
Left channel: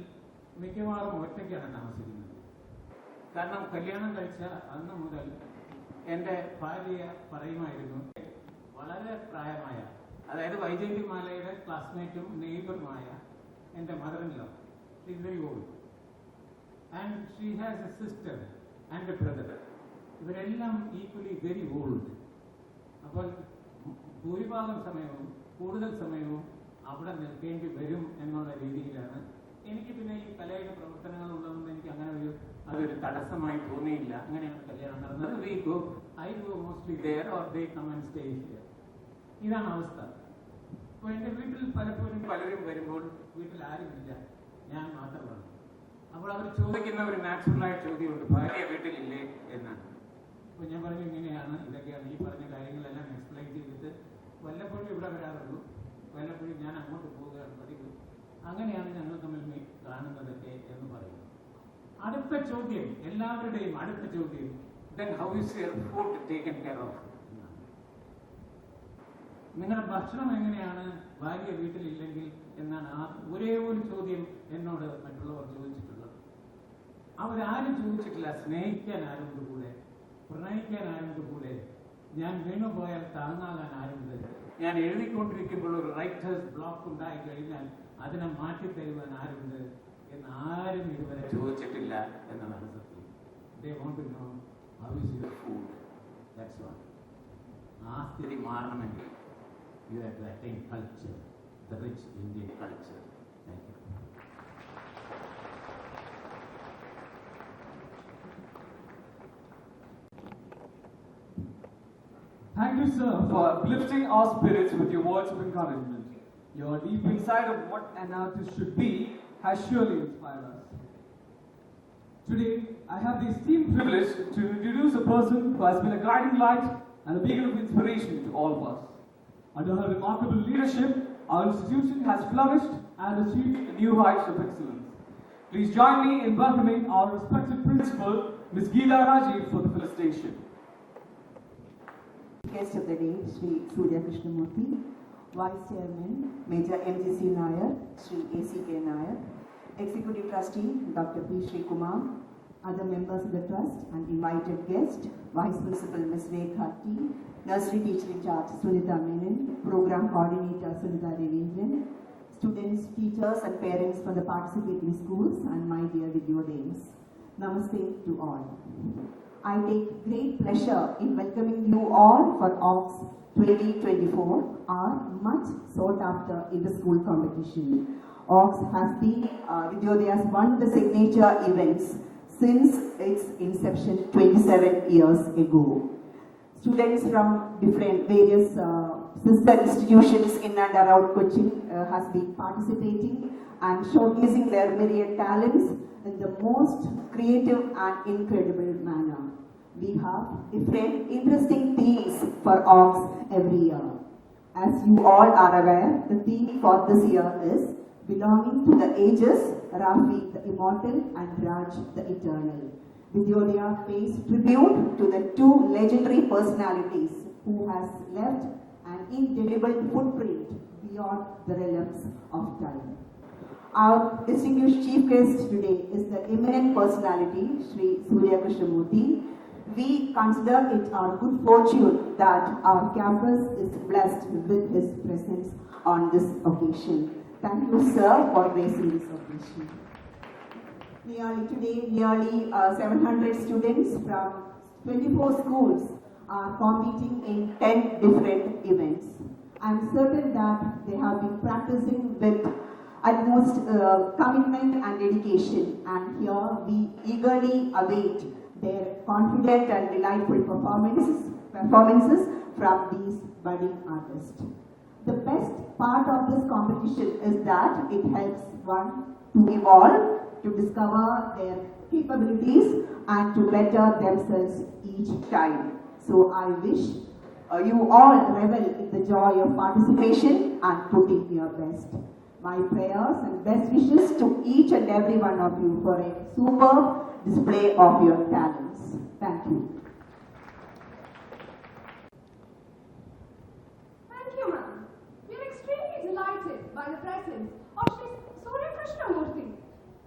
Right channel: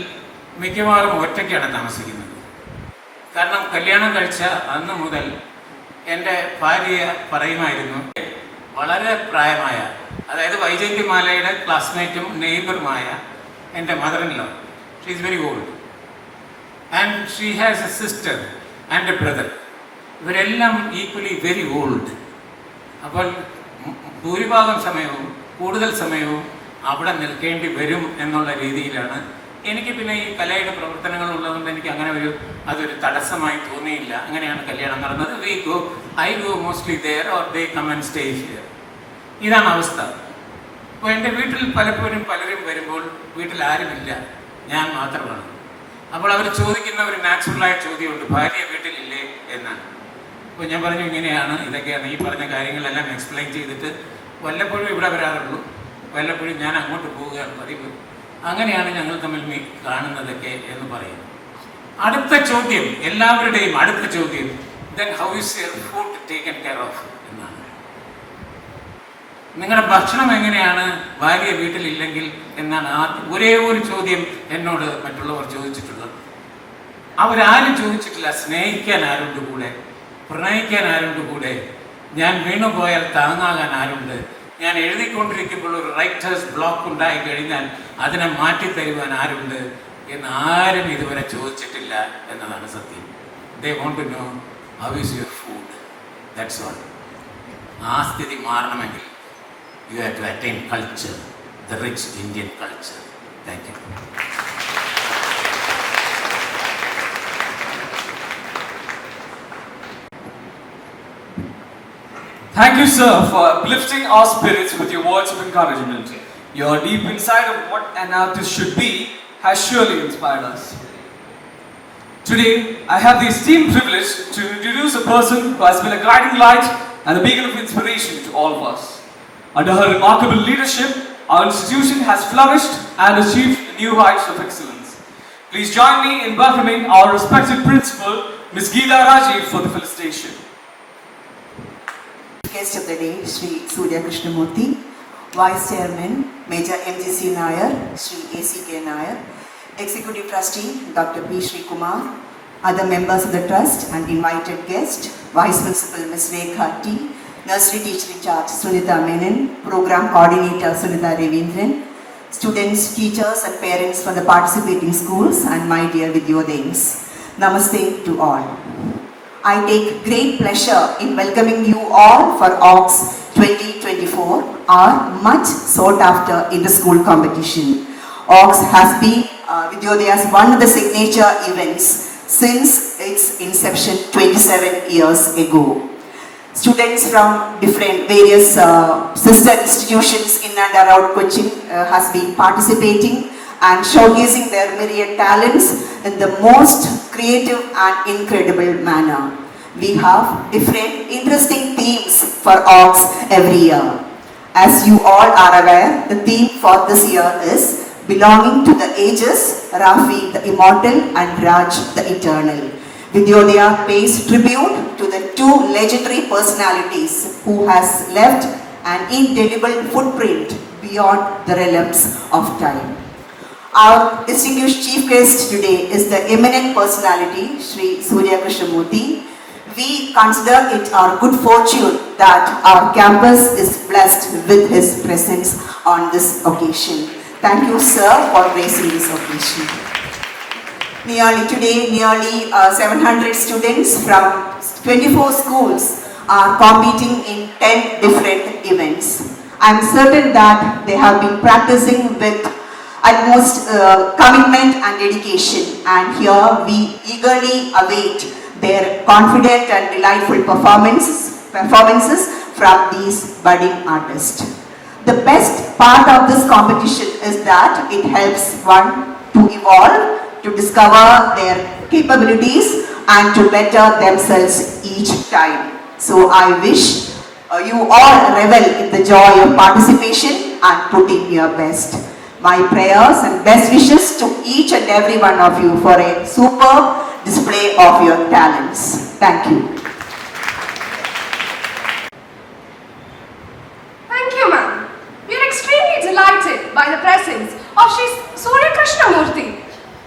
മിക്കവാറും ഒറ്റയ്ക്കാണ് താമസിക്കുന്നത്. കാരണം കല്യാണം കഴിച്ച അന്ന് മുതൽ എൻ്റെ ഭാര്യ പറയുമായിരുന്നു, വളരെ പ്രായമായ, അതായത് വൈജയന്തിമാലയുടെ ക്ലാസ്മേറ്റും നെയ്ബറുമായ എൻ്റെ mother-in-law, she is very old and she has A sister and A brother. ഇവരെല്ലാം ഈക്വലി വെരി ഓൾഡ്. അപ്പോൾ ഭൂരിഭാഗം സമയവും, കൂടുതൽ സമയവും അവിടെ നിൽക്കേണ്ടി വരും എന്നുള്ള രീതിയിലാണ്. എനിക്ക് പിന്നെ ഈ കലയുടെ പ്രവർത്തനങ്ങൾ ഉള്ളതുകൊണ്ട് എനിക്ക് അങ്ങനെ അതൊരു തടസ്സമായി തോന്നിയില്ല. അങ്ങനെയാണ് കല്യാണം നടന്നത്. I go mostly there or they come and stay here. ഇതാണ് അവസ്ഥ. അപ്പോൾ എൻ്റെ വീട്ടിൽ പലപ്പോഴും പലരും വരുമ്പോൾ വീട്ടിൽ ആരുമില്ല, ഞാൻ മാത്രമാണ്. അപ്പോൾ അവർ ചോദിക്കുന്ന ഒരു നാച്ചുറലായ ചോദ്യമുണ്ട്, ഭാര്യ വീട്ടിലില്ലേ എന്നാണ്. അപ്പോൾ ഞാൻ പറഞ്ഞു, ഇങ്ങനെയാണ്, ഇതൊക്കെയാണ്, ഈ പറഞ്ഞ കാര്യങ്ങളെല്ലാം എക്സ്പ്ലെയിൻ ചെയ്തിട്ട് വല്ലപ്പോഴും ഇവിടെ വരാറുള്ളൂ, വല്ലപ്പോഴും ഞാൻ അങ്ങോട്ട് പോവുകയാണ് പതിവ്. അങ്ങനെയാണ് ഞങ്ങൾ തമ്മിൽ കാണുന്നതൊക്കെ എന്ന് പറയും. അടുത്ത ചോദ്യം, എല്ലാവരുടെയും അടുത്ത ചോദ്യം, then how is your food taken care of എന്നാണ്. നിങ്ങളുടെ ഭക്ഷണം എങ്ങനെയാണ് ഭാര്യ വീട്ടിലില്ലെങ്കിൽ എന്നാണ് ഒരേ ഒരു ചോദ്യം എന്നോട് മറ്റുള്ളവർ ചോദിച്ചിട്ടുള്ളത്. അവരാരും ചോദിച്ചിട്ടില്ല സ്നേഹിക്കാൻ ആരുണ്ട് കൂടെ, പ്രണയിക്കാൻ ആരുണ്ട് കൂടെ, ഞാൻ വീണുപോയാൽ താങ്ങാകാൻ ആരുണ്ട്, ഞാൻ എഴുതിക്കൊണ്ടിരിക്കുമ്പോൾ ഒരു റൈറ്റേഴ്സ് ബ്ലോക്ക് ഉണ്ടായി കഴിഞ്ഞാൽ അതിനെ മാറ്റിത്തരുവാൻ ആരുണ്ട് എന്ന് ആരും ഇതുവരെ ചോദിച്ചിട്ടില്ല എന്നതാണ് സത്യം. They want to know how is your food, that's all. ആ സ്ഥിതി മാറണമെങ്കിൽ you have to attain culture, the rich Indian culture. Thank you. Thank you, sir, for uplifting our spirits with your words of encouragement. Your deep insight of what an artist should be has surely inspired us. Today, I have the esteemed privilege to introduce a person who has been a guiding light and a beacon of inspiration to all of us. Under her remarkable leadership, our institution has flourished and achieved new heights of excellence. Please join me in welcoming our respected principal, Ms. Geeta Rajiv, for the felicitation. Guest of the day, Sri Surya Krishnamurthy, Vice Chairman, Major MGC Nair, Sri ACK Nair, Executive Trustee, Dr. P. Sri Kumar, other members of the Trust and invited guest, Vice Principal Ms. Rekha T, Nursery Teacher in Charge Sunita Menon, Program Coordinator Sunita Ravindran, students, teachers and parents from the participating schools and my dear Vidyodayans. Namaste to all. I take great pleasure in welcoming you all for AUX 2024, our much sought after inter-school competition. AUX has been Vidyodaya's one of the signature events since its inception 27 years ago. Students from various sister institutions in and around Cochin has been participating and showcasing their myriad talents in the most creative and incredible manner. We have different interesting themes for AUX every year. As you all are aware, the theme for this year is Belonging to the Ages, Rafi the Immortal and Raj the Eternal. Vidyodaya pays tribute to the two legendary personalities who has left an indelible footprint beyond the realms of time. Our distinguished chief guest today is the eminent personality, Sri Surya Krishnamurthy. We consider it our good fortune that our campus is blessed with his presence on this occasion. Thank you, sir, for gracing this occasion. Nearly 700 students from 24 schools are competing in 10 different events. I am certain that they have been practicing with utmost commitment and dedication, and here we eagerly await their confident and delightful performances from these budding artists. The best part of this competition is that it helps one to evolve, to discover their capabilities and to better themselves each time. So I wish you all revel in the joy of participation and putting your best. My prayers and best wishes to each and every one of you for a superb display of your talents. Thank you. Thank you, ma'am. We are extremely delighted by the presence of Sri Surya Krishnamurthy,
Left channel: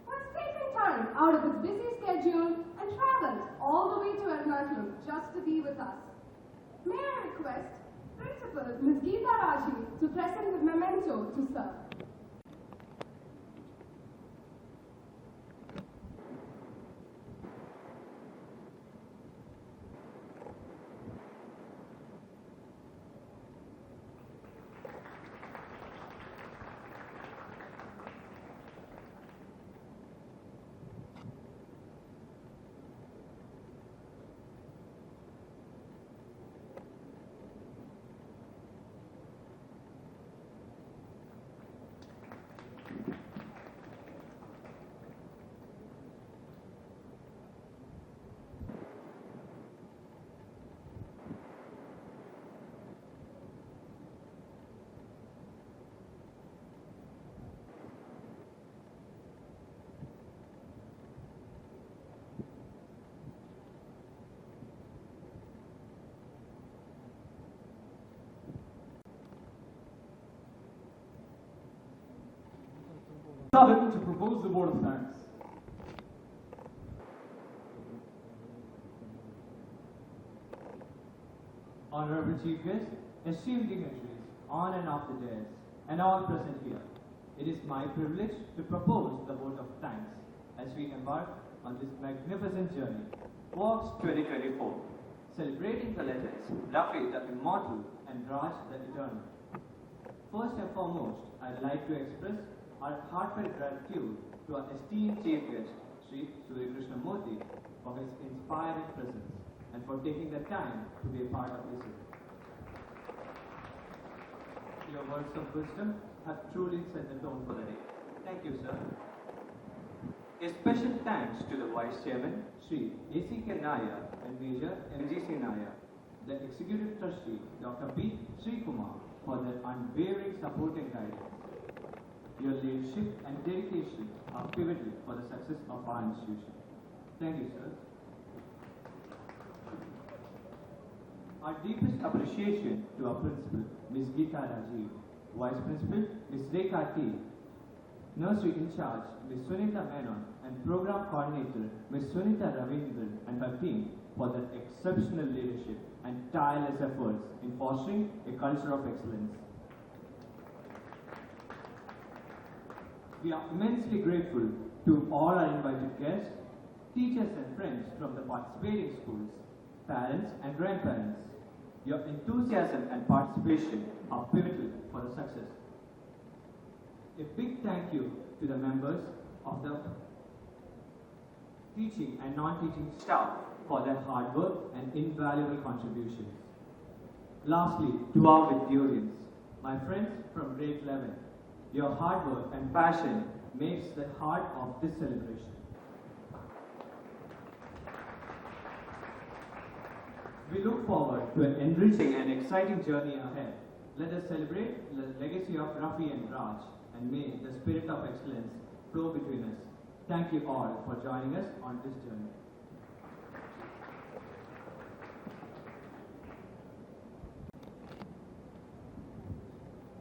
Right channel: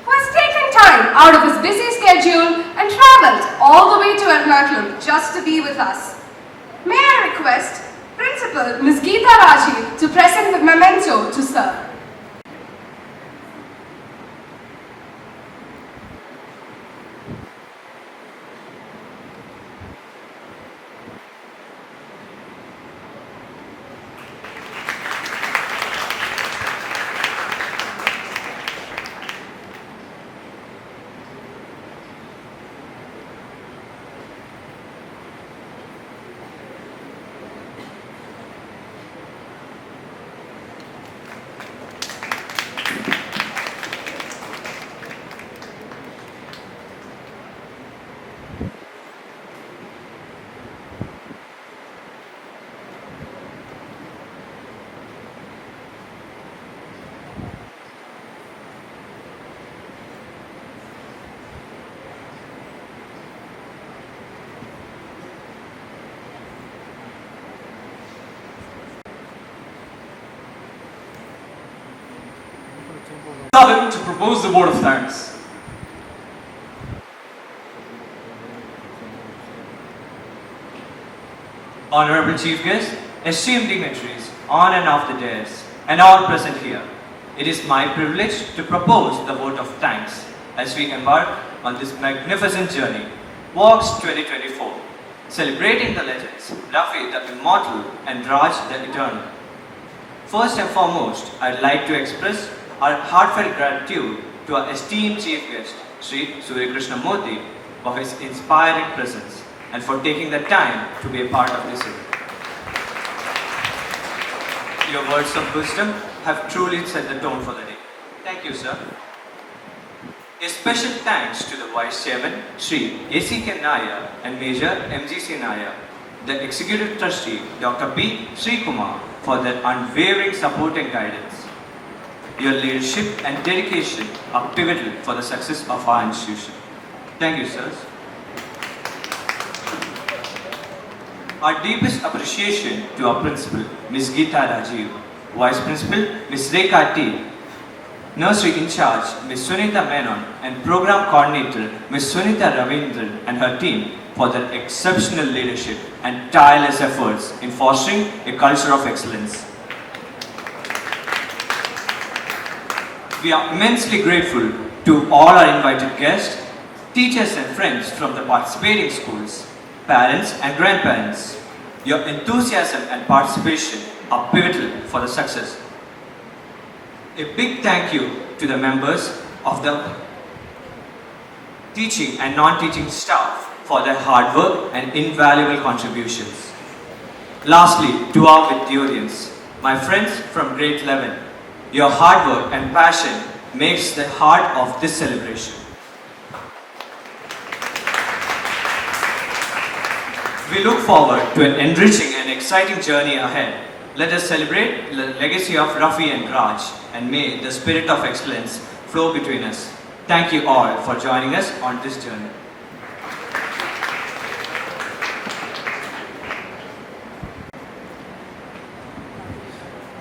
who has taken time out of his busy schedule and travelled all the way to Ernakulam just to be with us. May I request Principal Ms. Geeta Rajiv to present the memento to sir. To propose the vote of thanks. Honorable Chief Guest, esteemed dignitaries on and off the dais, and all present here, it is my privilege to propose the vote of thanks as we embark on this magnificent journey, AUX 2024, celebrating the legends, Rafi the Immortal and Raj the Eternal. First and foremost, I'd like to express our heartfelt gratitude to our esteemed Chief Guest, Sri Surya Krishnamurthy, for his inspiring presence and for taking the time to be a part of this event. Your words of wisdom have truly set the tone for the day. Thank you, sir. A special thanks to the Vice Chairman, Sri A.C.K. Nair, and Major M.G.C. Nair, the Executive Trustee, Dr. P. Sri Kumar, for their unwavering support and guidance. Your leadership and dedication are pivotal for the success of our institution. Thank you, sirs. Our deepest appreciation to our Principal, Ms. Geeta Rajiv, Vice Principal, Ms. Rekha T., Nursery in charge, Ms. Sunita Menon, and Program Coordinator, Ms. Sunita Ravindran and her team for their exceptional leadership and tireless efforts in fostering a culture of excellence. We are immensely grateful to all our invited guests, teachers and friends from the participating schools, parents and grandparents. Your enthusiasm and participation are pivotal for the success. A big thank you to the members of the teaching and non-teaching staff for their hard work and invaluable contributions. Lastly, to our Vidyodians, my friends from grade 11, your hard work and passion makes the heart of this celebration. We look forward to an enriching and exciting journey ahead. Let us celebrate the legacy of Rafi and Raj, and may the spirit of excellence flow between us. Thank you all for joining us on this journey.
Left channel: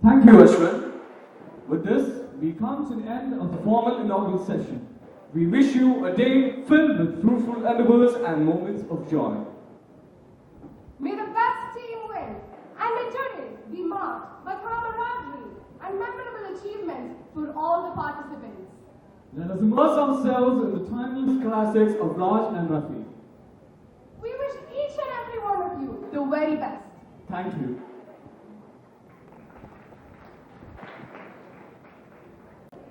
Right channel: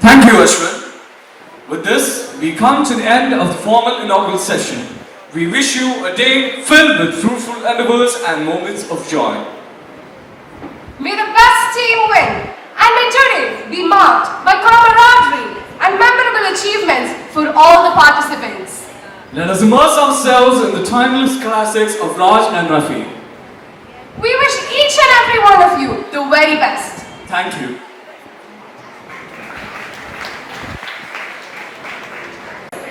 Thank you, Ashwin. With this, we come to the end of the formal inaugural session. We wish you a day filled with fruitful endeavors and moments of joy. May the best team win, and may today be marked by camaraderie and memorable achievements for all the participants. Let us immerse ourselves in the timeless classics of Raj and Rafi. We wish each and every one of you the very best. Thank you.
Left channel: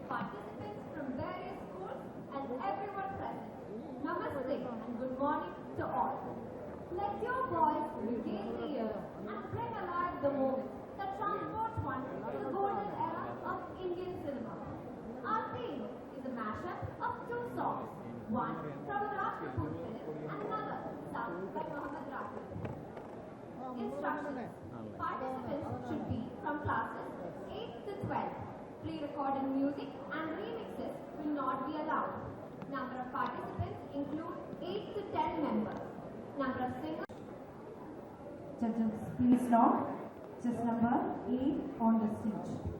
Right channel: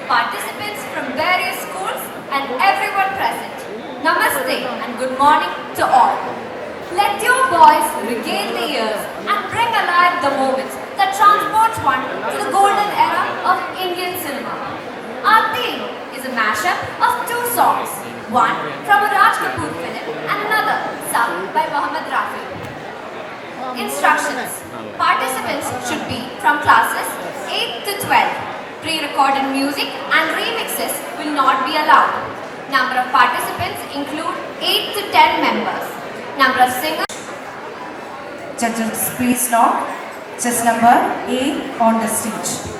Participants from various schools and everyone present, Namaste and good morning to all. Let your voice regale the ears and bring alive the moments that transport one to the golden era of Indian cinema. Our theme is a mashup of two songs, one from a Raj Kapoor film and another sung by Mohammed Rafi. Instructions: participants should be from classes 8 to 12. Pre-recorded music and remixes will not be allowed. Number of participants include 8 to 10 members. Number of singers. Judges, please note, chess number 8 on the stage.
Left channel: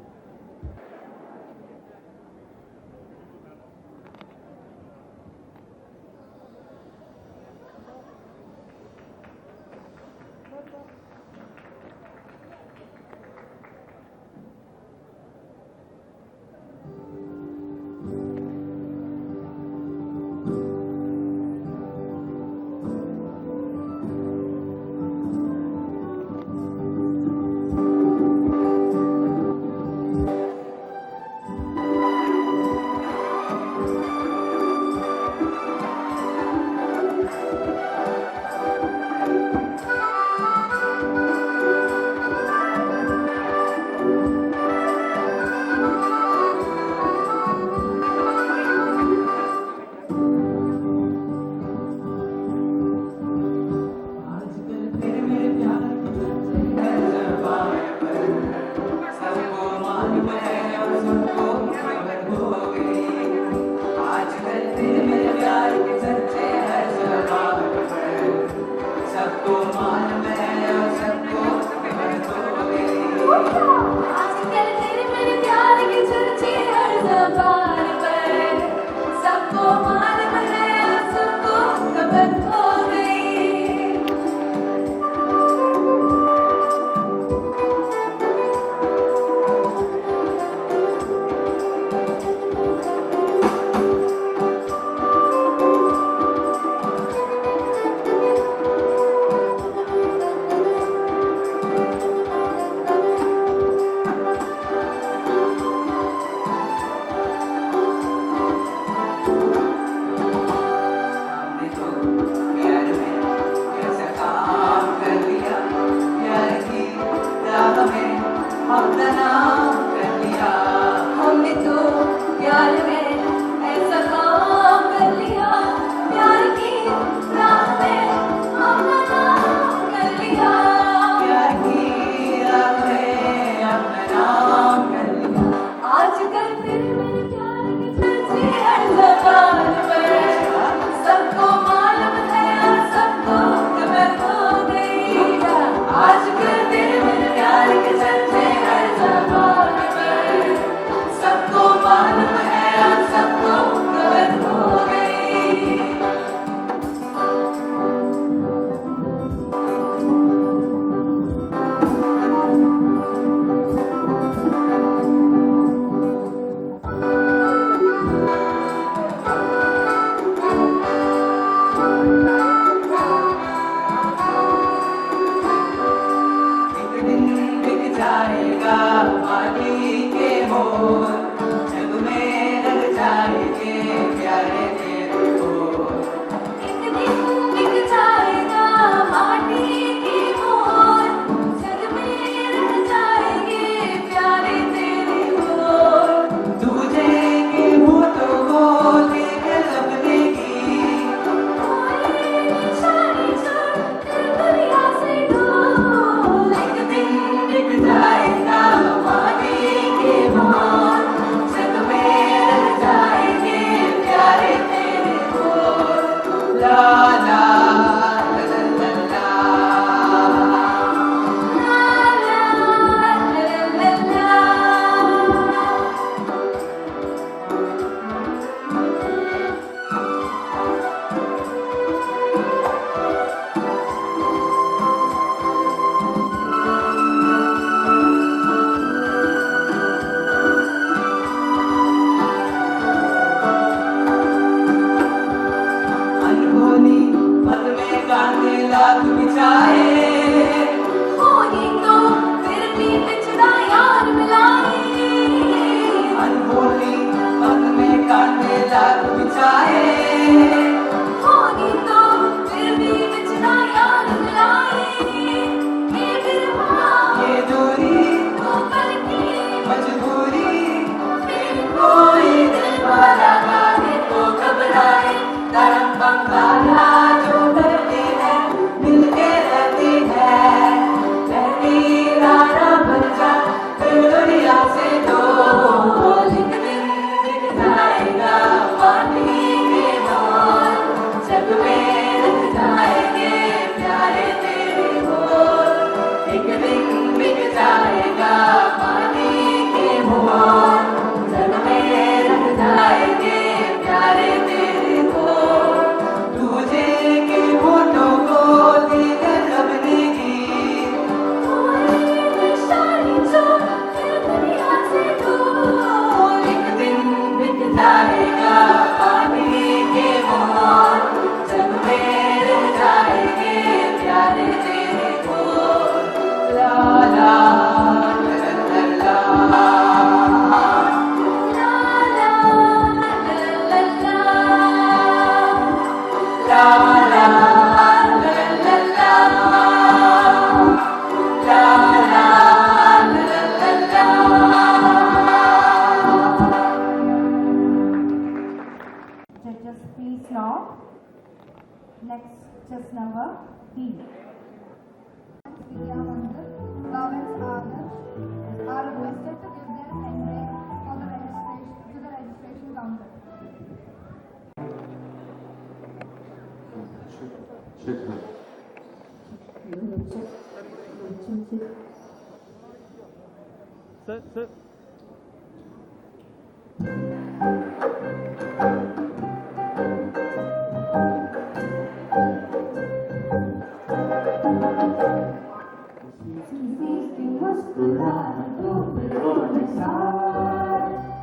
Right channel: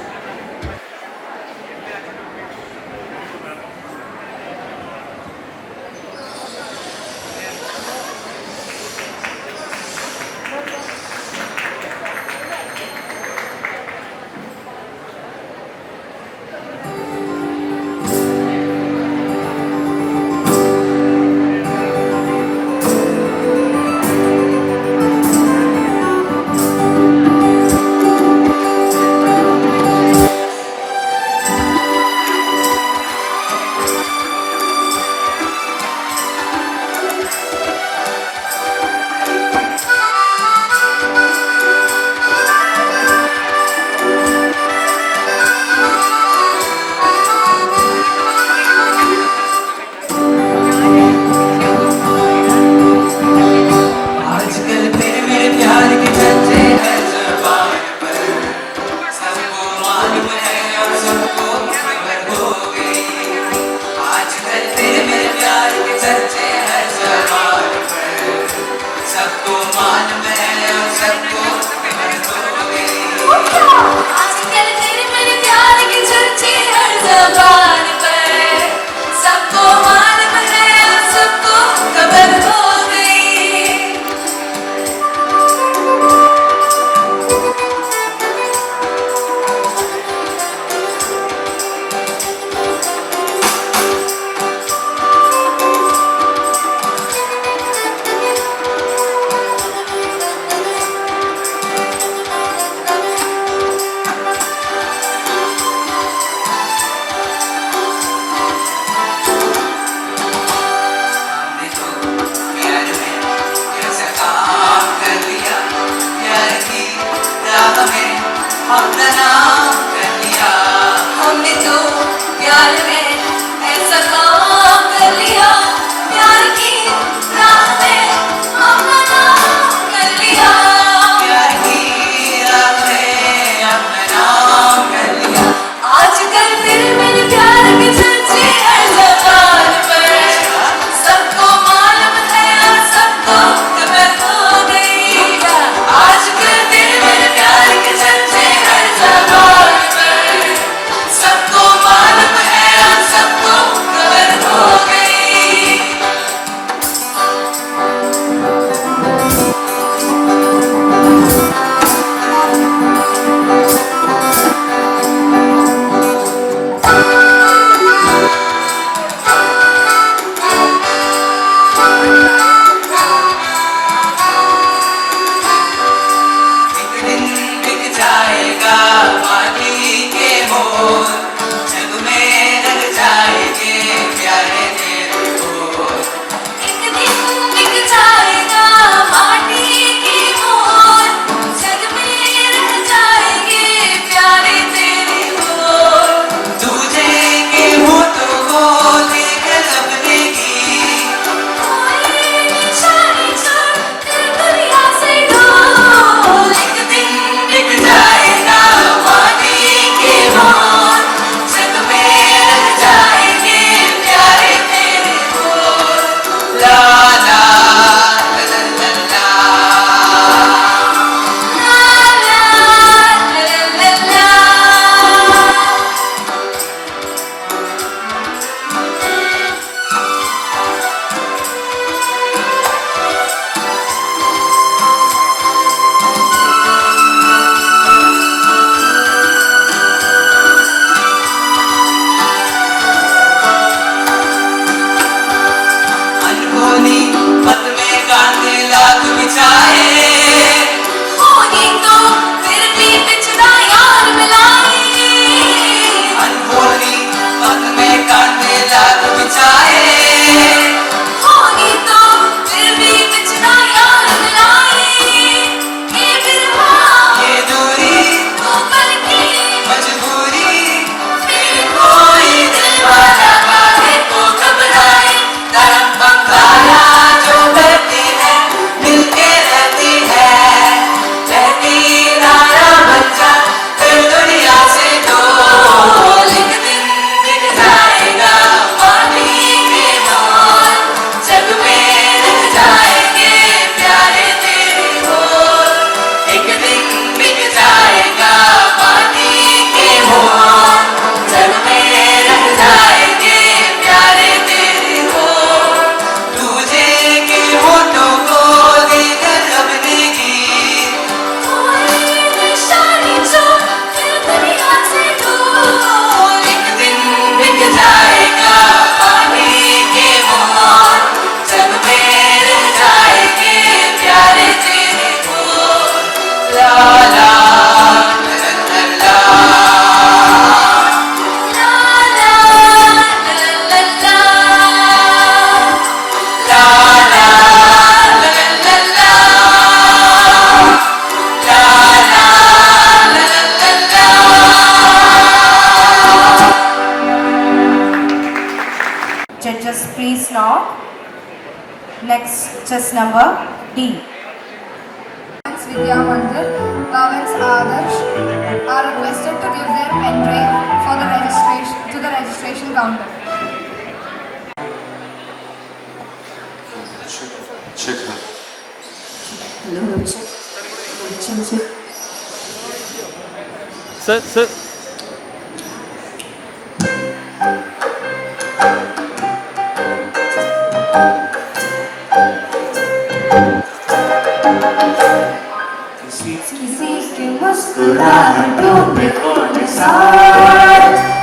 हमने तो प्यार में ऐसा काम चाहे होगी तो फिर भी बिछड़ा यार मिलाए ये बिरहा ये दूरी वो पल की मजबूरी फिर कोई दिल वाला काहे को घबराए तरफ बंगाला जो करती है मिलके रहती है रहती रारा बच्चा फिर दुनिया से दो एक दिन बिक जाएगा पानी के मोल जग में रह जाएंगे प्यारे तेरे बोल एक दिन बिक जाएगा पानी के मोल जग में रह जाएंगे प्यारे तेरे बोल तुझे की होठों को देकर अपने की निशानी जो फिर दुनिया से दूर एक दिन बिक जाएगा पानी के मोल जग में रह जाएंगे प्यारे तेरे बोल ला ला Judges, please nod. Next, chess number D. Vidya Mandir, Bhavans Adarsh are requested to give their pen drive for the registration counter. Check her. Hello, check. Sir. किसी के मुस्कुराहटों पे हो निसार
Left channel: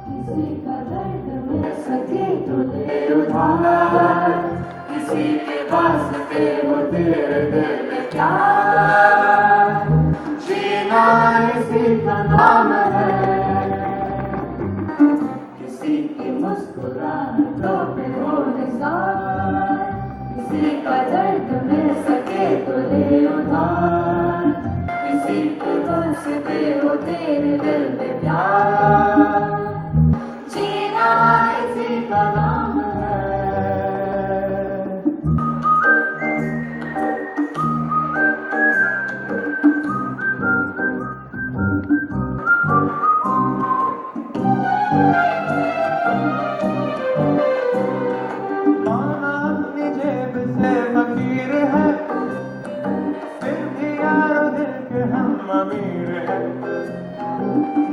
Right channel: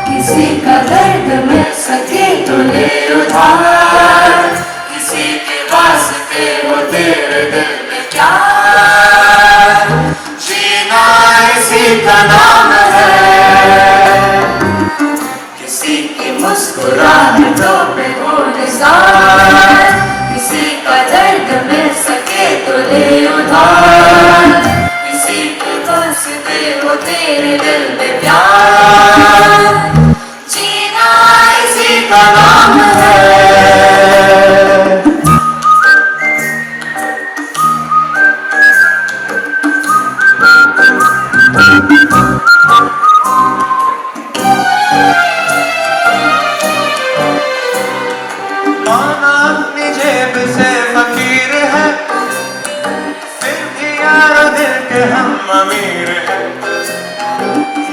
किसी का दर्द मिल सके तो ले उधार किसी के वास्ते हो तेरे दिल में प्यार जीना इसी का नाम है किसी की मुस्कुराहटों पे हो निसार किसी का दर्द मिल सके तो ले उधार किसी के वास्ते हो तेरे दिल में प्यार जीना इसी का नाम है माना अपनी जेब से फकीर है फिर भी यार दिल के हम अमीर है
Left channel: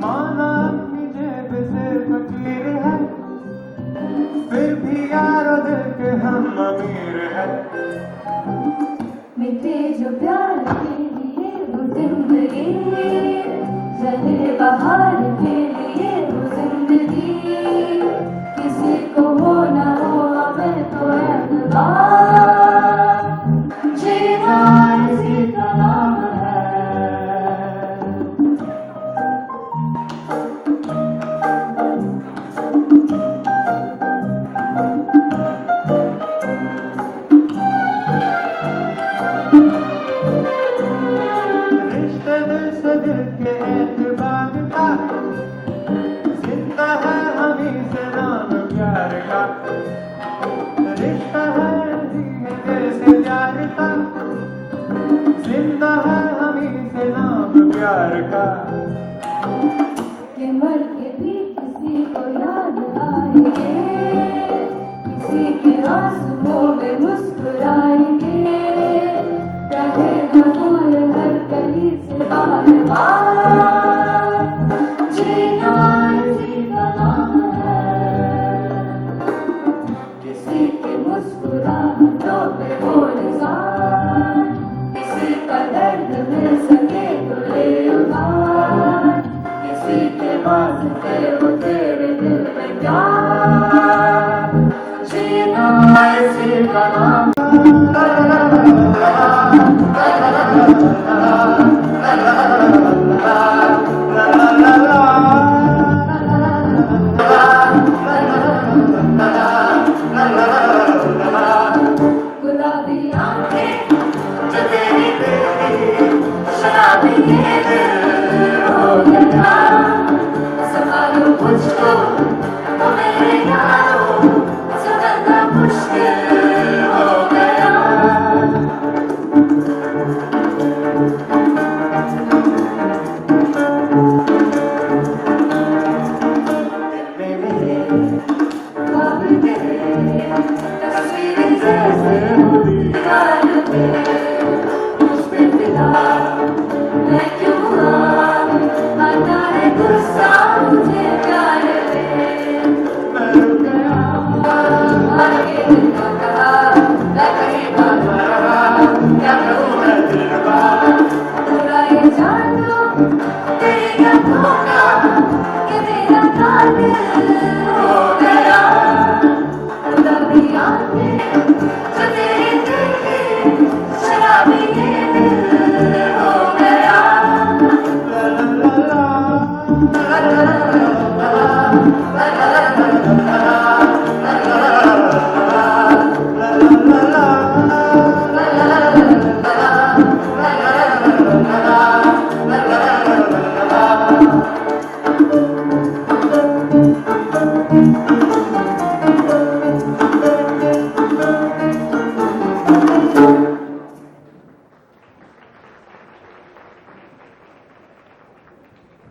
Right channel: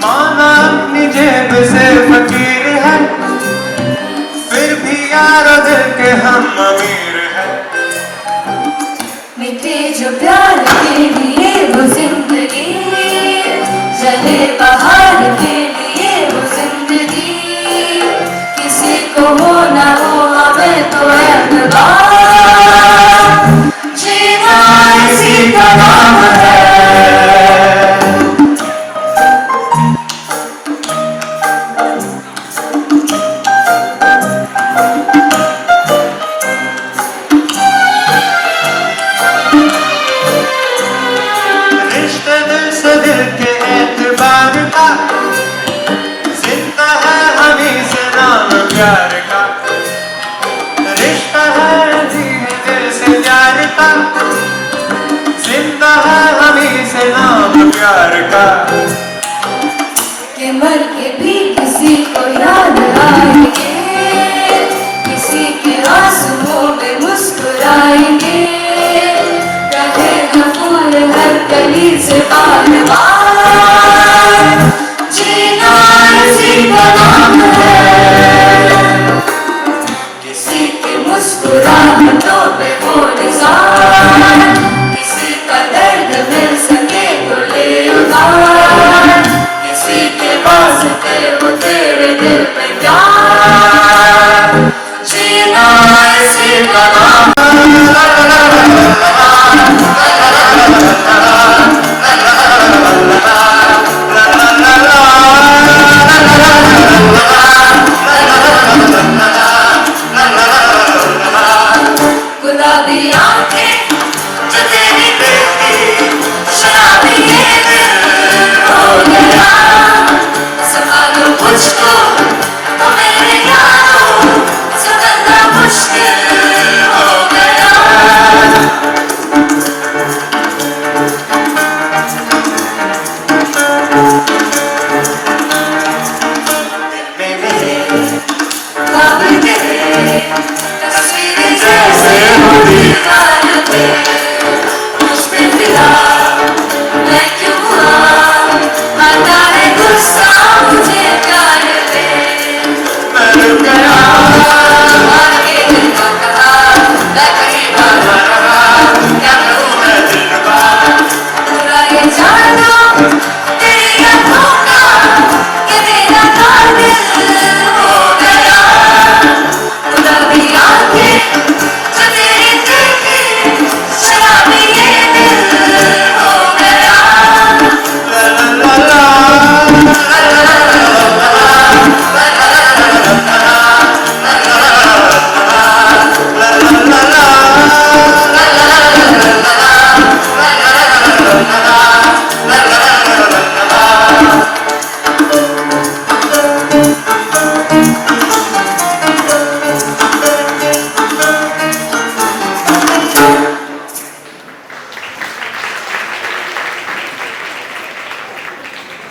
माना अपनी जेब से फकीर है फिर भी यार दिल के हम अमीर है मिटे जो प्यार के लिए वो जिंदगी जले बहार के लिए वो जिंदगी किसी को हो ना हो हमें तो एतबार जीना इसी का नाम है रिश्ते दिल से दिल के एतबार का जिंदा है हमी से नाम प्यार का रिश्ता है जी है दिल से प्यार का जिंदा है हमी से नाम प्यार का कि मर के भी किसी को याद आएंगे किसी के आंसुओं में मुस्कुराएंगे रहेगा फूल हर कली से बार बार जीना इसी का नाम है किसी के मुस्कुराहटों पे हो निसार किसी का दर्द मिल सके तो ले उधार किसी के वास्ते हो तेरे दिल में प्यार जीना इसी का नाम है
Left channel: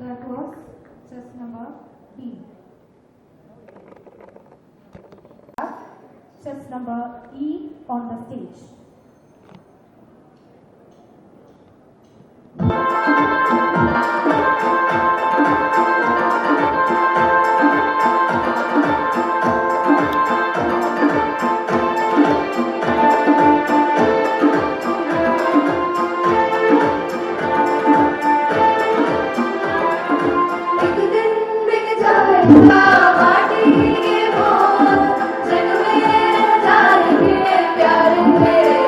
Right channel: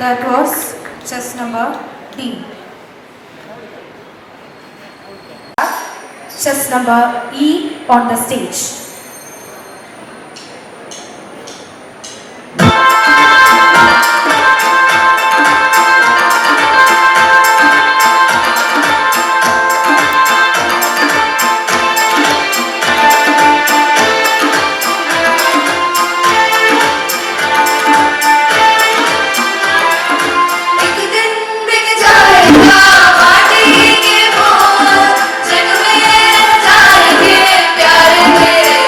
That was chess number D. Chess number E on the stage. एक दिन बिक जाएगा माटी के मोल, जग में जाएंगे प्यारे तेरे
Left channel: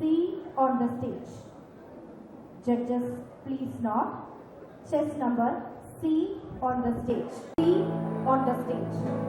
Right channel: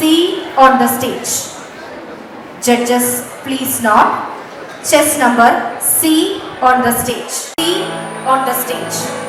C on the stage. Judges, please nod. Chess number C on the stage. C on the stage.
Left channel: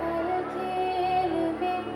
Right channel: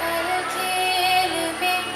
कल खेल में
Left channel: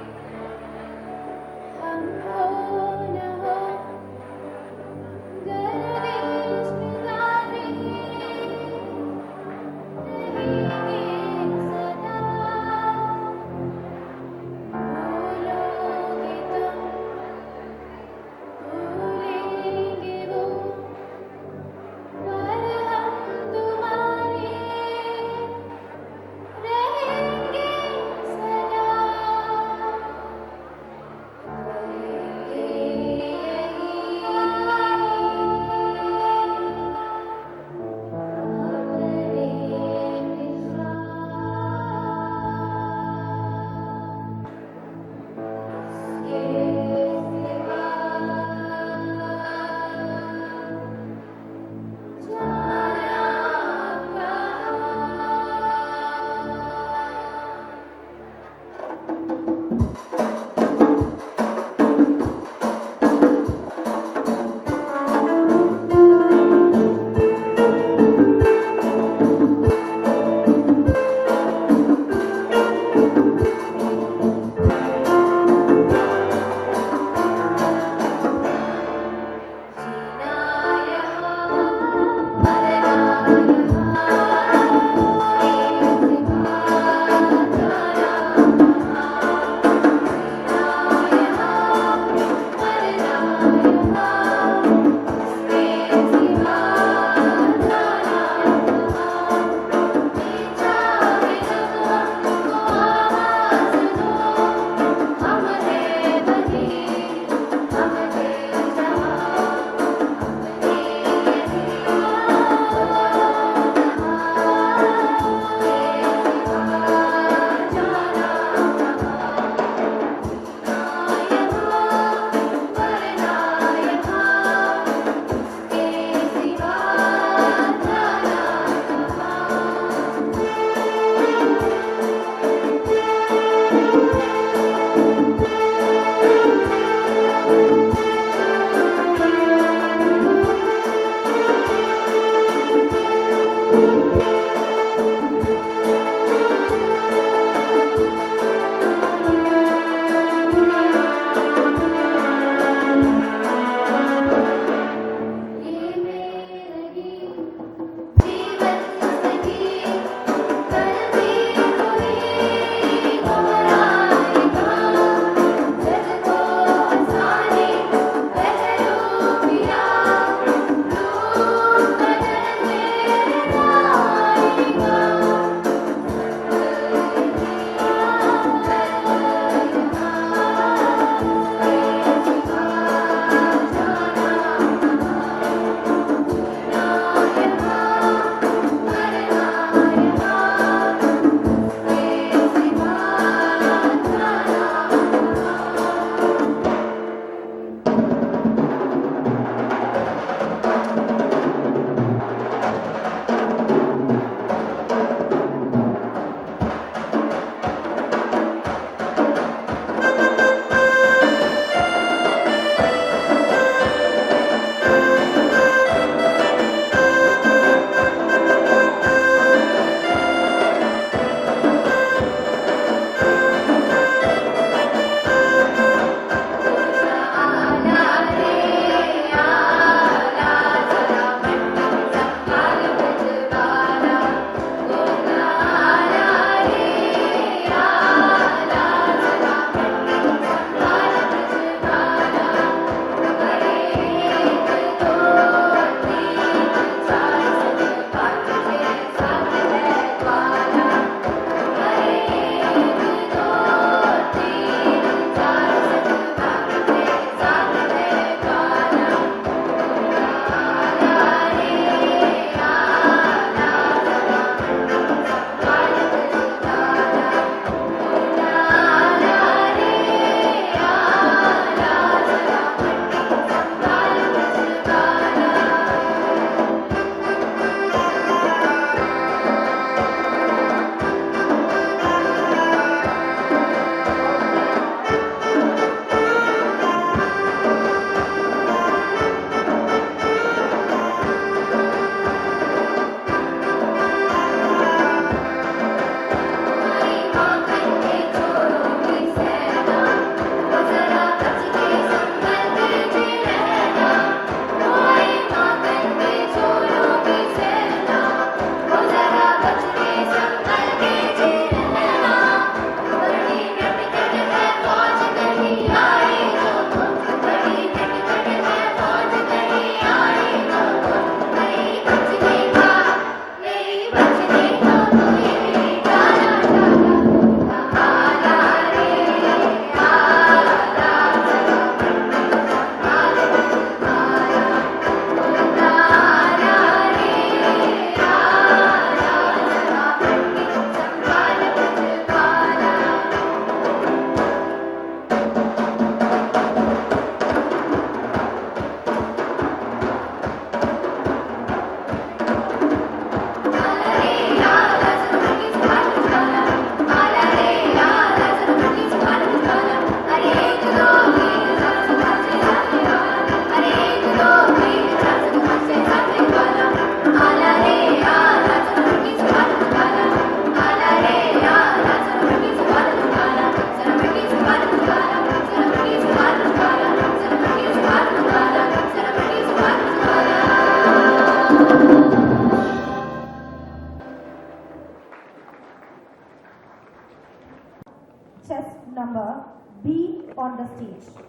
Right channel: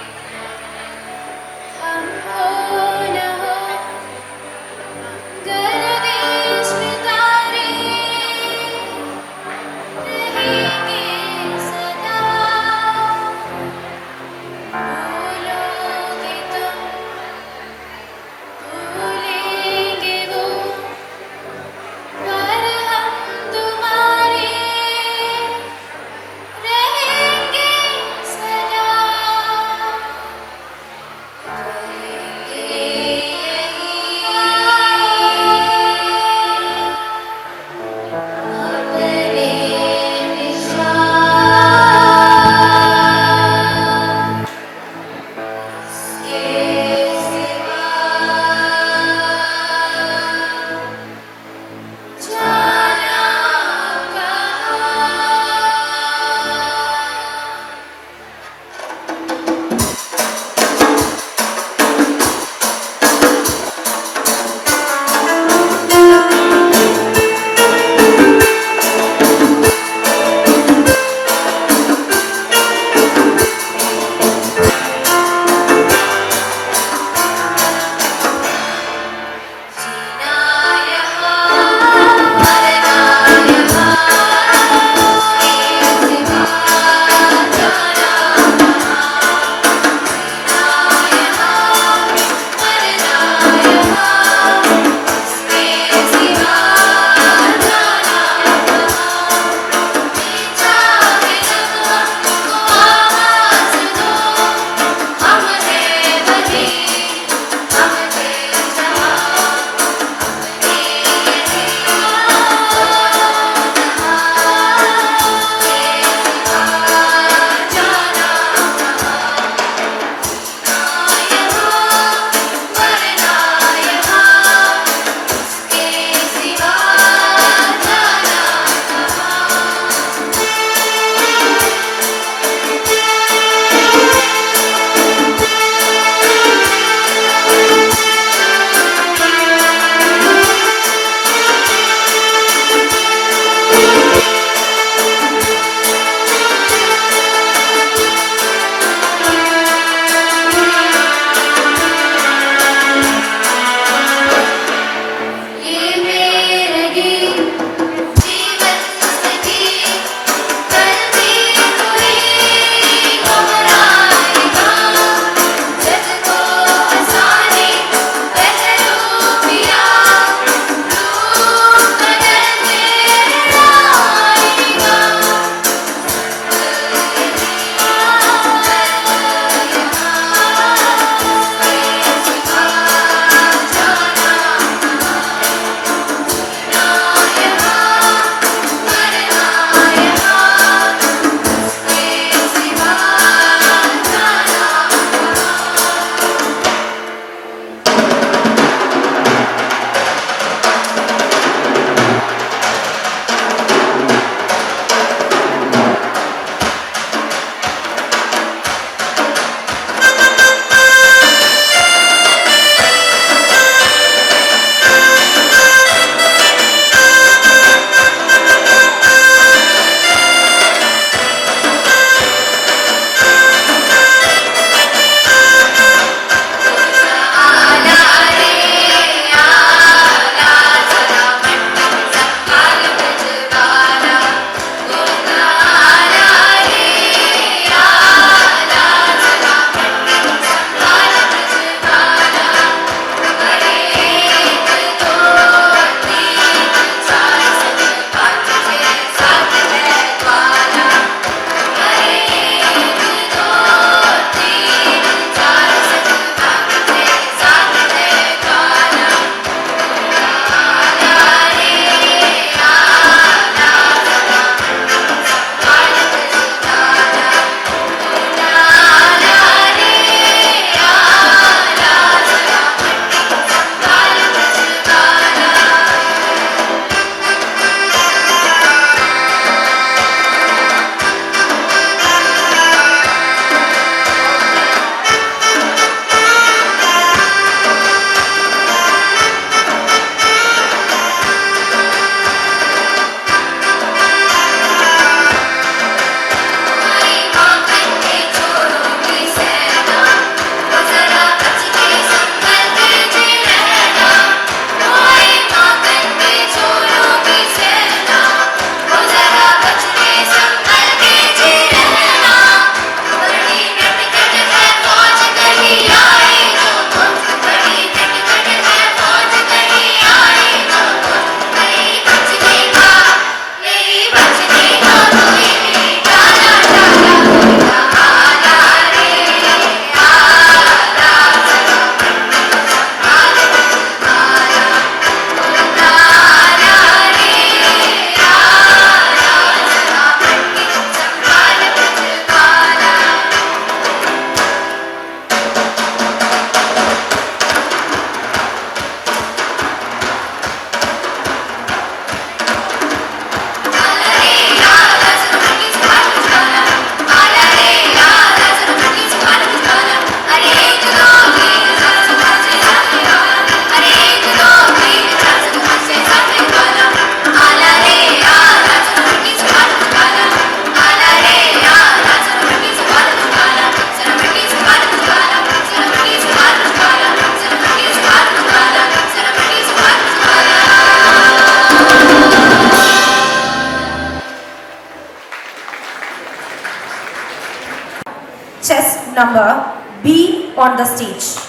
B on the stage.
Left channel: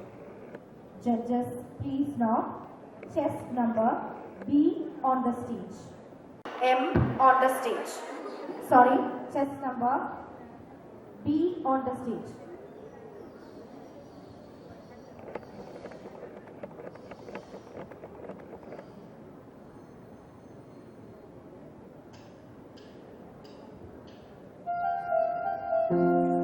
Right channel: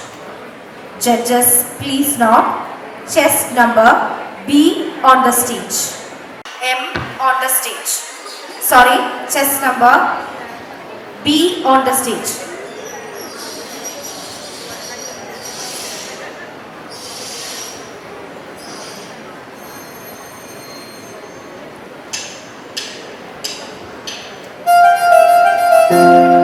Judges, please nod. Chess number B on the stage. M on the stage. Sorry, chess number B on the stage. la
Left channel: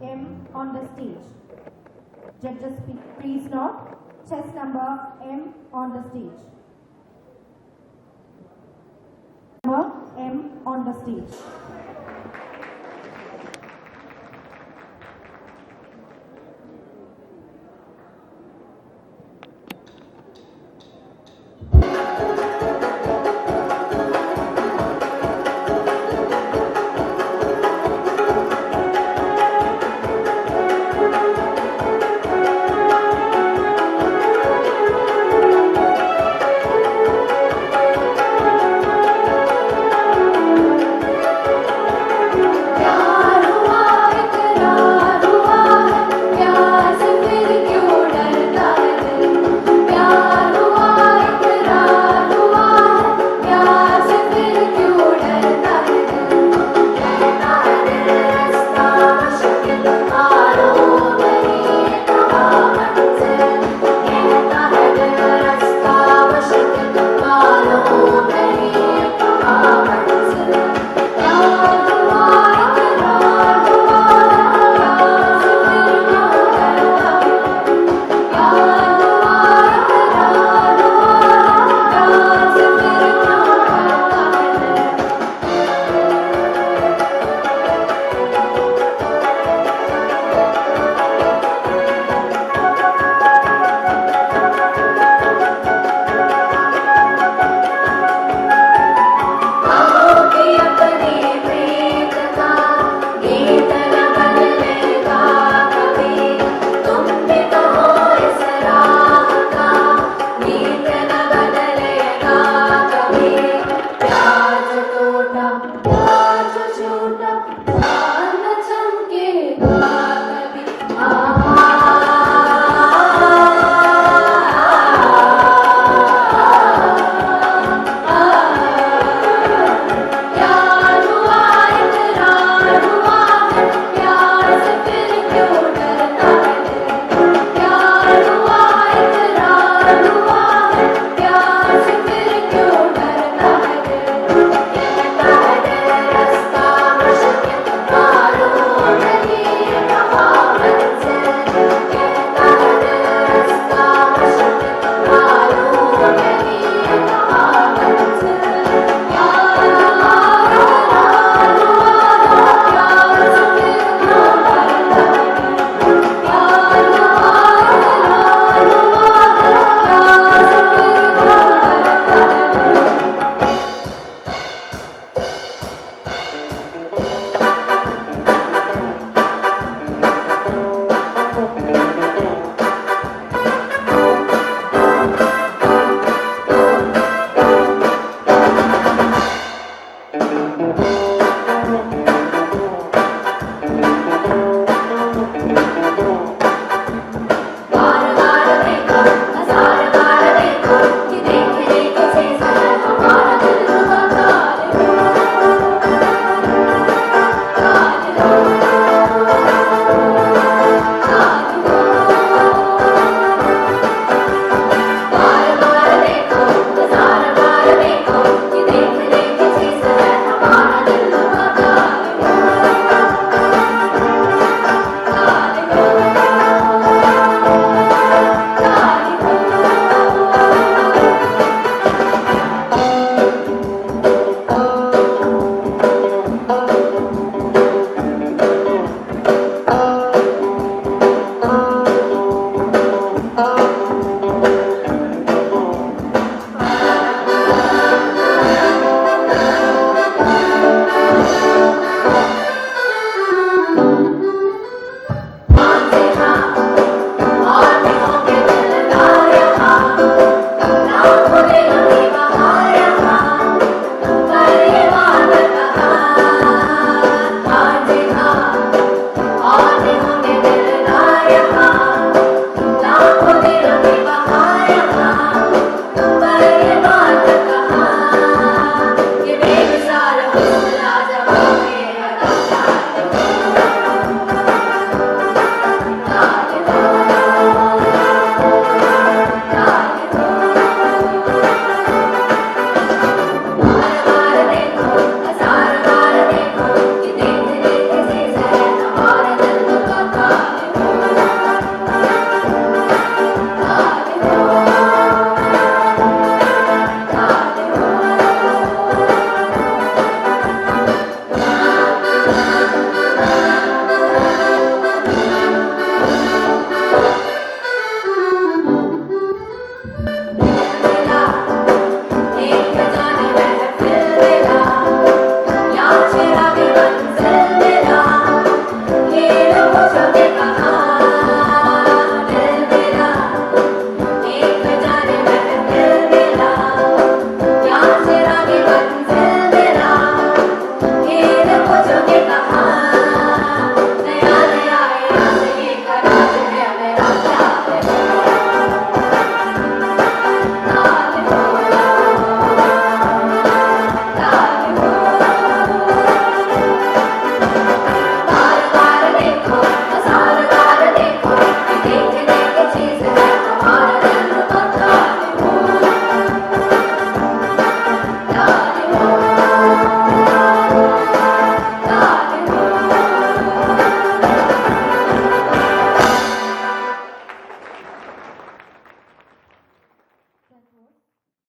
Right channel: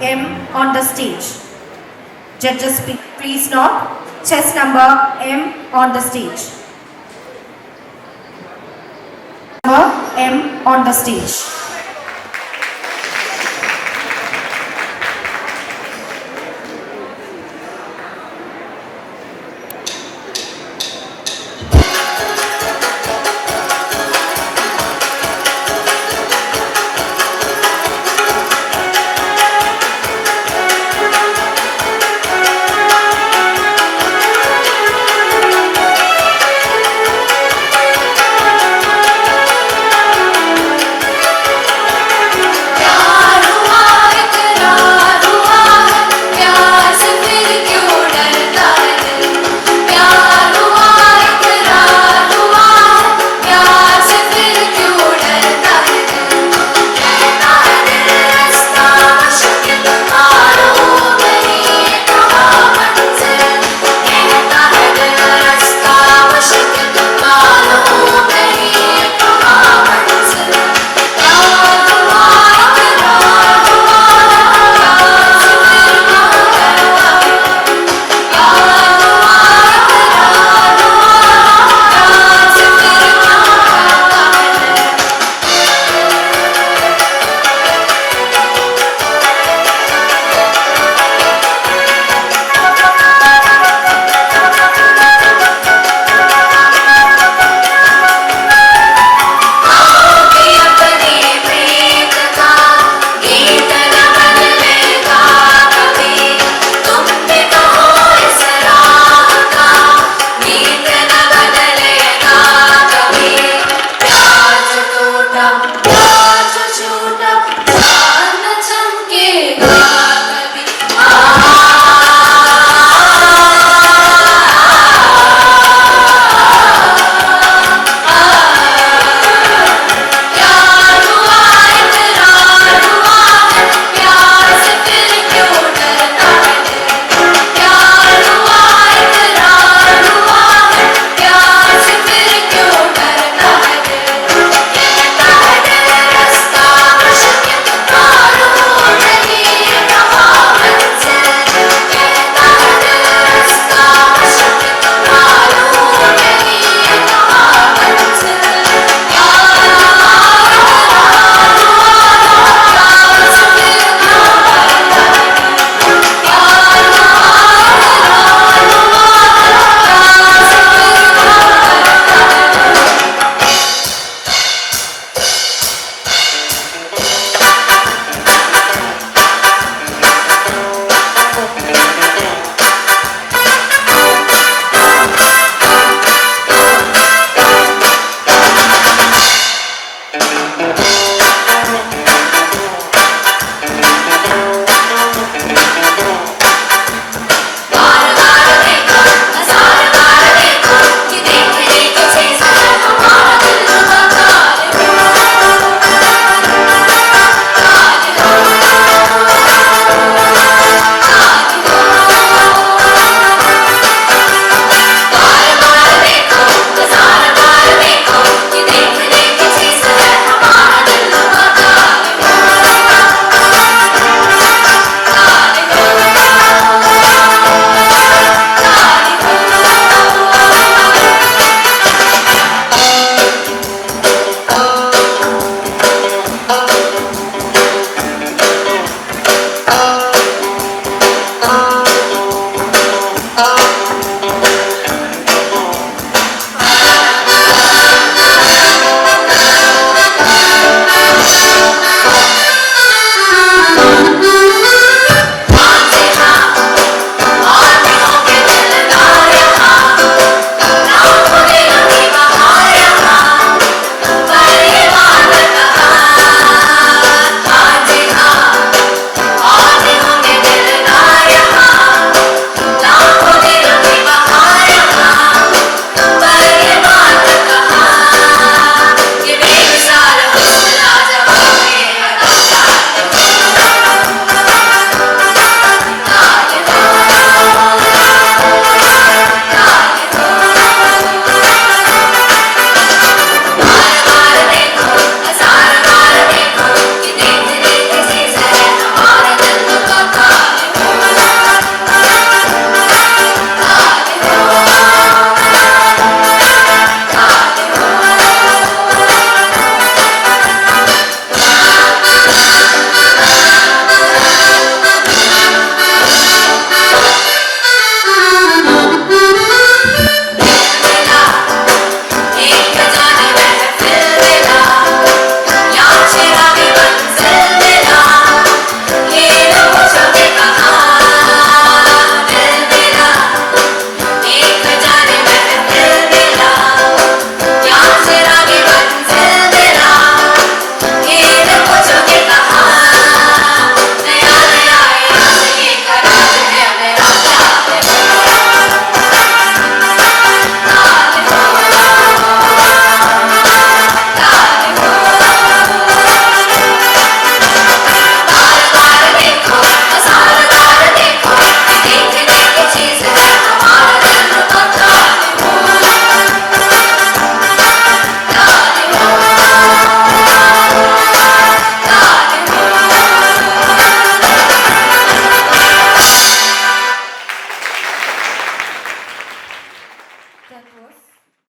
M on the stage. Judges, please note. Chess number M on the stage. Number M on the stage.